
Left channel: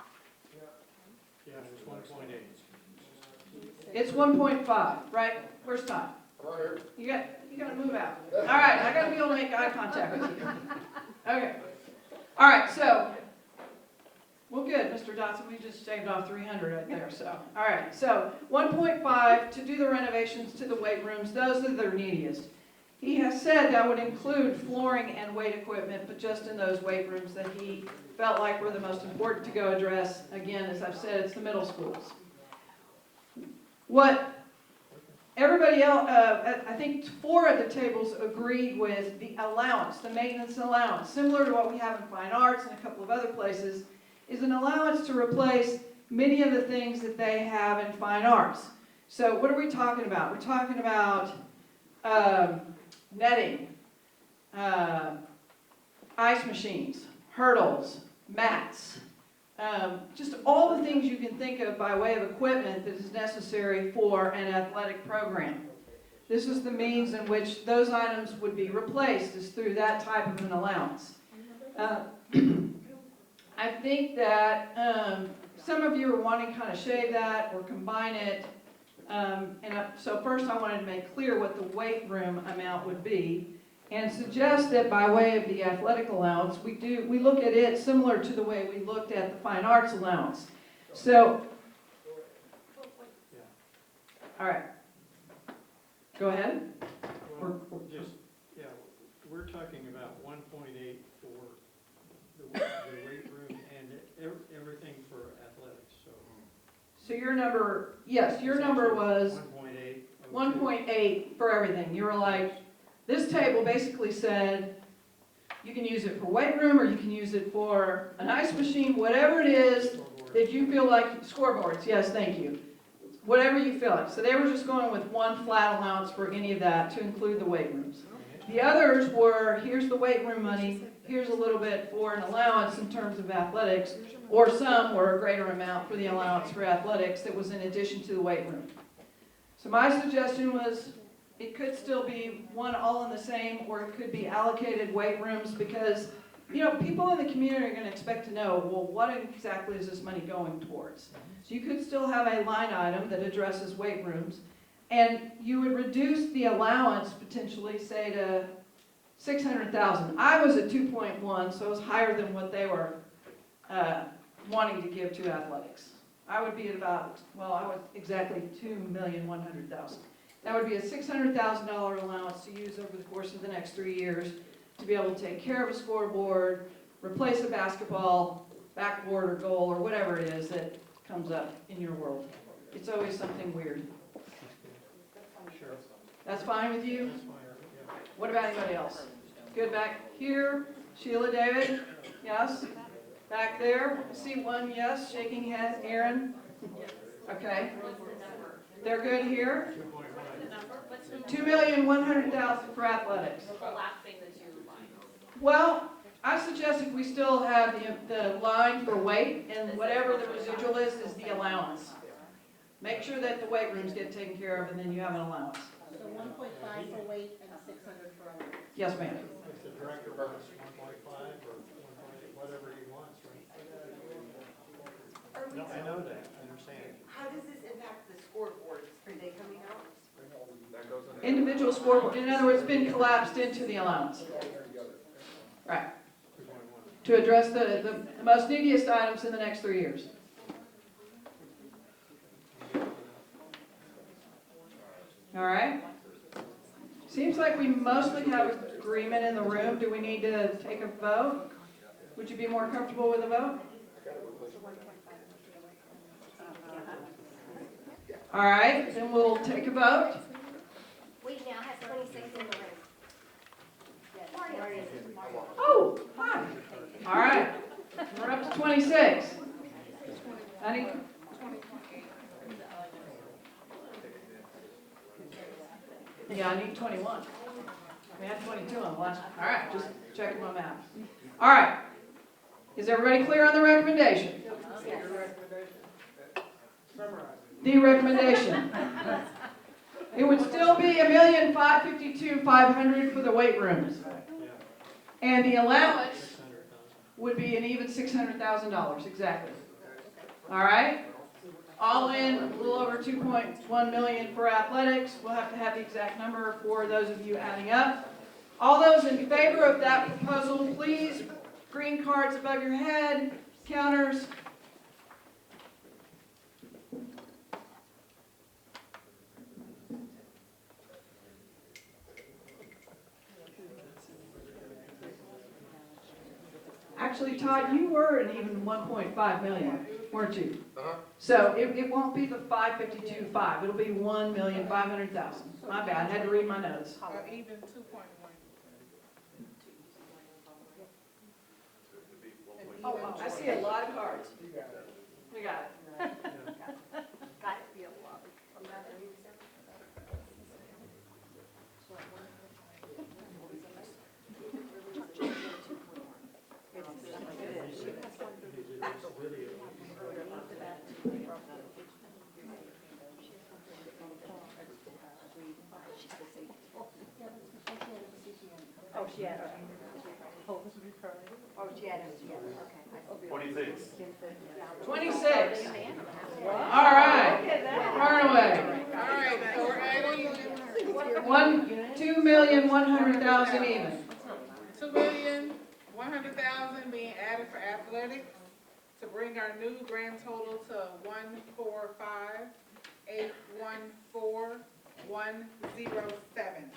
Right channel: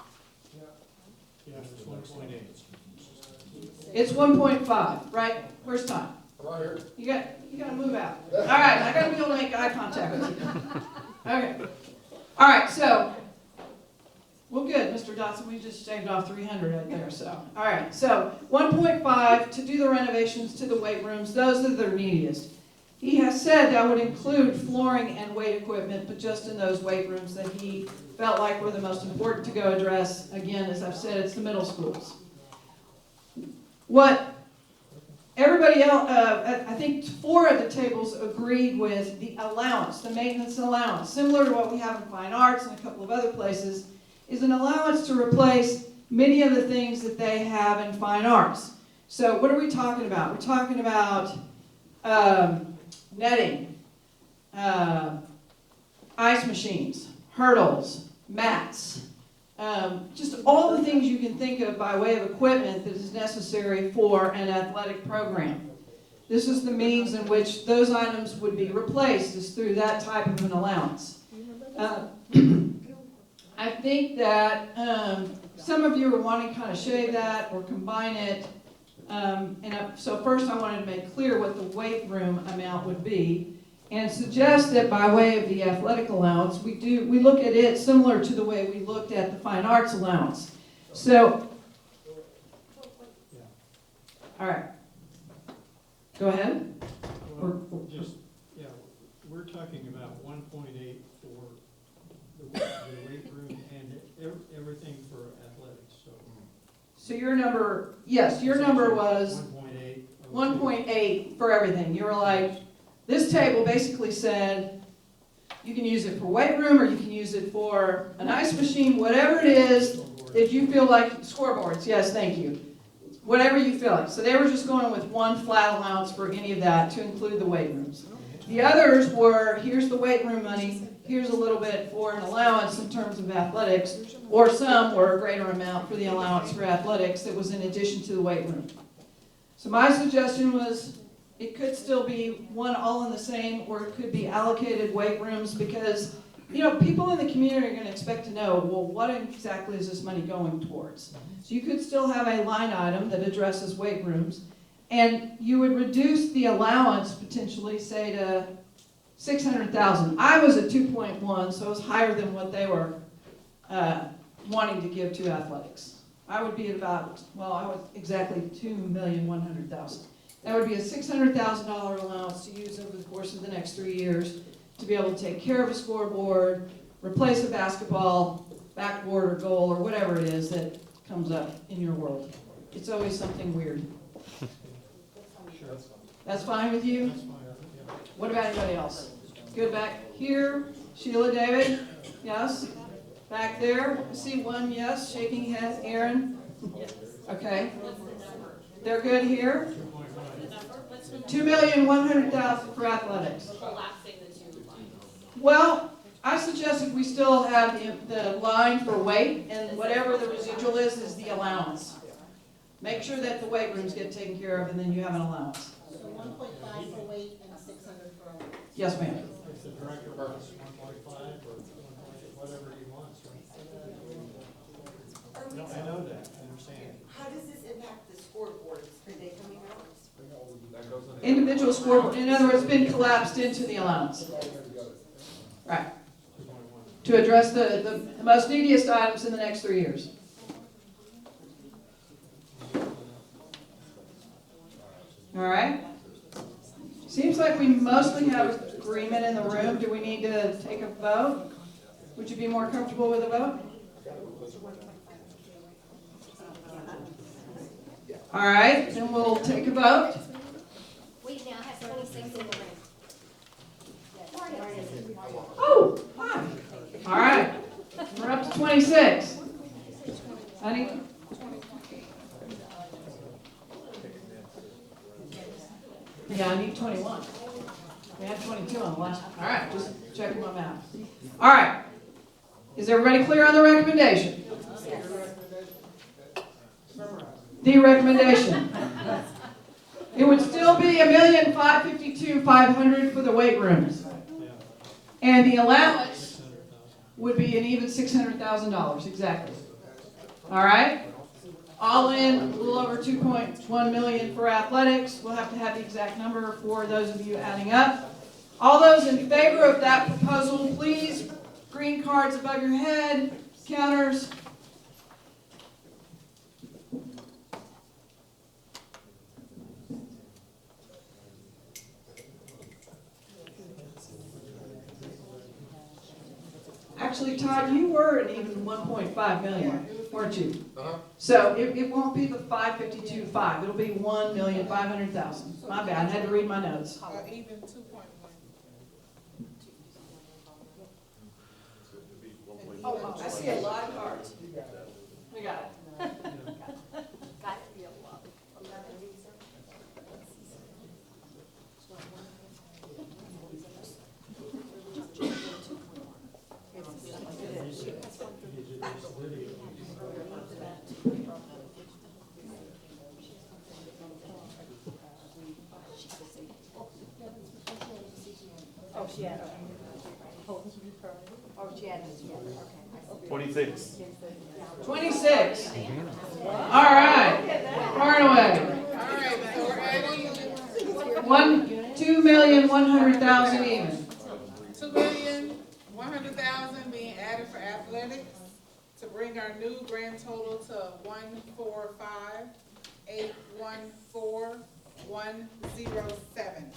Yeah, it's 1.8. It's 1.5, right? First time. Right here. You gotta move out. All right, I gotta be able to make eye contact with you. Okay. All right, so, well, good, Mr. Dotson, we just shaved off 300 right there, so. All right, so 1.5 to do the renovations to the weight rooms, those are the neediest. He has said that would include flooring and weight equipment, but just in those weight rooms that he felt like were the most important to go address. Again, as I've said, it's the middle schools. What everybody else, I think 4 of the tables agreed with the allowance, the maintenance allowance, similar to what we have in fine arts and a couple of other places, is an allowance to replace many of the things that they have in fine arts. So what are we talking about? We're talking about netting, ice machines, hurdles, mats, just all the things you can think of by way of equipment that is necessary for an athletic program. This is the means in which those items would be replaced, is through that type of an allowance. I think that some of you are wanting to kind of shave that or combine it. So first I wanted to make clear what the weight room amount would be, and suggest that by way of the athletic allowance, we look at it similar to the way we looked at the fine arts allowance. So, all right, go ahead. Well, just, yeah, we're talking about 1.8 for the weight room and everything for athletics, so. So your number, yes, your number was 1.8. 1.8 for everything. You were like, this table basically said, you can use it for weight room, or you can use it for an ice machine, whatever it is that you feel like, scoreboards, yes, thank you. Whatever you feel like. So they were just going with one flat allowance for any of that to include the weight rooms. The others were, here's the weight room money, here's a little bit for an allowance in terms of athletics, or some were a greater amount for the allowance for athletics that was in addition to the weight room. So my suggestion was, it could still be one all in the same, or it could be allocated weight rooms, because you know, people in the community are gonna expect to know, well, what exactly is this money going towards? So you could still have a line item that addresses weight rooms, and you would reduce the allowance potentially, say, to 600,000. I was at 2.1, so it was higher than what they were wanting to give to athletics. I would be at about, well, I was exactly 2,100,000. That would be a $600,000 allowance to use over the course of the next 3 years to be able to take care of a scoreboard, replace a basketball, backboard or goal, or whatever it is that comes up in your world. It's always something weird. That's fine with you? What about anybody else? Good, back here, Sheila, David, yes? Back there, see one yes, shaking head, Aaron? Okay. They're good here? 2,100,000 for athletics. Well, I suggested we still have the line for weight, and whatever the residual is the allowance. Make sure that the weight rooms get taken care of, and then you have an allowance. So 1.5 for weight and 600 for allowance. Yes, ma'am. If the director wants 1.5 or whatever he wants, right? No, I know that, I understand. How does this impact the scoreboards? Are they coming out? Individual scoreboard, in other words, it's been collapsed into the allowance. Right. To address the most neediest items in the next 3 years. All right. Seems like we mostly have agreement in the room. Do we need to take a vote? Would you be more comfortable with a vote? All right, then we'll take a vote. We now have 26 in the room. Oh, hi. All right, we're up to 26. Honey? Yeah, I need 21. We had 22 on the last one. All right, just checking my math. All right. Is everybody clear on the recommendation? Yes. The recommendation. It would still be $1,552,500 for the weight rooms. And the allowance would be an even $600,000, exactly. All right? All in, a little over 2.1 million for athletics. We'll have to have the exact number for those of you adding up. All those in favor of that proposal, please, green cards above your head, counters. Actually, Todd, you were at even 1.5 million, weren't you? So it won't be the 552.5. It'll be 1,500,000. My bad. I had to read my notes. Even 2.1. Oh, I see a lot of cards. I got it. Oh, she had it. 26. 26. All right. Far and away. All right, so we're adding 2,100,000 even. 2,100,000 being added for athletics to bring our new grand total to 145,814,107.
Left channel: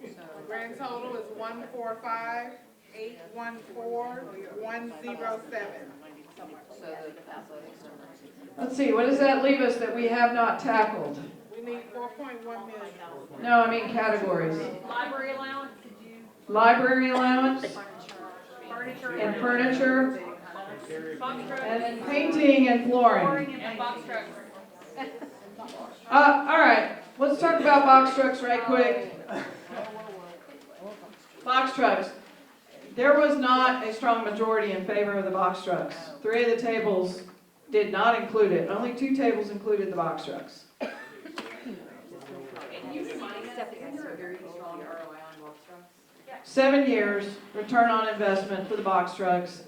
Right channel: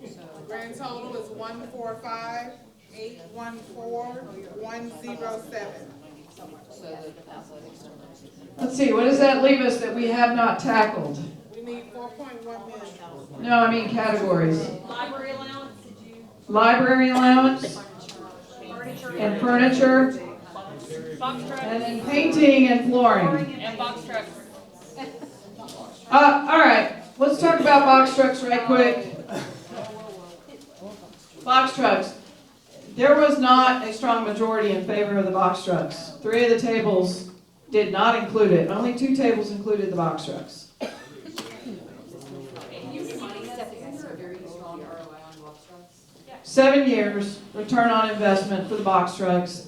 The grand total is 145,814,107. Let's see, what does that leave us that we have not tackled? We need 4.1 million. No, I mean categories. Library allowance, did you? Library allowance and furniture, Box trucks and then painting and flooring. and box trucks. All right, let's talk about box trucks right quick. Box trucks. There was not a strong majority in favor of the box trucks. 3 of the tables did not include it. Only 2 tables included the box trucks. Isn't there a very strong ROI on box trucks? 7 years, return on investment for the box trucks,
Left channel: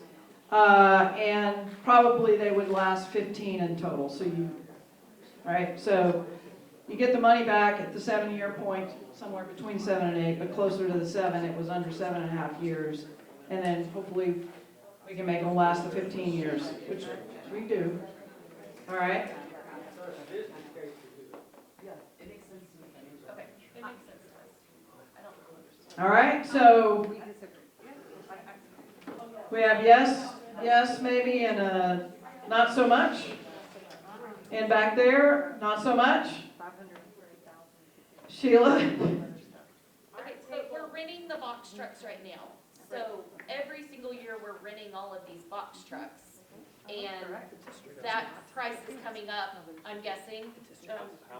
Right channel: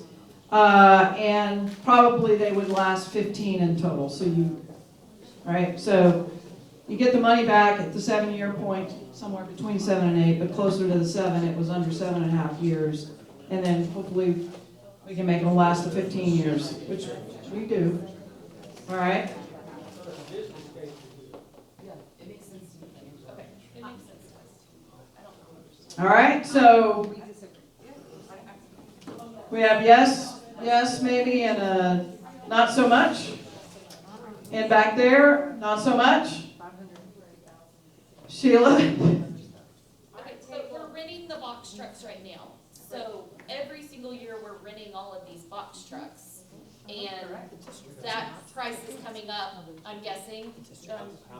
and probably they would last 15 in total, all right, so you get the money back at the 7-year point, somewhere between 7 and 8, but closer to the 7, it was under 7.5 years. And then hopefully we can make them last the 15 years, which we do. All right? It makes sense to me. Okay, it makes sense to us too. All right, so we have yes, maybe, and not so much. And back there, not so much. Sheila? Okay, so we're renting the box trucks right now. So every single year, we're renting all of these box trucks. And that price is coming up, I'm guessing.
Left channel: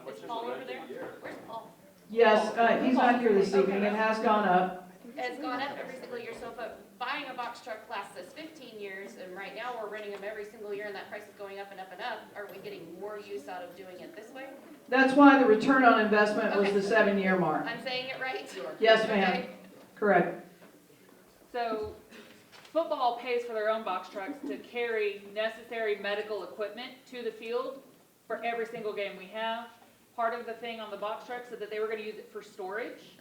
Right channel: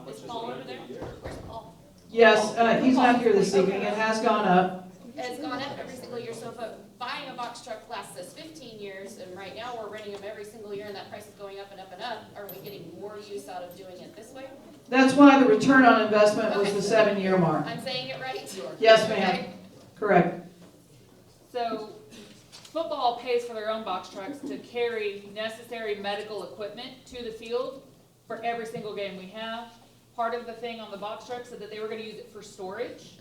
Is Paul over there? Where's Paul? Yes, he's not here this evening. It has gone up. Has gone up every single year. So if buying a box truck lasts us 15 years, and right now we're renting them every single year, and that price is going up and up and up, are we getting more use out of doing it this way? That's why the return on investment was the 7-year mark. I'm saying it right? Yes, ma'am. Okay. Correct. So football pays for their own box trucks to carry necessary medical equipment to the field for every single game we have. Part of the thing on the box truck said that they were gonna use it for storage.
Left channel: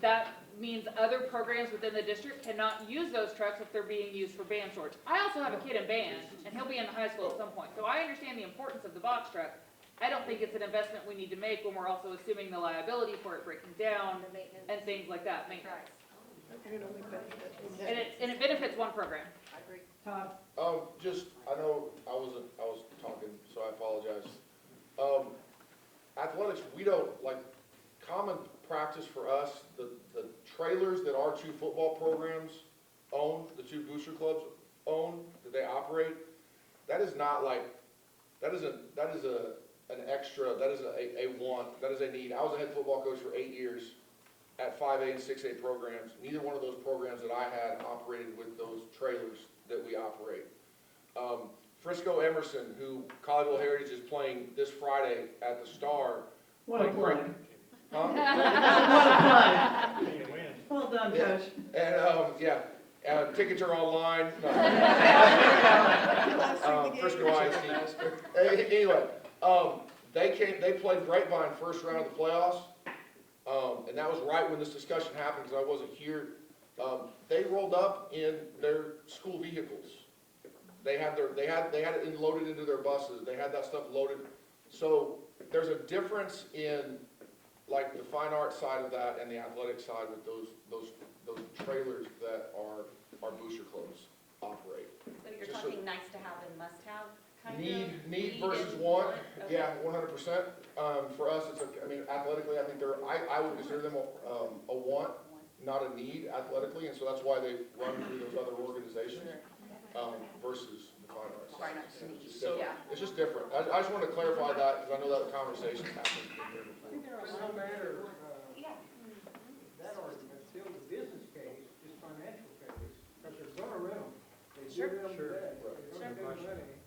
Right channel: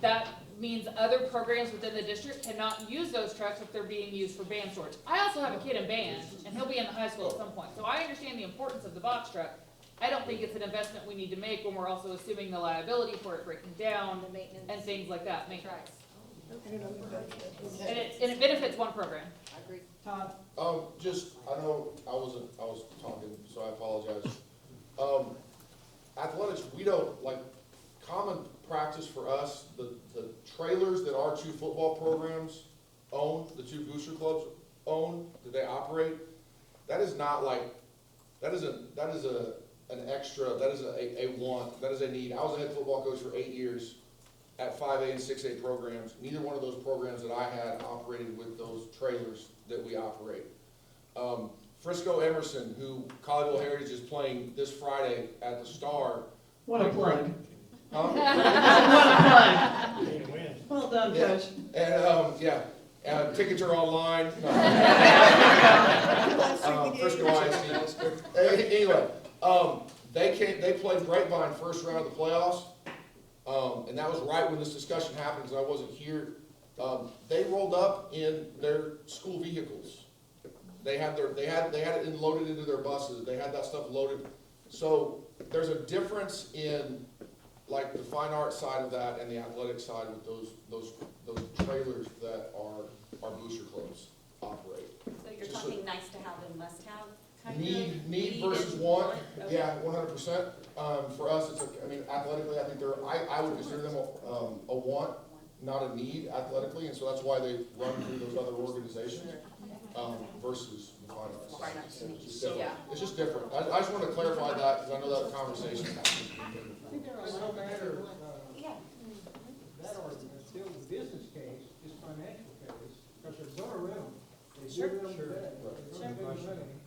That means other programs within the district cannot use those trucks if they're being used for band storage. I also have a kid in band, and he'll be in the high school at some point, so I understand the importance of the box truck. I don't think it's an investment we need to make when we're also assuming the liability for it breaking down and things like that, maintenance. And it benefits one program. Todd? I know I was talking, so I apologize. Athletics, we don't, like, common practice for us, the trailers that our 2 football programs own, the 2 booster clubs own, that they operate, that is not like, that is an extra, that is a want, that is a need. I was a head football coach for 8 years at 5A and 6A programs. Neither one of those programs that I had operated with those trailers that we operate. Frisco Emerson, who Colleyville Heritage is playing this Friday at the Star. What a plug. Huh? What a plug. Well done, Coach. And, tickets are online. Frisco ISD. Anyway, they played Grapevine first round of the playoffs. And that was right when this discussion happened, because I wasn't here. They rolled up in their school vehicles. They had it loaded into their buses. They had that stuff loaded. So there's a difference in, like, the fine art side of that and the athletic side with those trailers that our booster clubs operate. So you're talking nice to have and must have kind of? Need versus want, yeah, 100%. For us, athletically, I think I would consider them a want, not a need athletically, and so that's why they run through those other organizations, versus the fine arts. It's just different. I just want to clarify that, because I know that conversation happens. No matter, that argument, still the business case is financial case, because they're gonna rent them. They give them today, they're gonna give them money.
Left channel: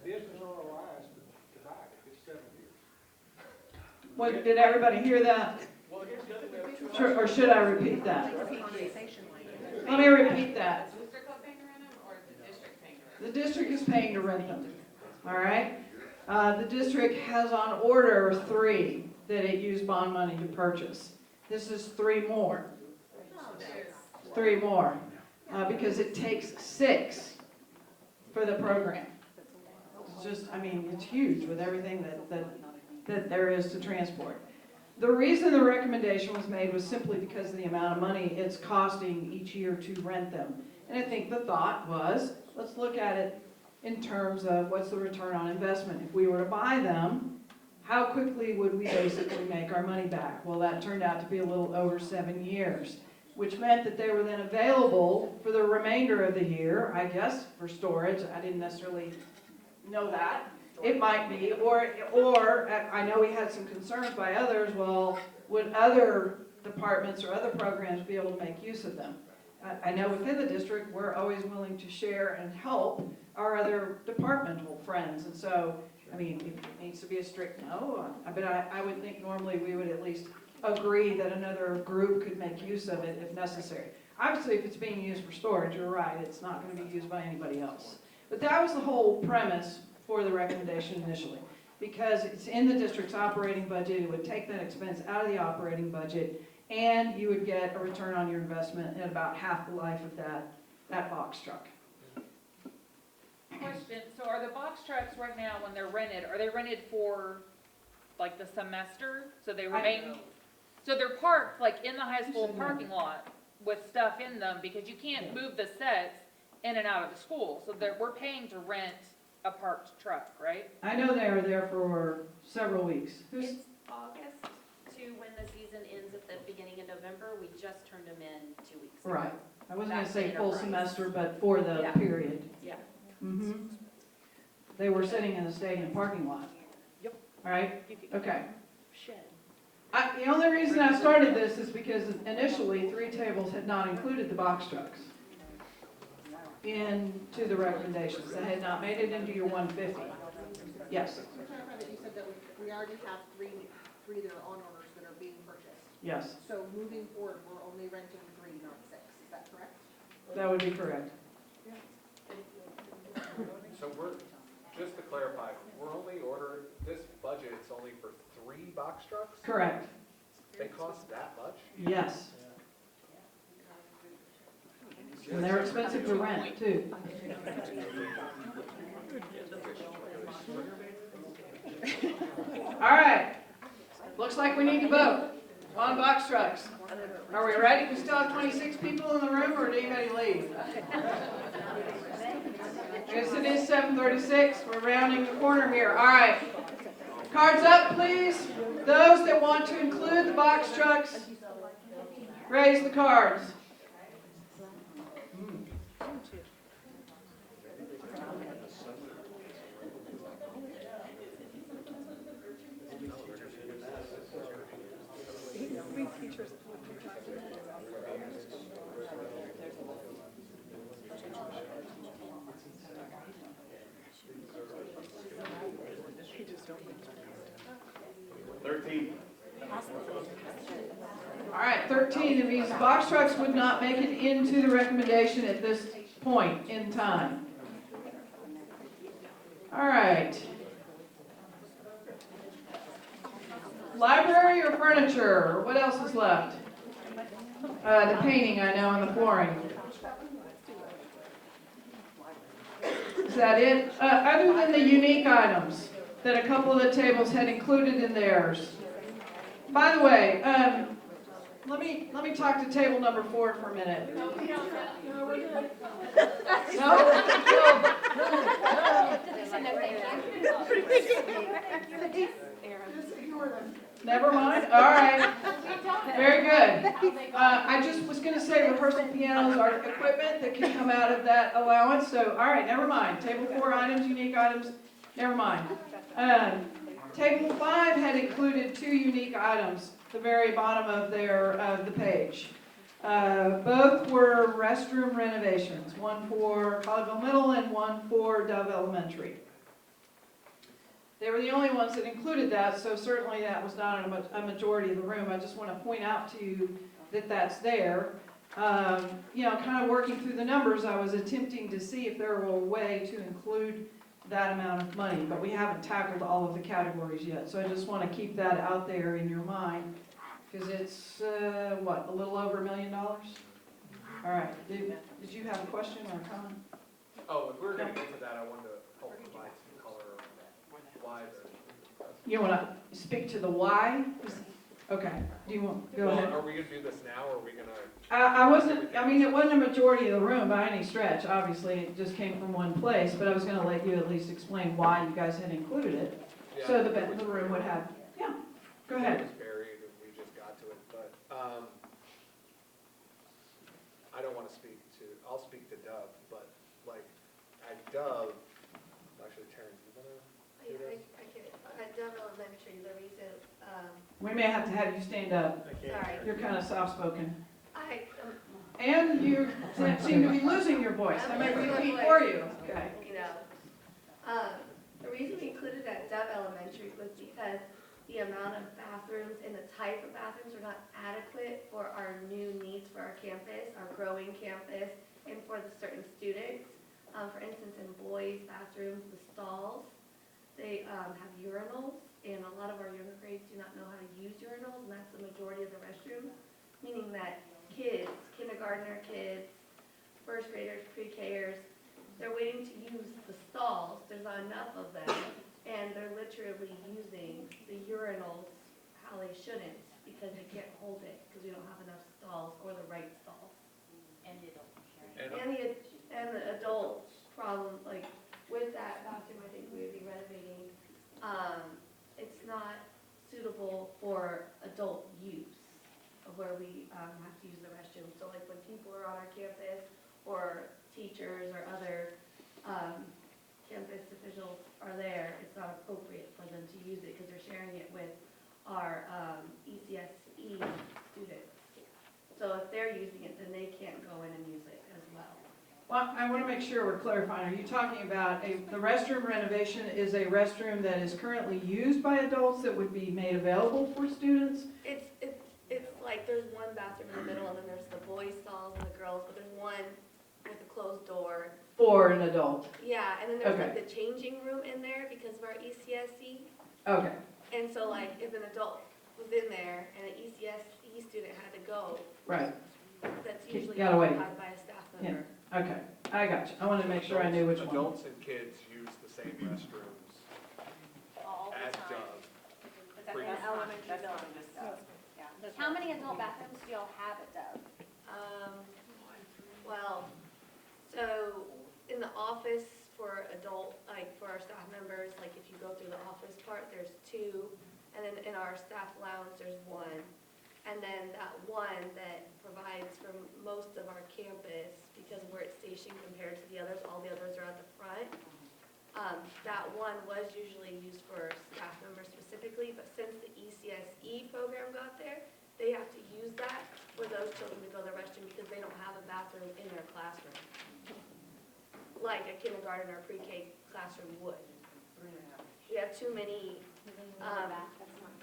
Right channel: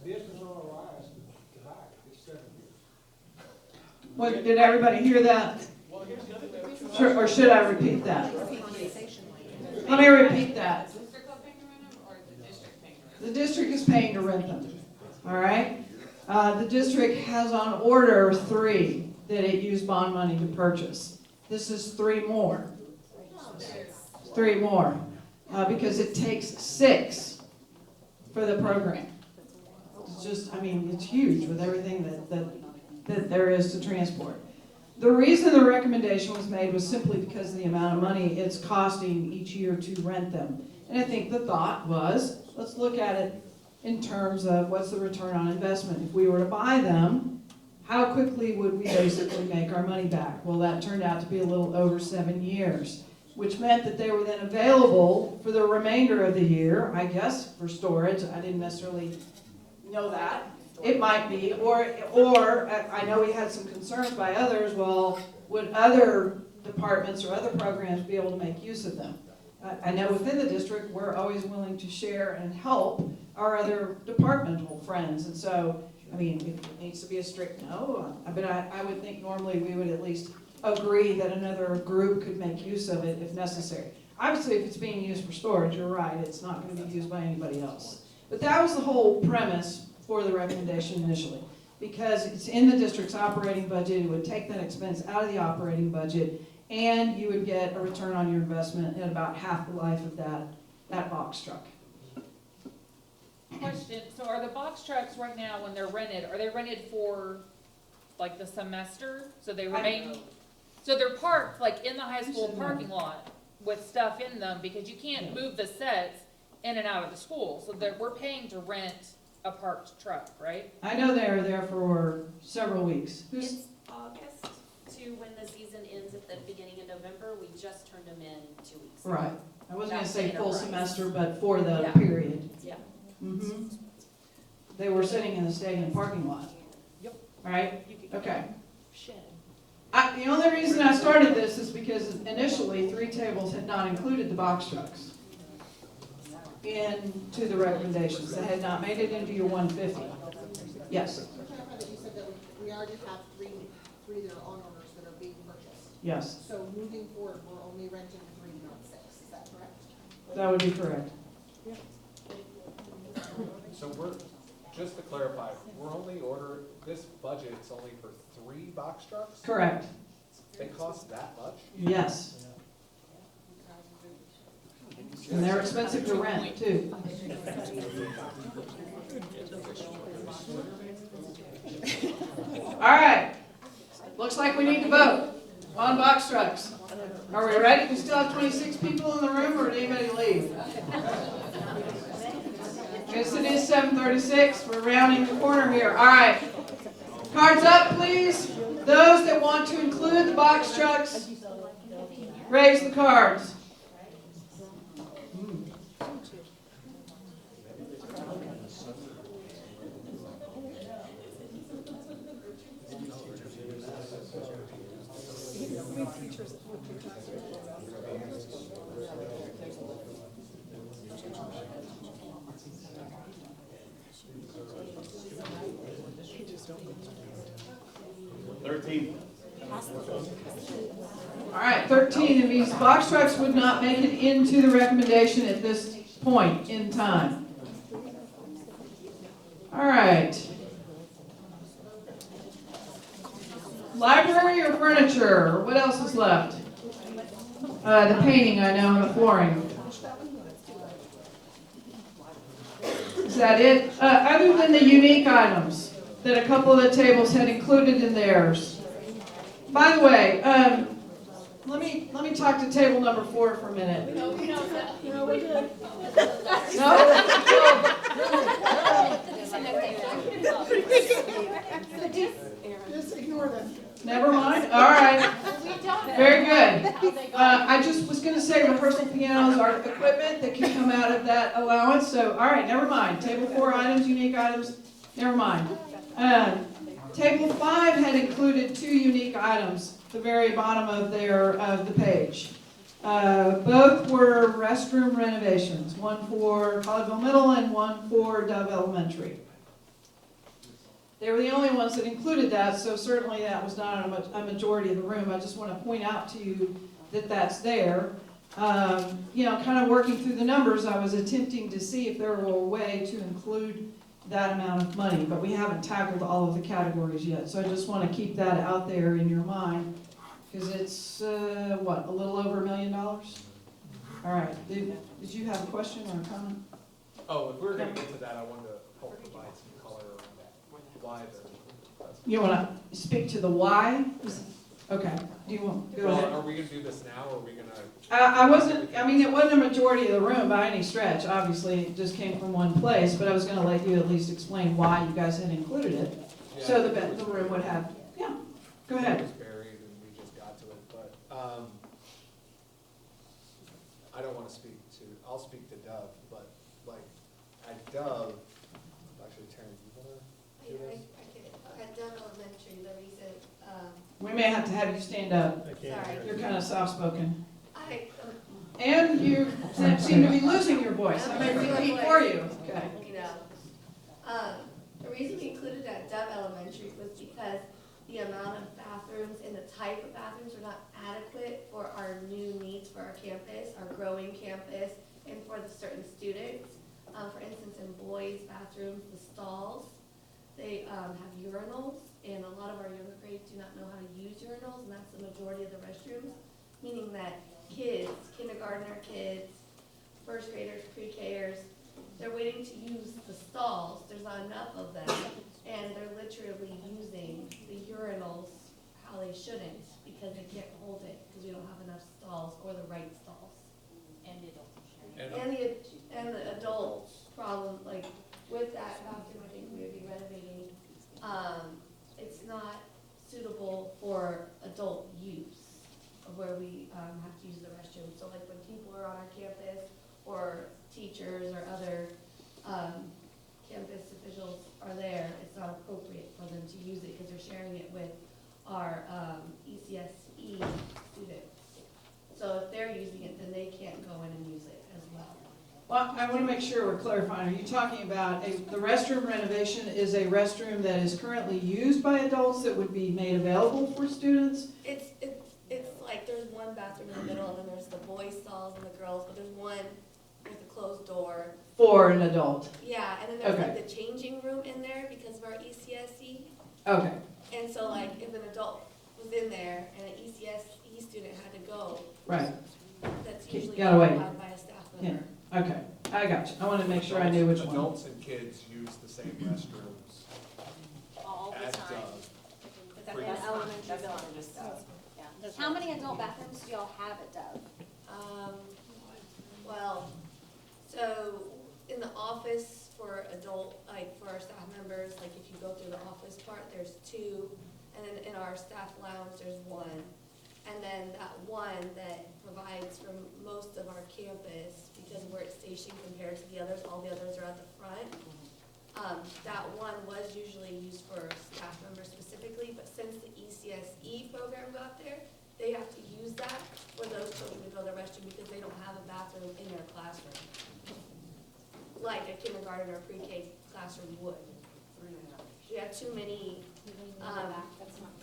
Business ROI is high, it's 7 years. Did everybody hear that? Or should I repeat that? Let me repeat that. The district is paying to rent them, all right? The district has on order 3 that it used bond money to purchase. This is 3 more. 3 more, because it takes 6 for the program. It's just, it's huge with everything that there is to transport. The reason the recommendation was made was simply because of the amount of money it's costing each year to rent them. And I think the thought was, let's look at it in terms of what's the return on investment. If we were to buy them, how quickly would we basically make our money back? Well, that turned out to be a little over 7 years, which meant that they were then available for the remainder of the year, I guess, for storage. I didn't necessarily know that. It might be, or I know we had some concerns by others, well, would other departments or other programs be able to make use of them? I know within the district, we're always willing to share and help our other departmental friends. And so, if it needs to be a strict no, but I would think normally we would at least agree that another group could make use of it if necessary. Obviously, if it's being used for storage, you're right, it's not gonna be used by anybody else. But that was the whole premise for the recommendation initially. Because it's in the district's operating budget, it would take that expense out of the operating budget, and you would get a return on your investment at about half the life of that box truck. Question, so are the box trucks right now, when they're rented, are they rented for, like, the semester? So they remain, so they're parked, like, in the high school parking lot with stuff in them, because you can't move the sets in and out of the school, so we're paying to rent a parked truck, right? I know they are there for several weeks. It's August to when the season ends at the beginning of November. We just turned them in 2 weeks ago. Right, I wasn't gonna Back say to full Enterprise. semester, but for the Yeah. period. Yeah. Mhm. They were sitting in the stadium parking lot. Yep. All right, okay. Shit. The only reason I started this is because initially, 3 tables had not included the box trucks into the recommendations. They had not made it into your 150. Yes, We can't remember that you said that we already have three that are on orders that are being purchased. yes, So moving forward, we're only renting 3, not 6, is that correct? that would be correct. So we're, just to clarify, this budget, it's only for 3 box trucks? Correct, They cost that much? yes. And they're expensive to rent, too. All right, looks like we need to vote on box trucks. Are we ready? We still have 26 people in the room, or did anybody leave? Yes, it is 7:36, we're rounding the corner here. All right, cards up, please. Those that want to include the box trucks, raise the cards. All right, 13 of these box trucks would not make it into the recommendation at this point in time. All right. Library or furniture? What else is left? The painting, I know, and the flooring. Is that it? Other than the unique items that a couple of the tables had included in theirs. By the way, let me talk to table number 4 for a minute. No, we're good. No? Just ignore them. Never mind? All right. Very good. I just was going to say rehearsal pianos are equipment that can come out of that allowance. So, all right, never mind. Table 4 items, unique items, never mind. Table 5 had included 2 unique items at the very bottom of the page. Both were restroom renovations, one for Collegeville Middle and one for Dove Elementary. They were the only ones that included that, so certainly that was not a majority of the room. I just want to point out to you that that's there. Kind of working through the numbers, I was attempting to see if there were a way to include that amount of money, but we haven't tackled all of the categories yet. So I just want to keep that out there in your mind, because it's, a little over $1 million? All right, did you have a question or a comment? Oh, if we were gonna get to that, I wanted to help provide some color around why the. You want to speak to the why? Okay, do you want, go ahead. Are we gonna do this now, or are we gonna? It wasn't a majority of the room by any stretch. Obviously, it just came from one place, but I was gonna let you at least explain why you guys had included it. Yeah. So the room would have, go ahead. It was buried and we just got to it, but, I don't wanna I'll speak to Dove, but like, at Dove, actually, Terrence, you wanna do this? I get it. At Dove Elementary, the reason, We may have to have you stand up. sorry, You're kind of soft-spoken. I, And you seem to be losing your voice. I may repeat for you. Okay. the reason we included at Dove Elementary was because the amount of bathrooms and the type of bathrooms are not adequate for our new needs for our campus, our growing restrooms, the stalls, they have urinals, and a lot of our younger grades do not know how to use urinals, and that's the majority of the restrooms, meaning that kids, kindergartner kids, first graders, pre-Kers, they're waiting to use the stalls, there's not enough of them, and they're literally using the urinals how they shouldn't, because they can't hold it, because we don't have enough stalls or the right stalls. And the adult sharing. And the adult problem, like, with that bathroom, I think we would be renovating, it's not suitable for adult use of where we, have to use the restroom. So like when people are on our campus, or teachers or other, campus officials are there, it's not appropriate for them to use it, because they're sharing it with our, ECSE students. So if they're using it, then they can't go in and use it as well. Well, I want to make sure we're clarifying. Are you talking about the restroom renovation is a restroom that is currently used by adults that would be made available for students? It's like there's one bathroom in the middle, and then there's the boys' stalls and the girls, but there's one with a closed door. For an adult? Yeah, and then there's Okay. like the changing room in there because of our ECSE. Okay. And so like if an adult was in there and an ECSE student had to go, Right. that's usually Gotta wait. occupied by a staff member. Yeah. Okay. I got you. I wanted to make sure I knew which one. Adults and kids use the same restrooms All the as time. does. That's an elementary building. How many adult bathrooms do y'all have at Dove? Well, so in the office for adult, like for our staff members, like if you go through the office part, there's 2, and then in our staff lounge, there's 1. And then that one that provides for most of our campus, because of where it's stationed compared to the others, all the others are at the front. That one was usually used for staff members specifically, but since the ECSE program got there, they have to use that for those children to go to the restroom because they don't have a bathroom in their classroom, like a kindergarten or pre-K classroom would. We have too many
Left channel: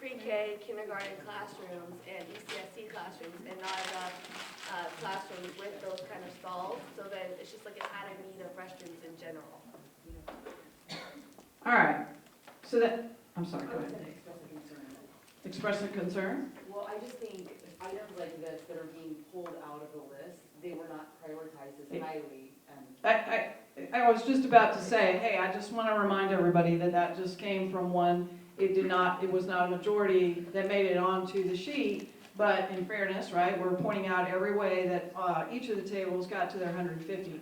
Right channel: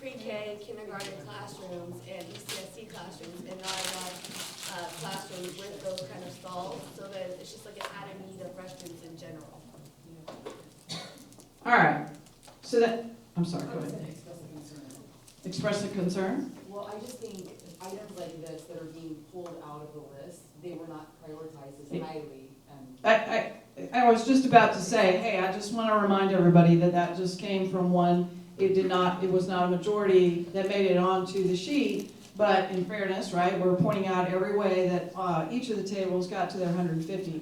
pre-K, kindergarten classrooms and ECSE classrooms, and not enough classrooms with those kind of stalls, so then it's just like an added need of restrooms in general. All right. So that, I'm sorry, go ahead. Express a concern? Well, I just think items like this that are being pulled out of the list, they were not prioritized as highly. I was just about to say, hey, I just want to remind everybody that that just came from one. It was not a majority that made it onto the sheet, but in fairness, right, we're pointing out every way that each of the tables got to their 150.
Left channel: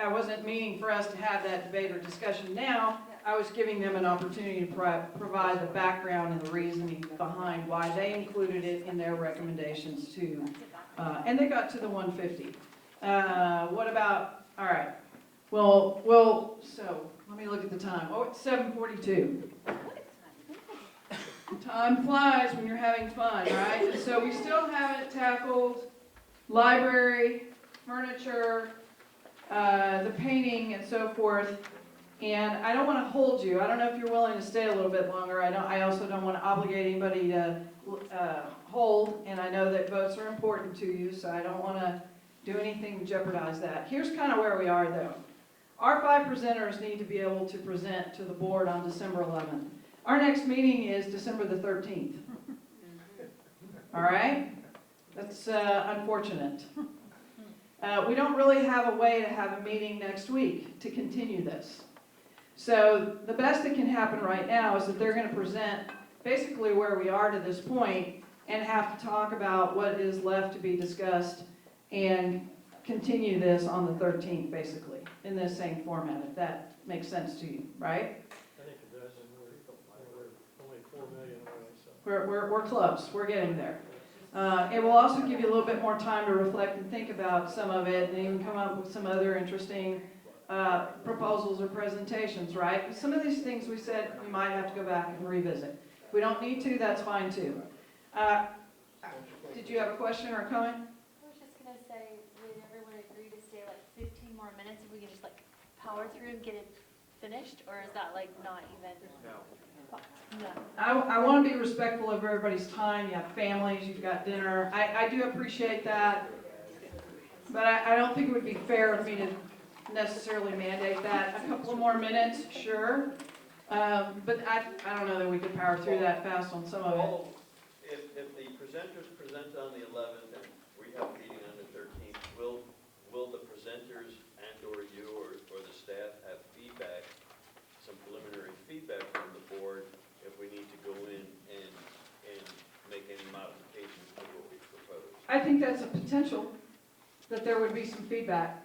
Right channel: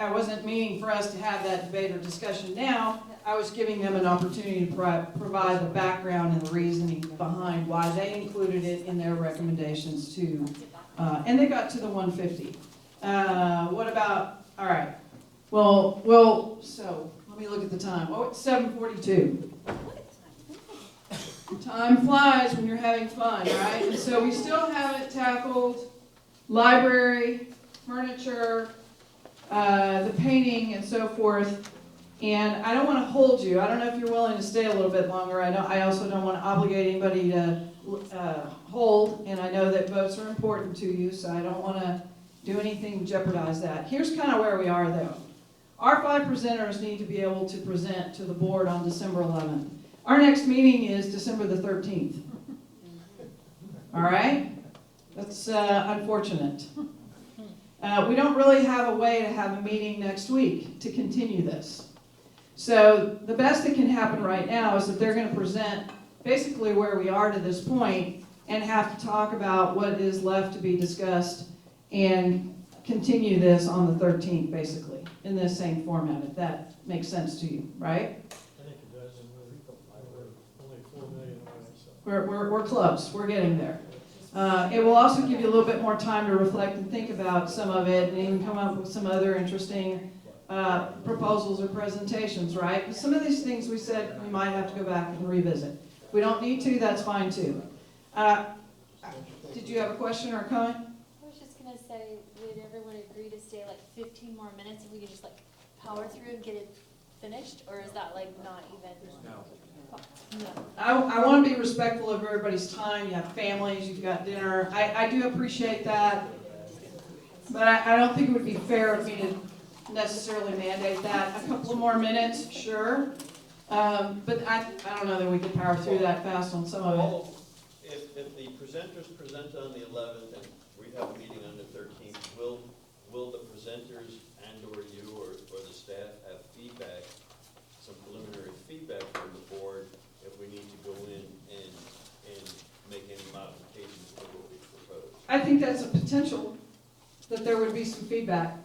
I wasn't meaning for us to have that debate or discussion now. I was giving them an opportunity to provide the background and the reasoning behind why they included it in their recommendations to, and they got to the 150. What about, all right, well, so let me look at the time. Oh, it's 7:42. Time flies when you're having fun, right? And so we still haven't tackled library, furniture, the painting and so forth. And I don't want to hold you. I don't know if you're willing to stay a little bit longer. I also don't want to obligate anybody to hold, and I know that votes are important to you, so I don't want to do anything to jeopardize that. Here's kind of where we are, though. Our 5 presenters need to be able to present to the board on December 11th. Our next meeting is December the 13th. All right? That's unfortunate. We don't really have a way to have a meeting next week to continue this. So the best that can happen right now is that they're going to present basically where we are to this point and have to talk about what is left to be discussed and continue this on the 13th, basically, in this same format, if that makes sense to you, right? I think it does. Only 4 million. We're close. We're getting there. It will also give you a little bit more time to reflect and think about some of it and even come up with some other interesting proposals or presentations, right? Because some of these things we said we might have to go back and revisit. If we don't need to, that's fine too. Did you have a question or a comment? I was just gonna say, would everyone agree to stay like 15 more minutes if we could just like power through and get it finished, or is that like not even? No. I want to be respectful of everybody's time. You have families, you've got dinner. I do appreciate that, but I don't think it would be fair of me to necessarily mandate that. A couple of more minutes, sure. But I don't know that we could power through that fast on some of it. Well, if the presenters present on the 11th and we have a meeting on the 13th, will the presenters and or you or the staff have feedback, some preliminary feedback from the board if we need to go in and make any modifications to what we propose? I think that's a potential, that there would be some feedback.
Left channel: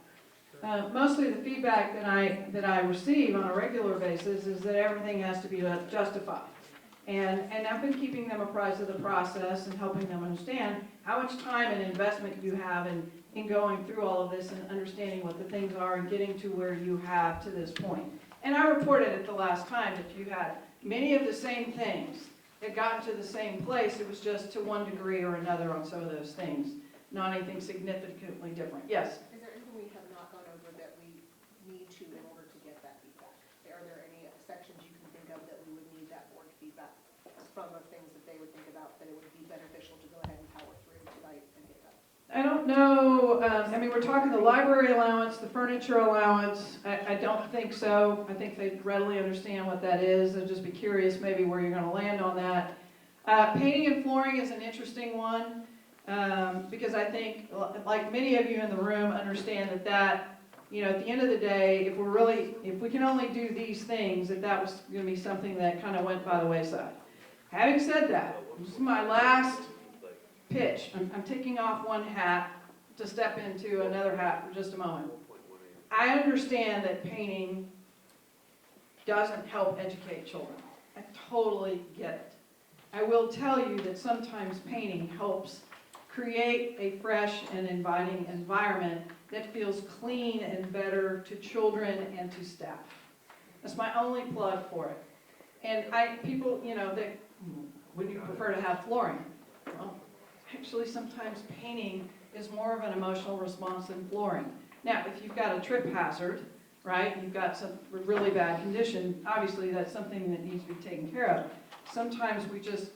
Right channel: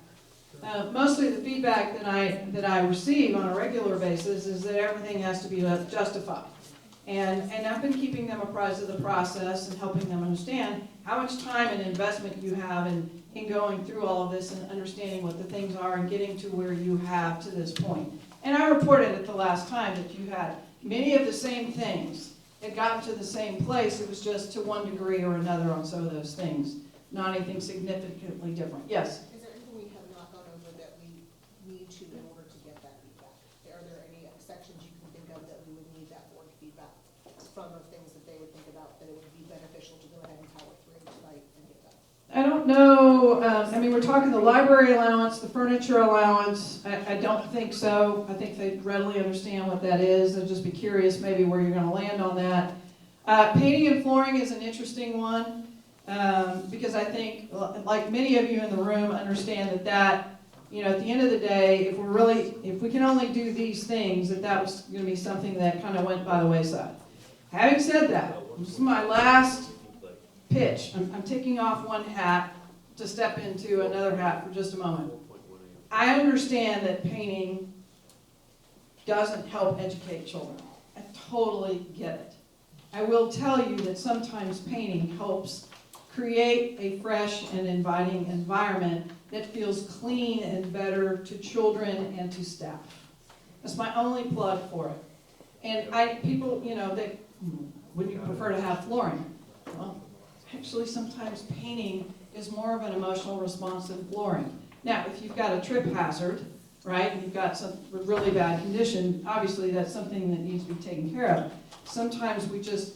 Mostly the feedback that I receive on a regular basis is that everything has to be justified. And I've been keeping them apprised of the process and helping them understand how much time and investment you have in going through all of this and understanding what the things are and getting to where you have to this point. And I reported it the last time that you had many of the same things that got to the same place. It was just to one degree or another on some of those things, not anything significantly different. Yes? Is there anything we have not gone over that we need to in order to get that feedback? Are there any sections you can think of that we would need that word feedback from, of things that they would think about that it would be beneficial to go ahead and power through tonight and get done? I don't know, I mean, we're talking the library allowance, the furniture allowance. I don't think so. I think they readily understand what that is. They'll just be curious maybe where you're gonna land on that. Painting and flooring is an interesting one, because I think, like many of you in the room, understand that, you know, at the end of the day, if we can only do these things, that was gonna be something that kind of went by the wayside. Having said that, this is my last pitch. I'm taking off one hat to step into another hat for just a moment. I understand that painting doesn't help educate children. I totally get it. I will tell you that sometimes painting helps create a fresh and inviting environment that feels clean and better to children and to staff. That's my only plug for it. And people, you know, would you prefer to have flooring? Well, actually, sometimes painting is more of an emotional response than flooring. Now, if you've got a trip hazard, right, and you've got some really bad condition, obviously that's something that needs to be taken care of. Sometimes we just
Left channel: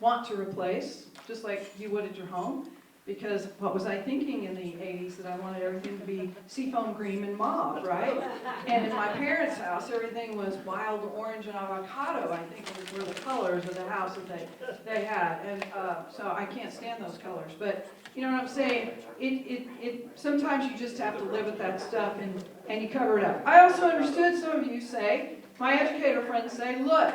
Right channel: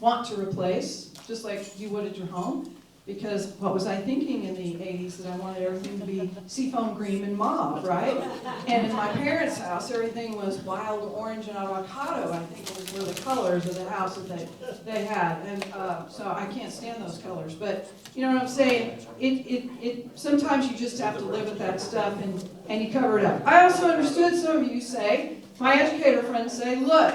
want to replace, just like you would at your home, because what was I thinking in the 80s, that I wanted everything to be seafoam green and mauve, right? And in my parents' house, everything was wild orange and avocado, I think were the colors of the house that they had. And so I can't stand those colors. But you know what I'm saying? Sometimes you just have to live with that stuff and you cover it up. I also understood some of you say, my educator friends say, look,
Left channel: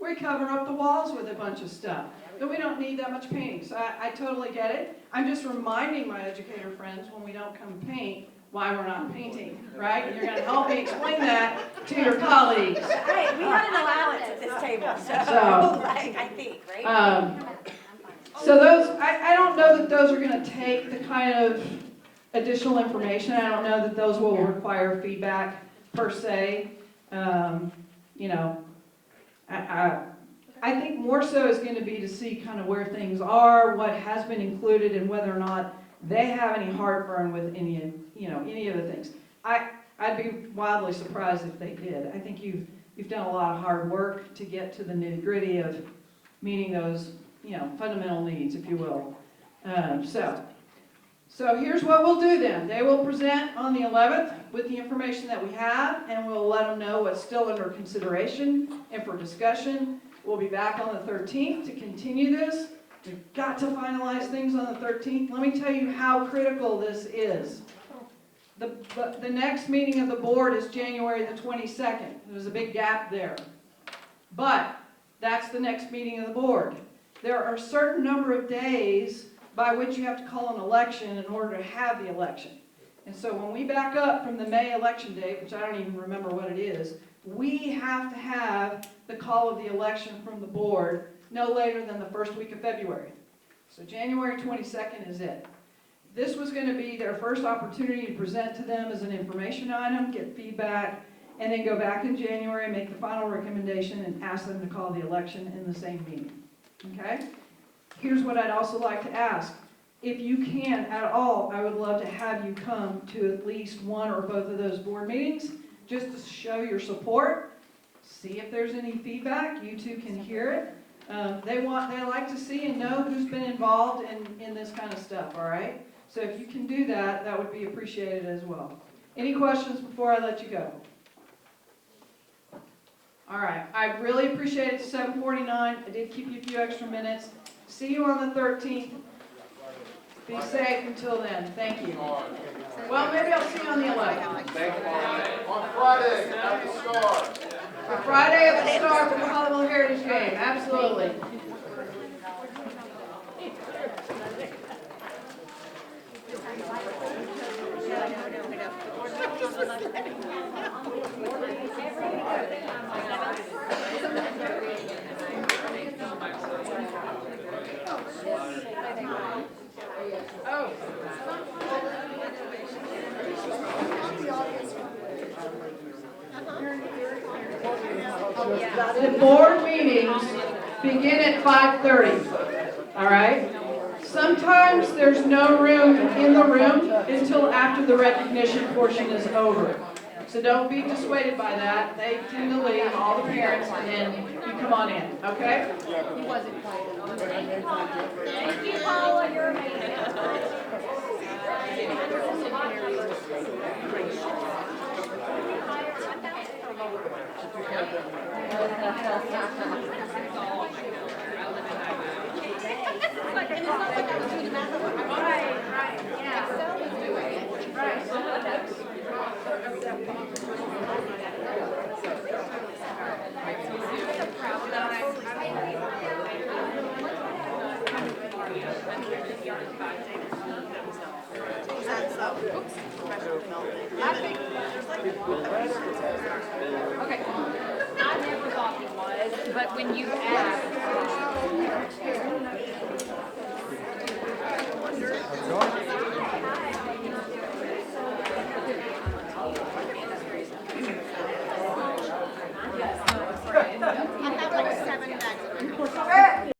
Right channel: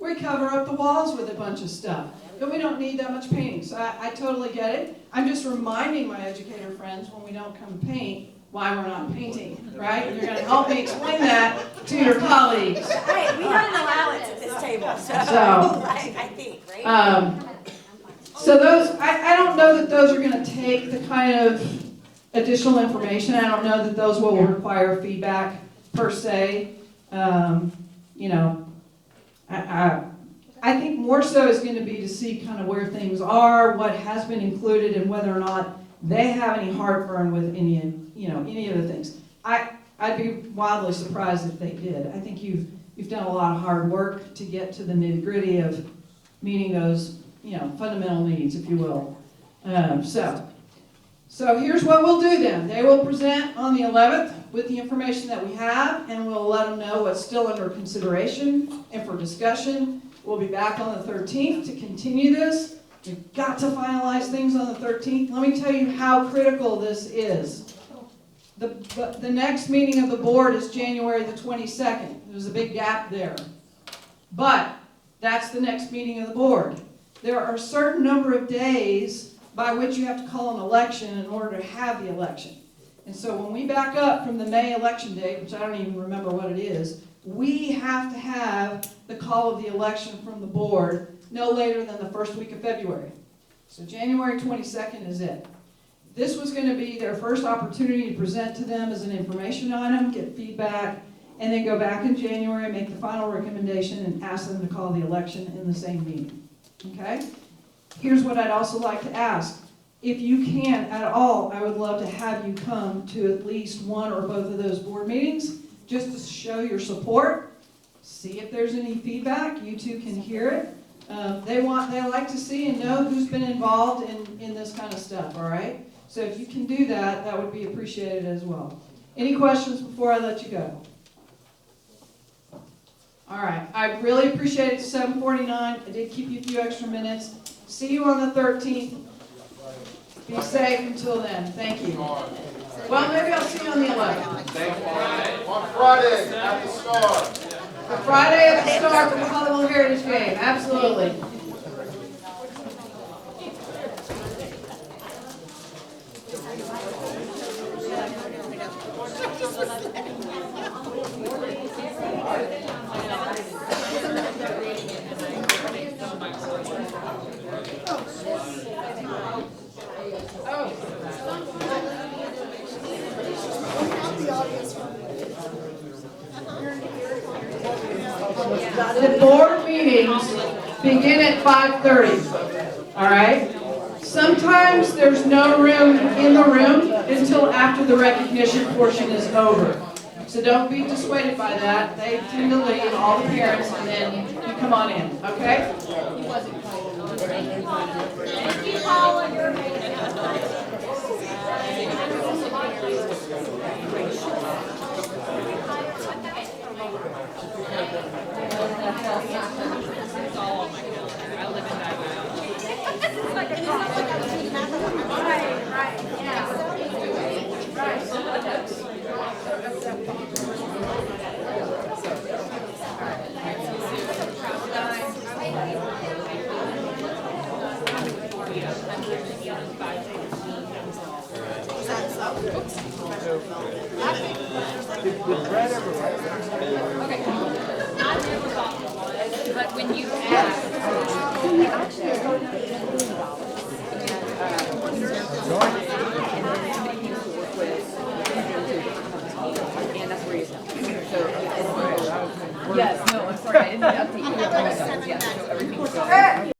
we cover up the walls with a bunch of stuff, but we don't need that much painting. So I totally get it. I'm just reminding my educator friends when we don't come paint, why we're not painting, right? You're gonna help me explain that to your colleagues. Hey, we had an allowance at this table, so, I think, right? So those, I don't know that those are gonna take the kind of additional information. I don't know that those will require feedback per se. You know, I think more so is going to be to see kind of where things are, what has been included, and whether or not they have any heartburn with any of the things. I'd be wildly surprised if they did. I think you've done a lot of hard work to get to the nitty-gritty of meeting those, fundamental needs, if you will. So here's what we'll do then. They will present on the 11th with the information that we have, and we'll let them know what's still under consideration and for discussion. We'll be back on the 13th to continue this. We've got to finalize things on the 13th. Let me tell you how critical this is. The next meeting of the board is January the 22nd. There's a big gap there. But that's the next meeting of the board. There are a certain number of days by which you have to call an election in order to have the election. And so when we back up from the May election date, which I don't even remember what it is, we have to have the call of the election from the board no later than the first week of February. So January 22nd is it. This was going to be their first opportunity to present to them as an information item, get feedback, and then go back in January and make the final recommendation and ask them to call the election in the same meeting. Okay? Here's what I'd also like to ask. If you can at all, I would love to have you come to at least one or both of those board meetings just to show your support, see if there's any feedback. You two can hear it. They like to see and know who's been involved in this kind of stuff, all right? So if you can do that, that would be appreciated as well. Any questions before I let you go? All right, I really appreciate it, 7:49. I did keep you a few extra minutes. See you on the 13th. Be safe until then. Thank you. Well, maybe I'll see you on the 11th. On Friday, at the Star. Friday at the Star for the Halloween Heritage Game. Absolutely. The board meetings begin at 5:30, all right? Sometimes there's no room in the room until after the recognition portion is over. So don't be dissuaded by that. They tend to leave, all the parents, and then you come on in, okay? Thank you, Paul, and your Did Brad ever write this? Okay. I never thought it was, but when you ask. He actually is going to $1 million. And he used to work with and that's where he's at. So, yes, no, I'm sorry, I didn't update you. I apologize. Yes, so everything's good.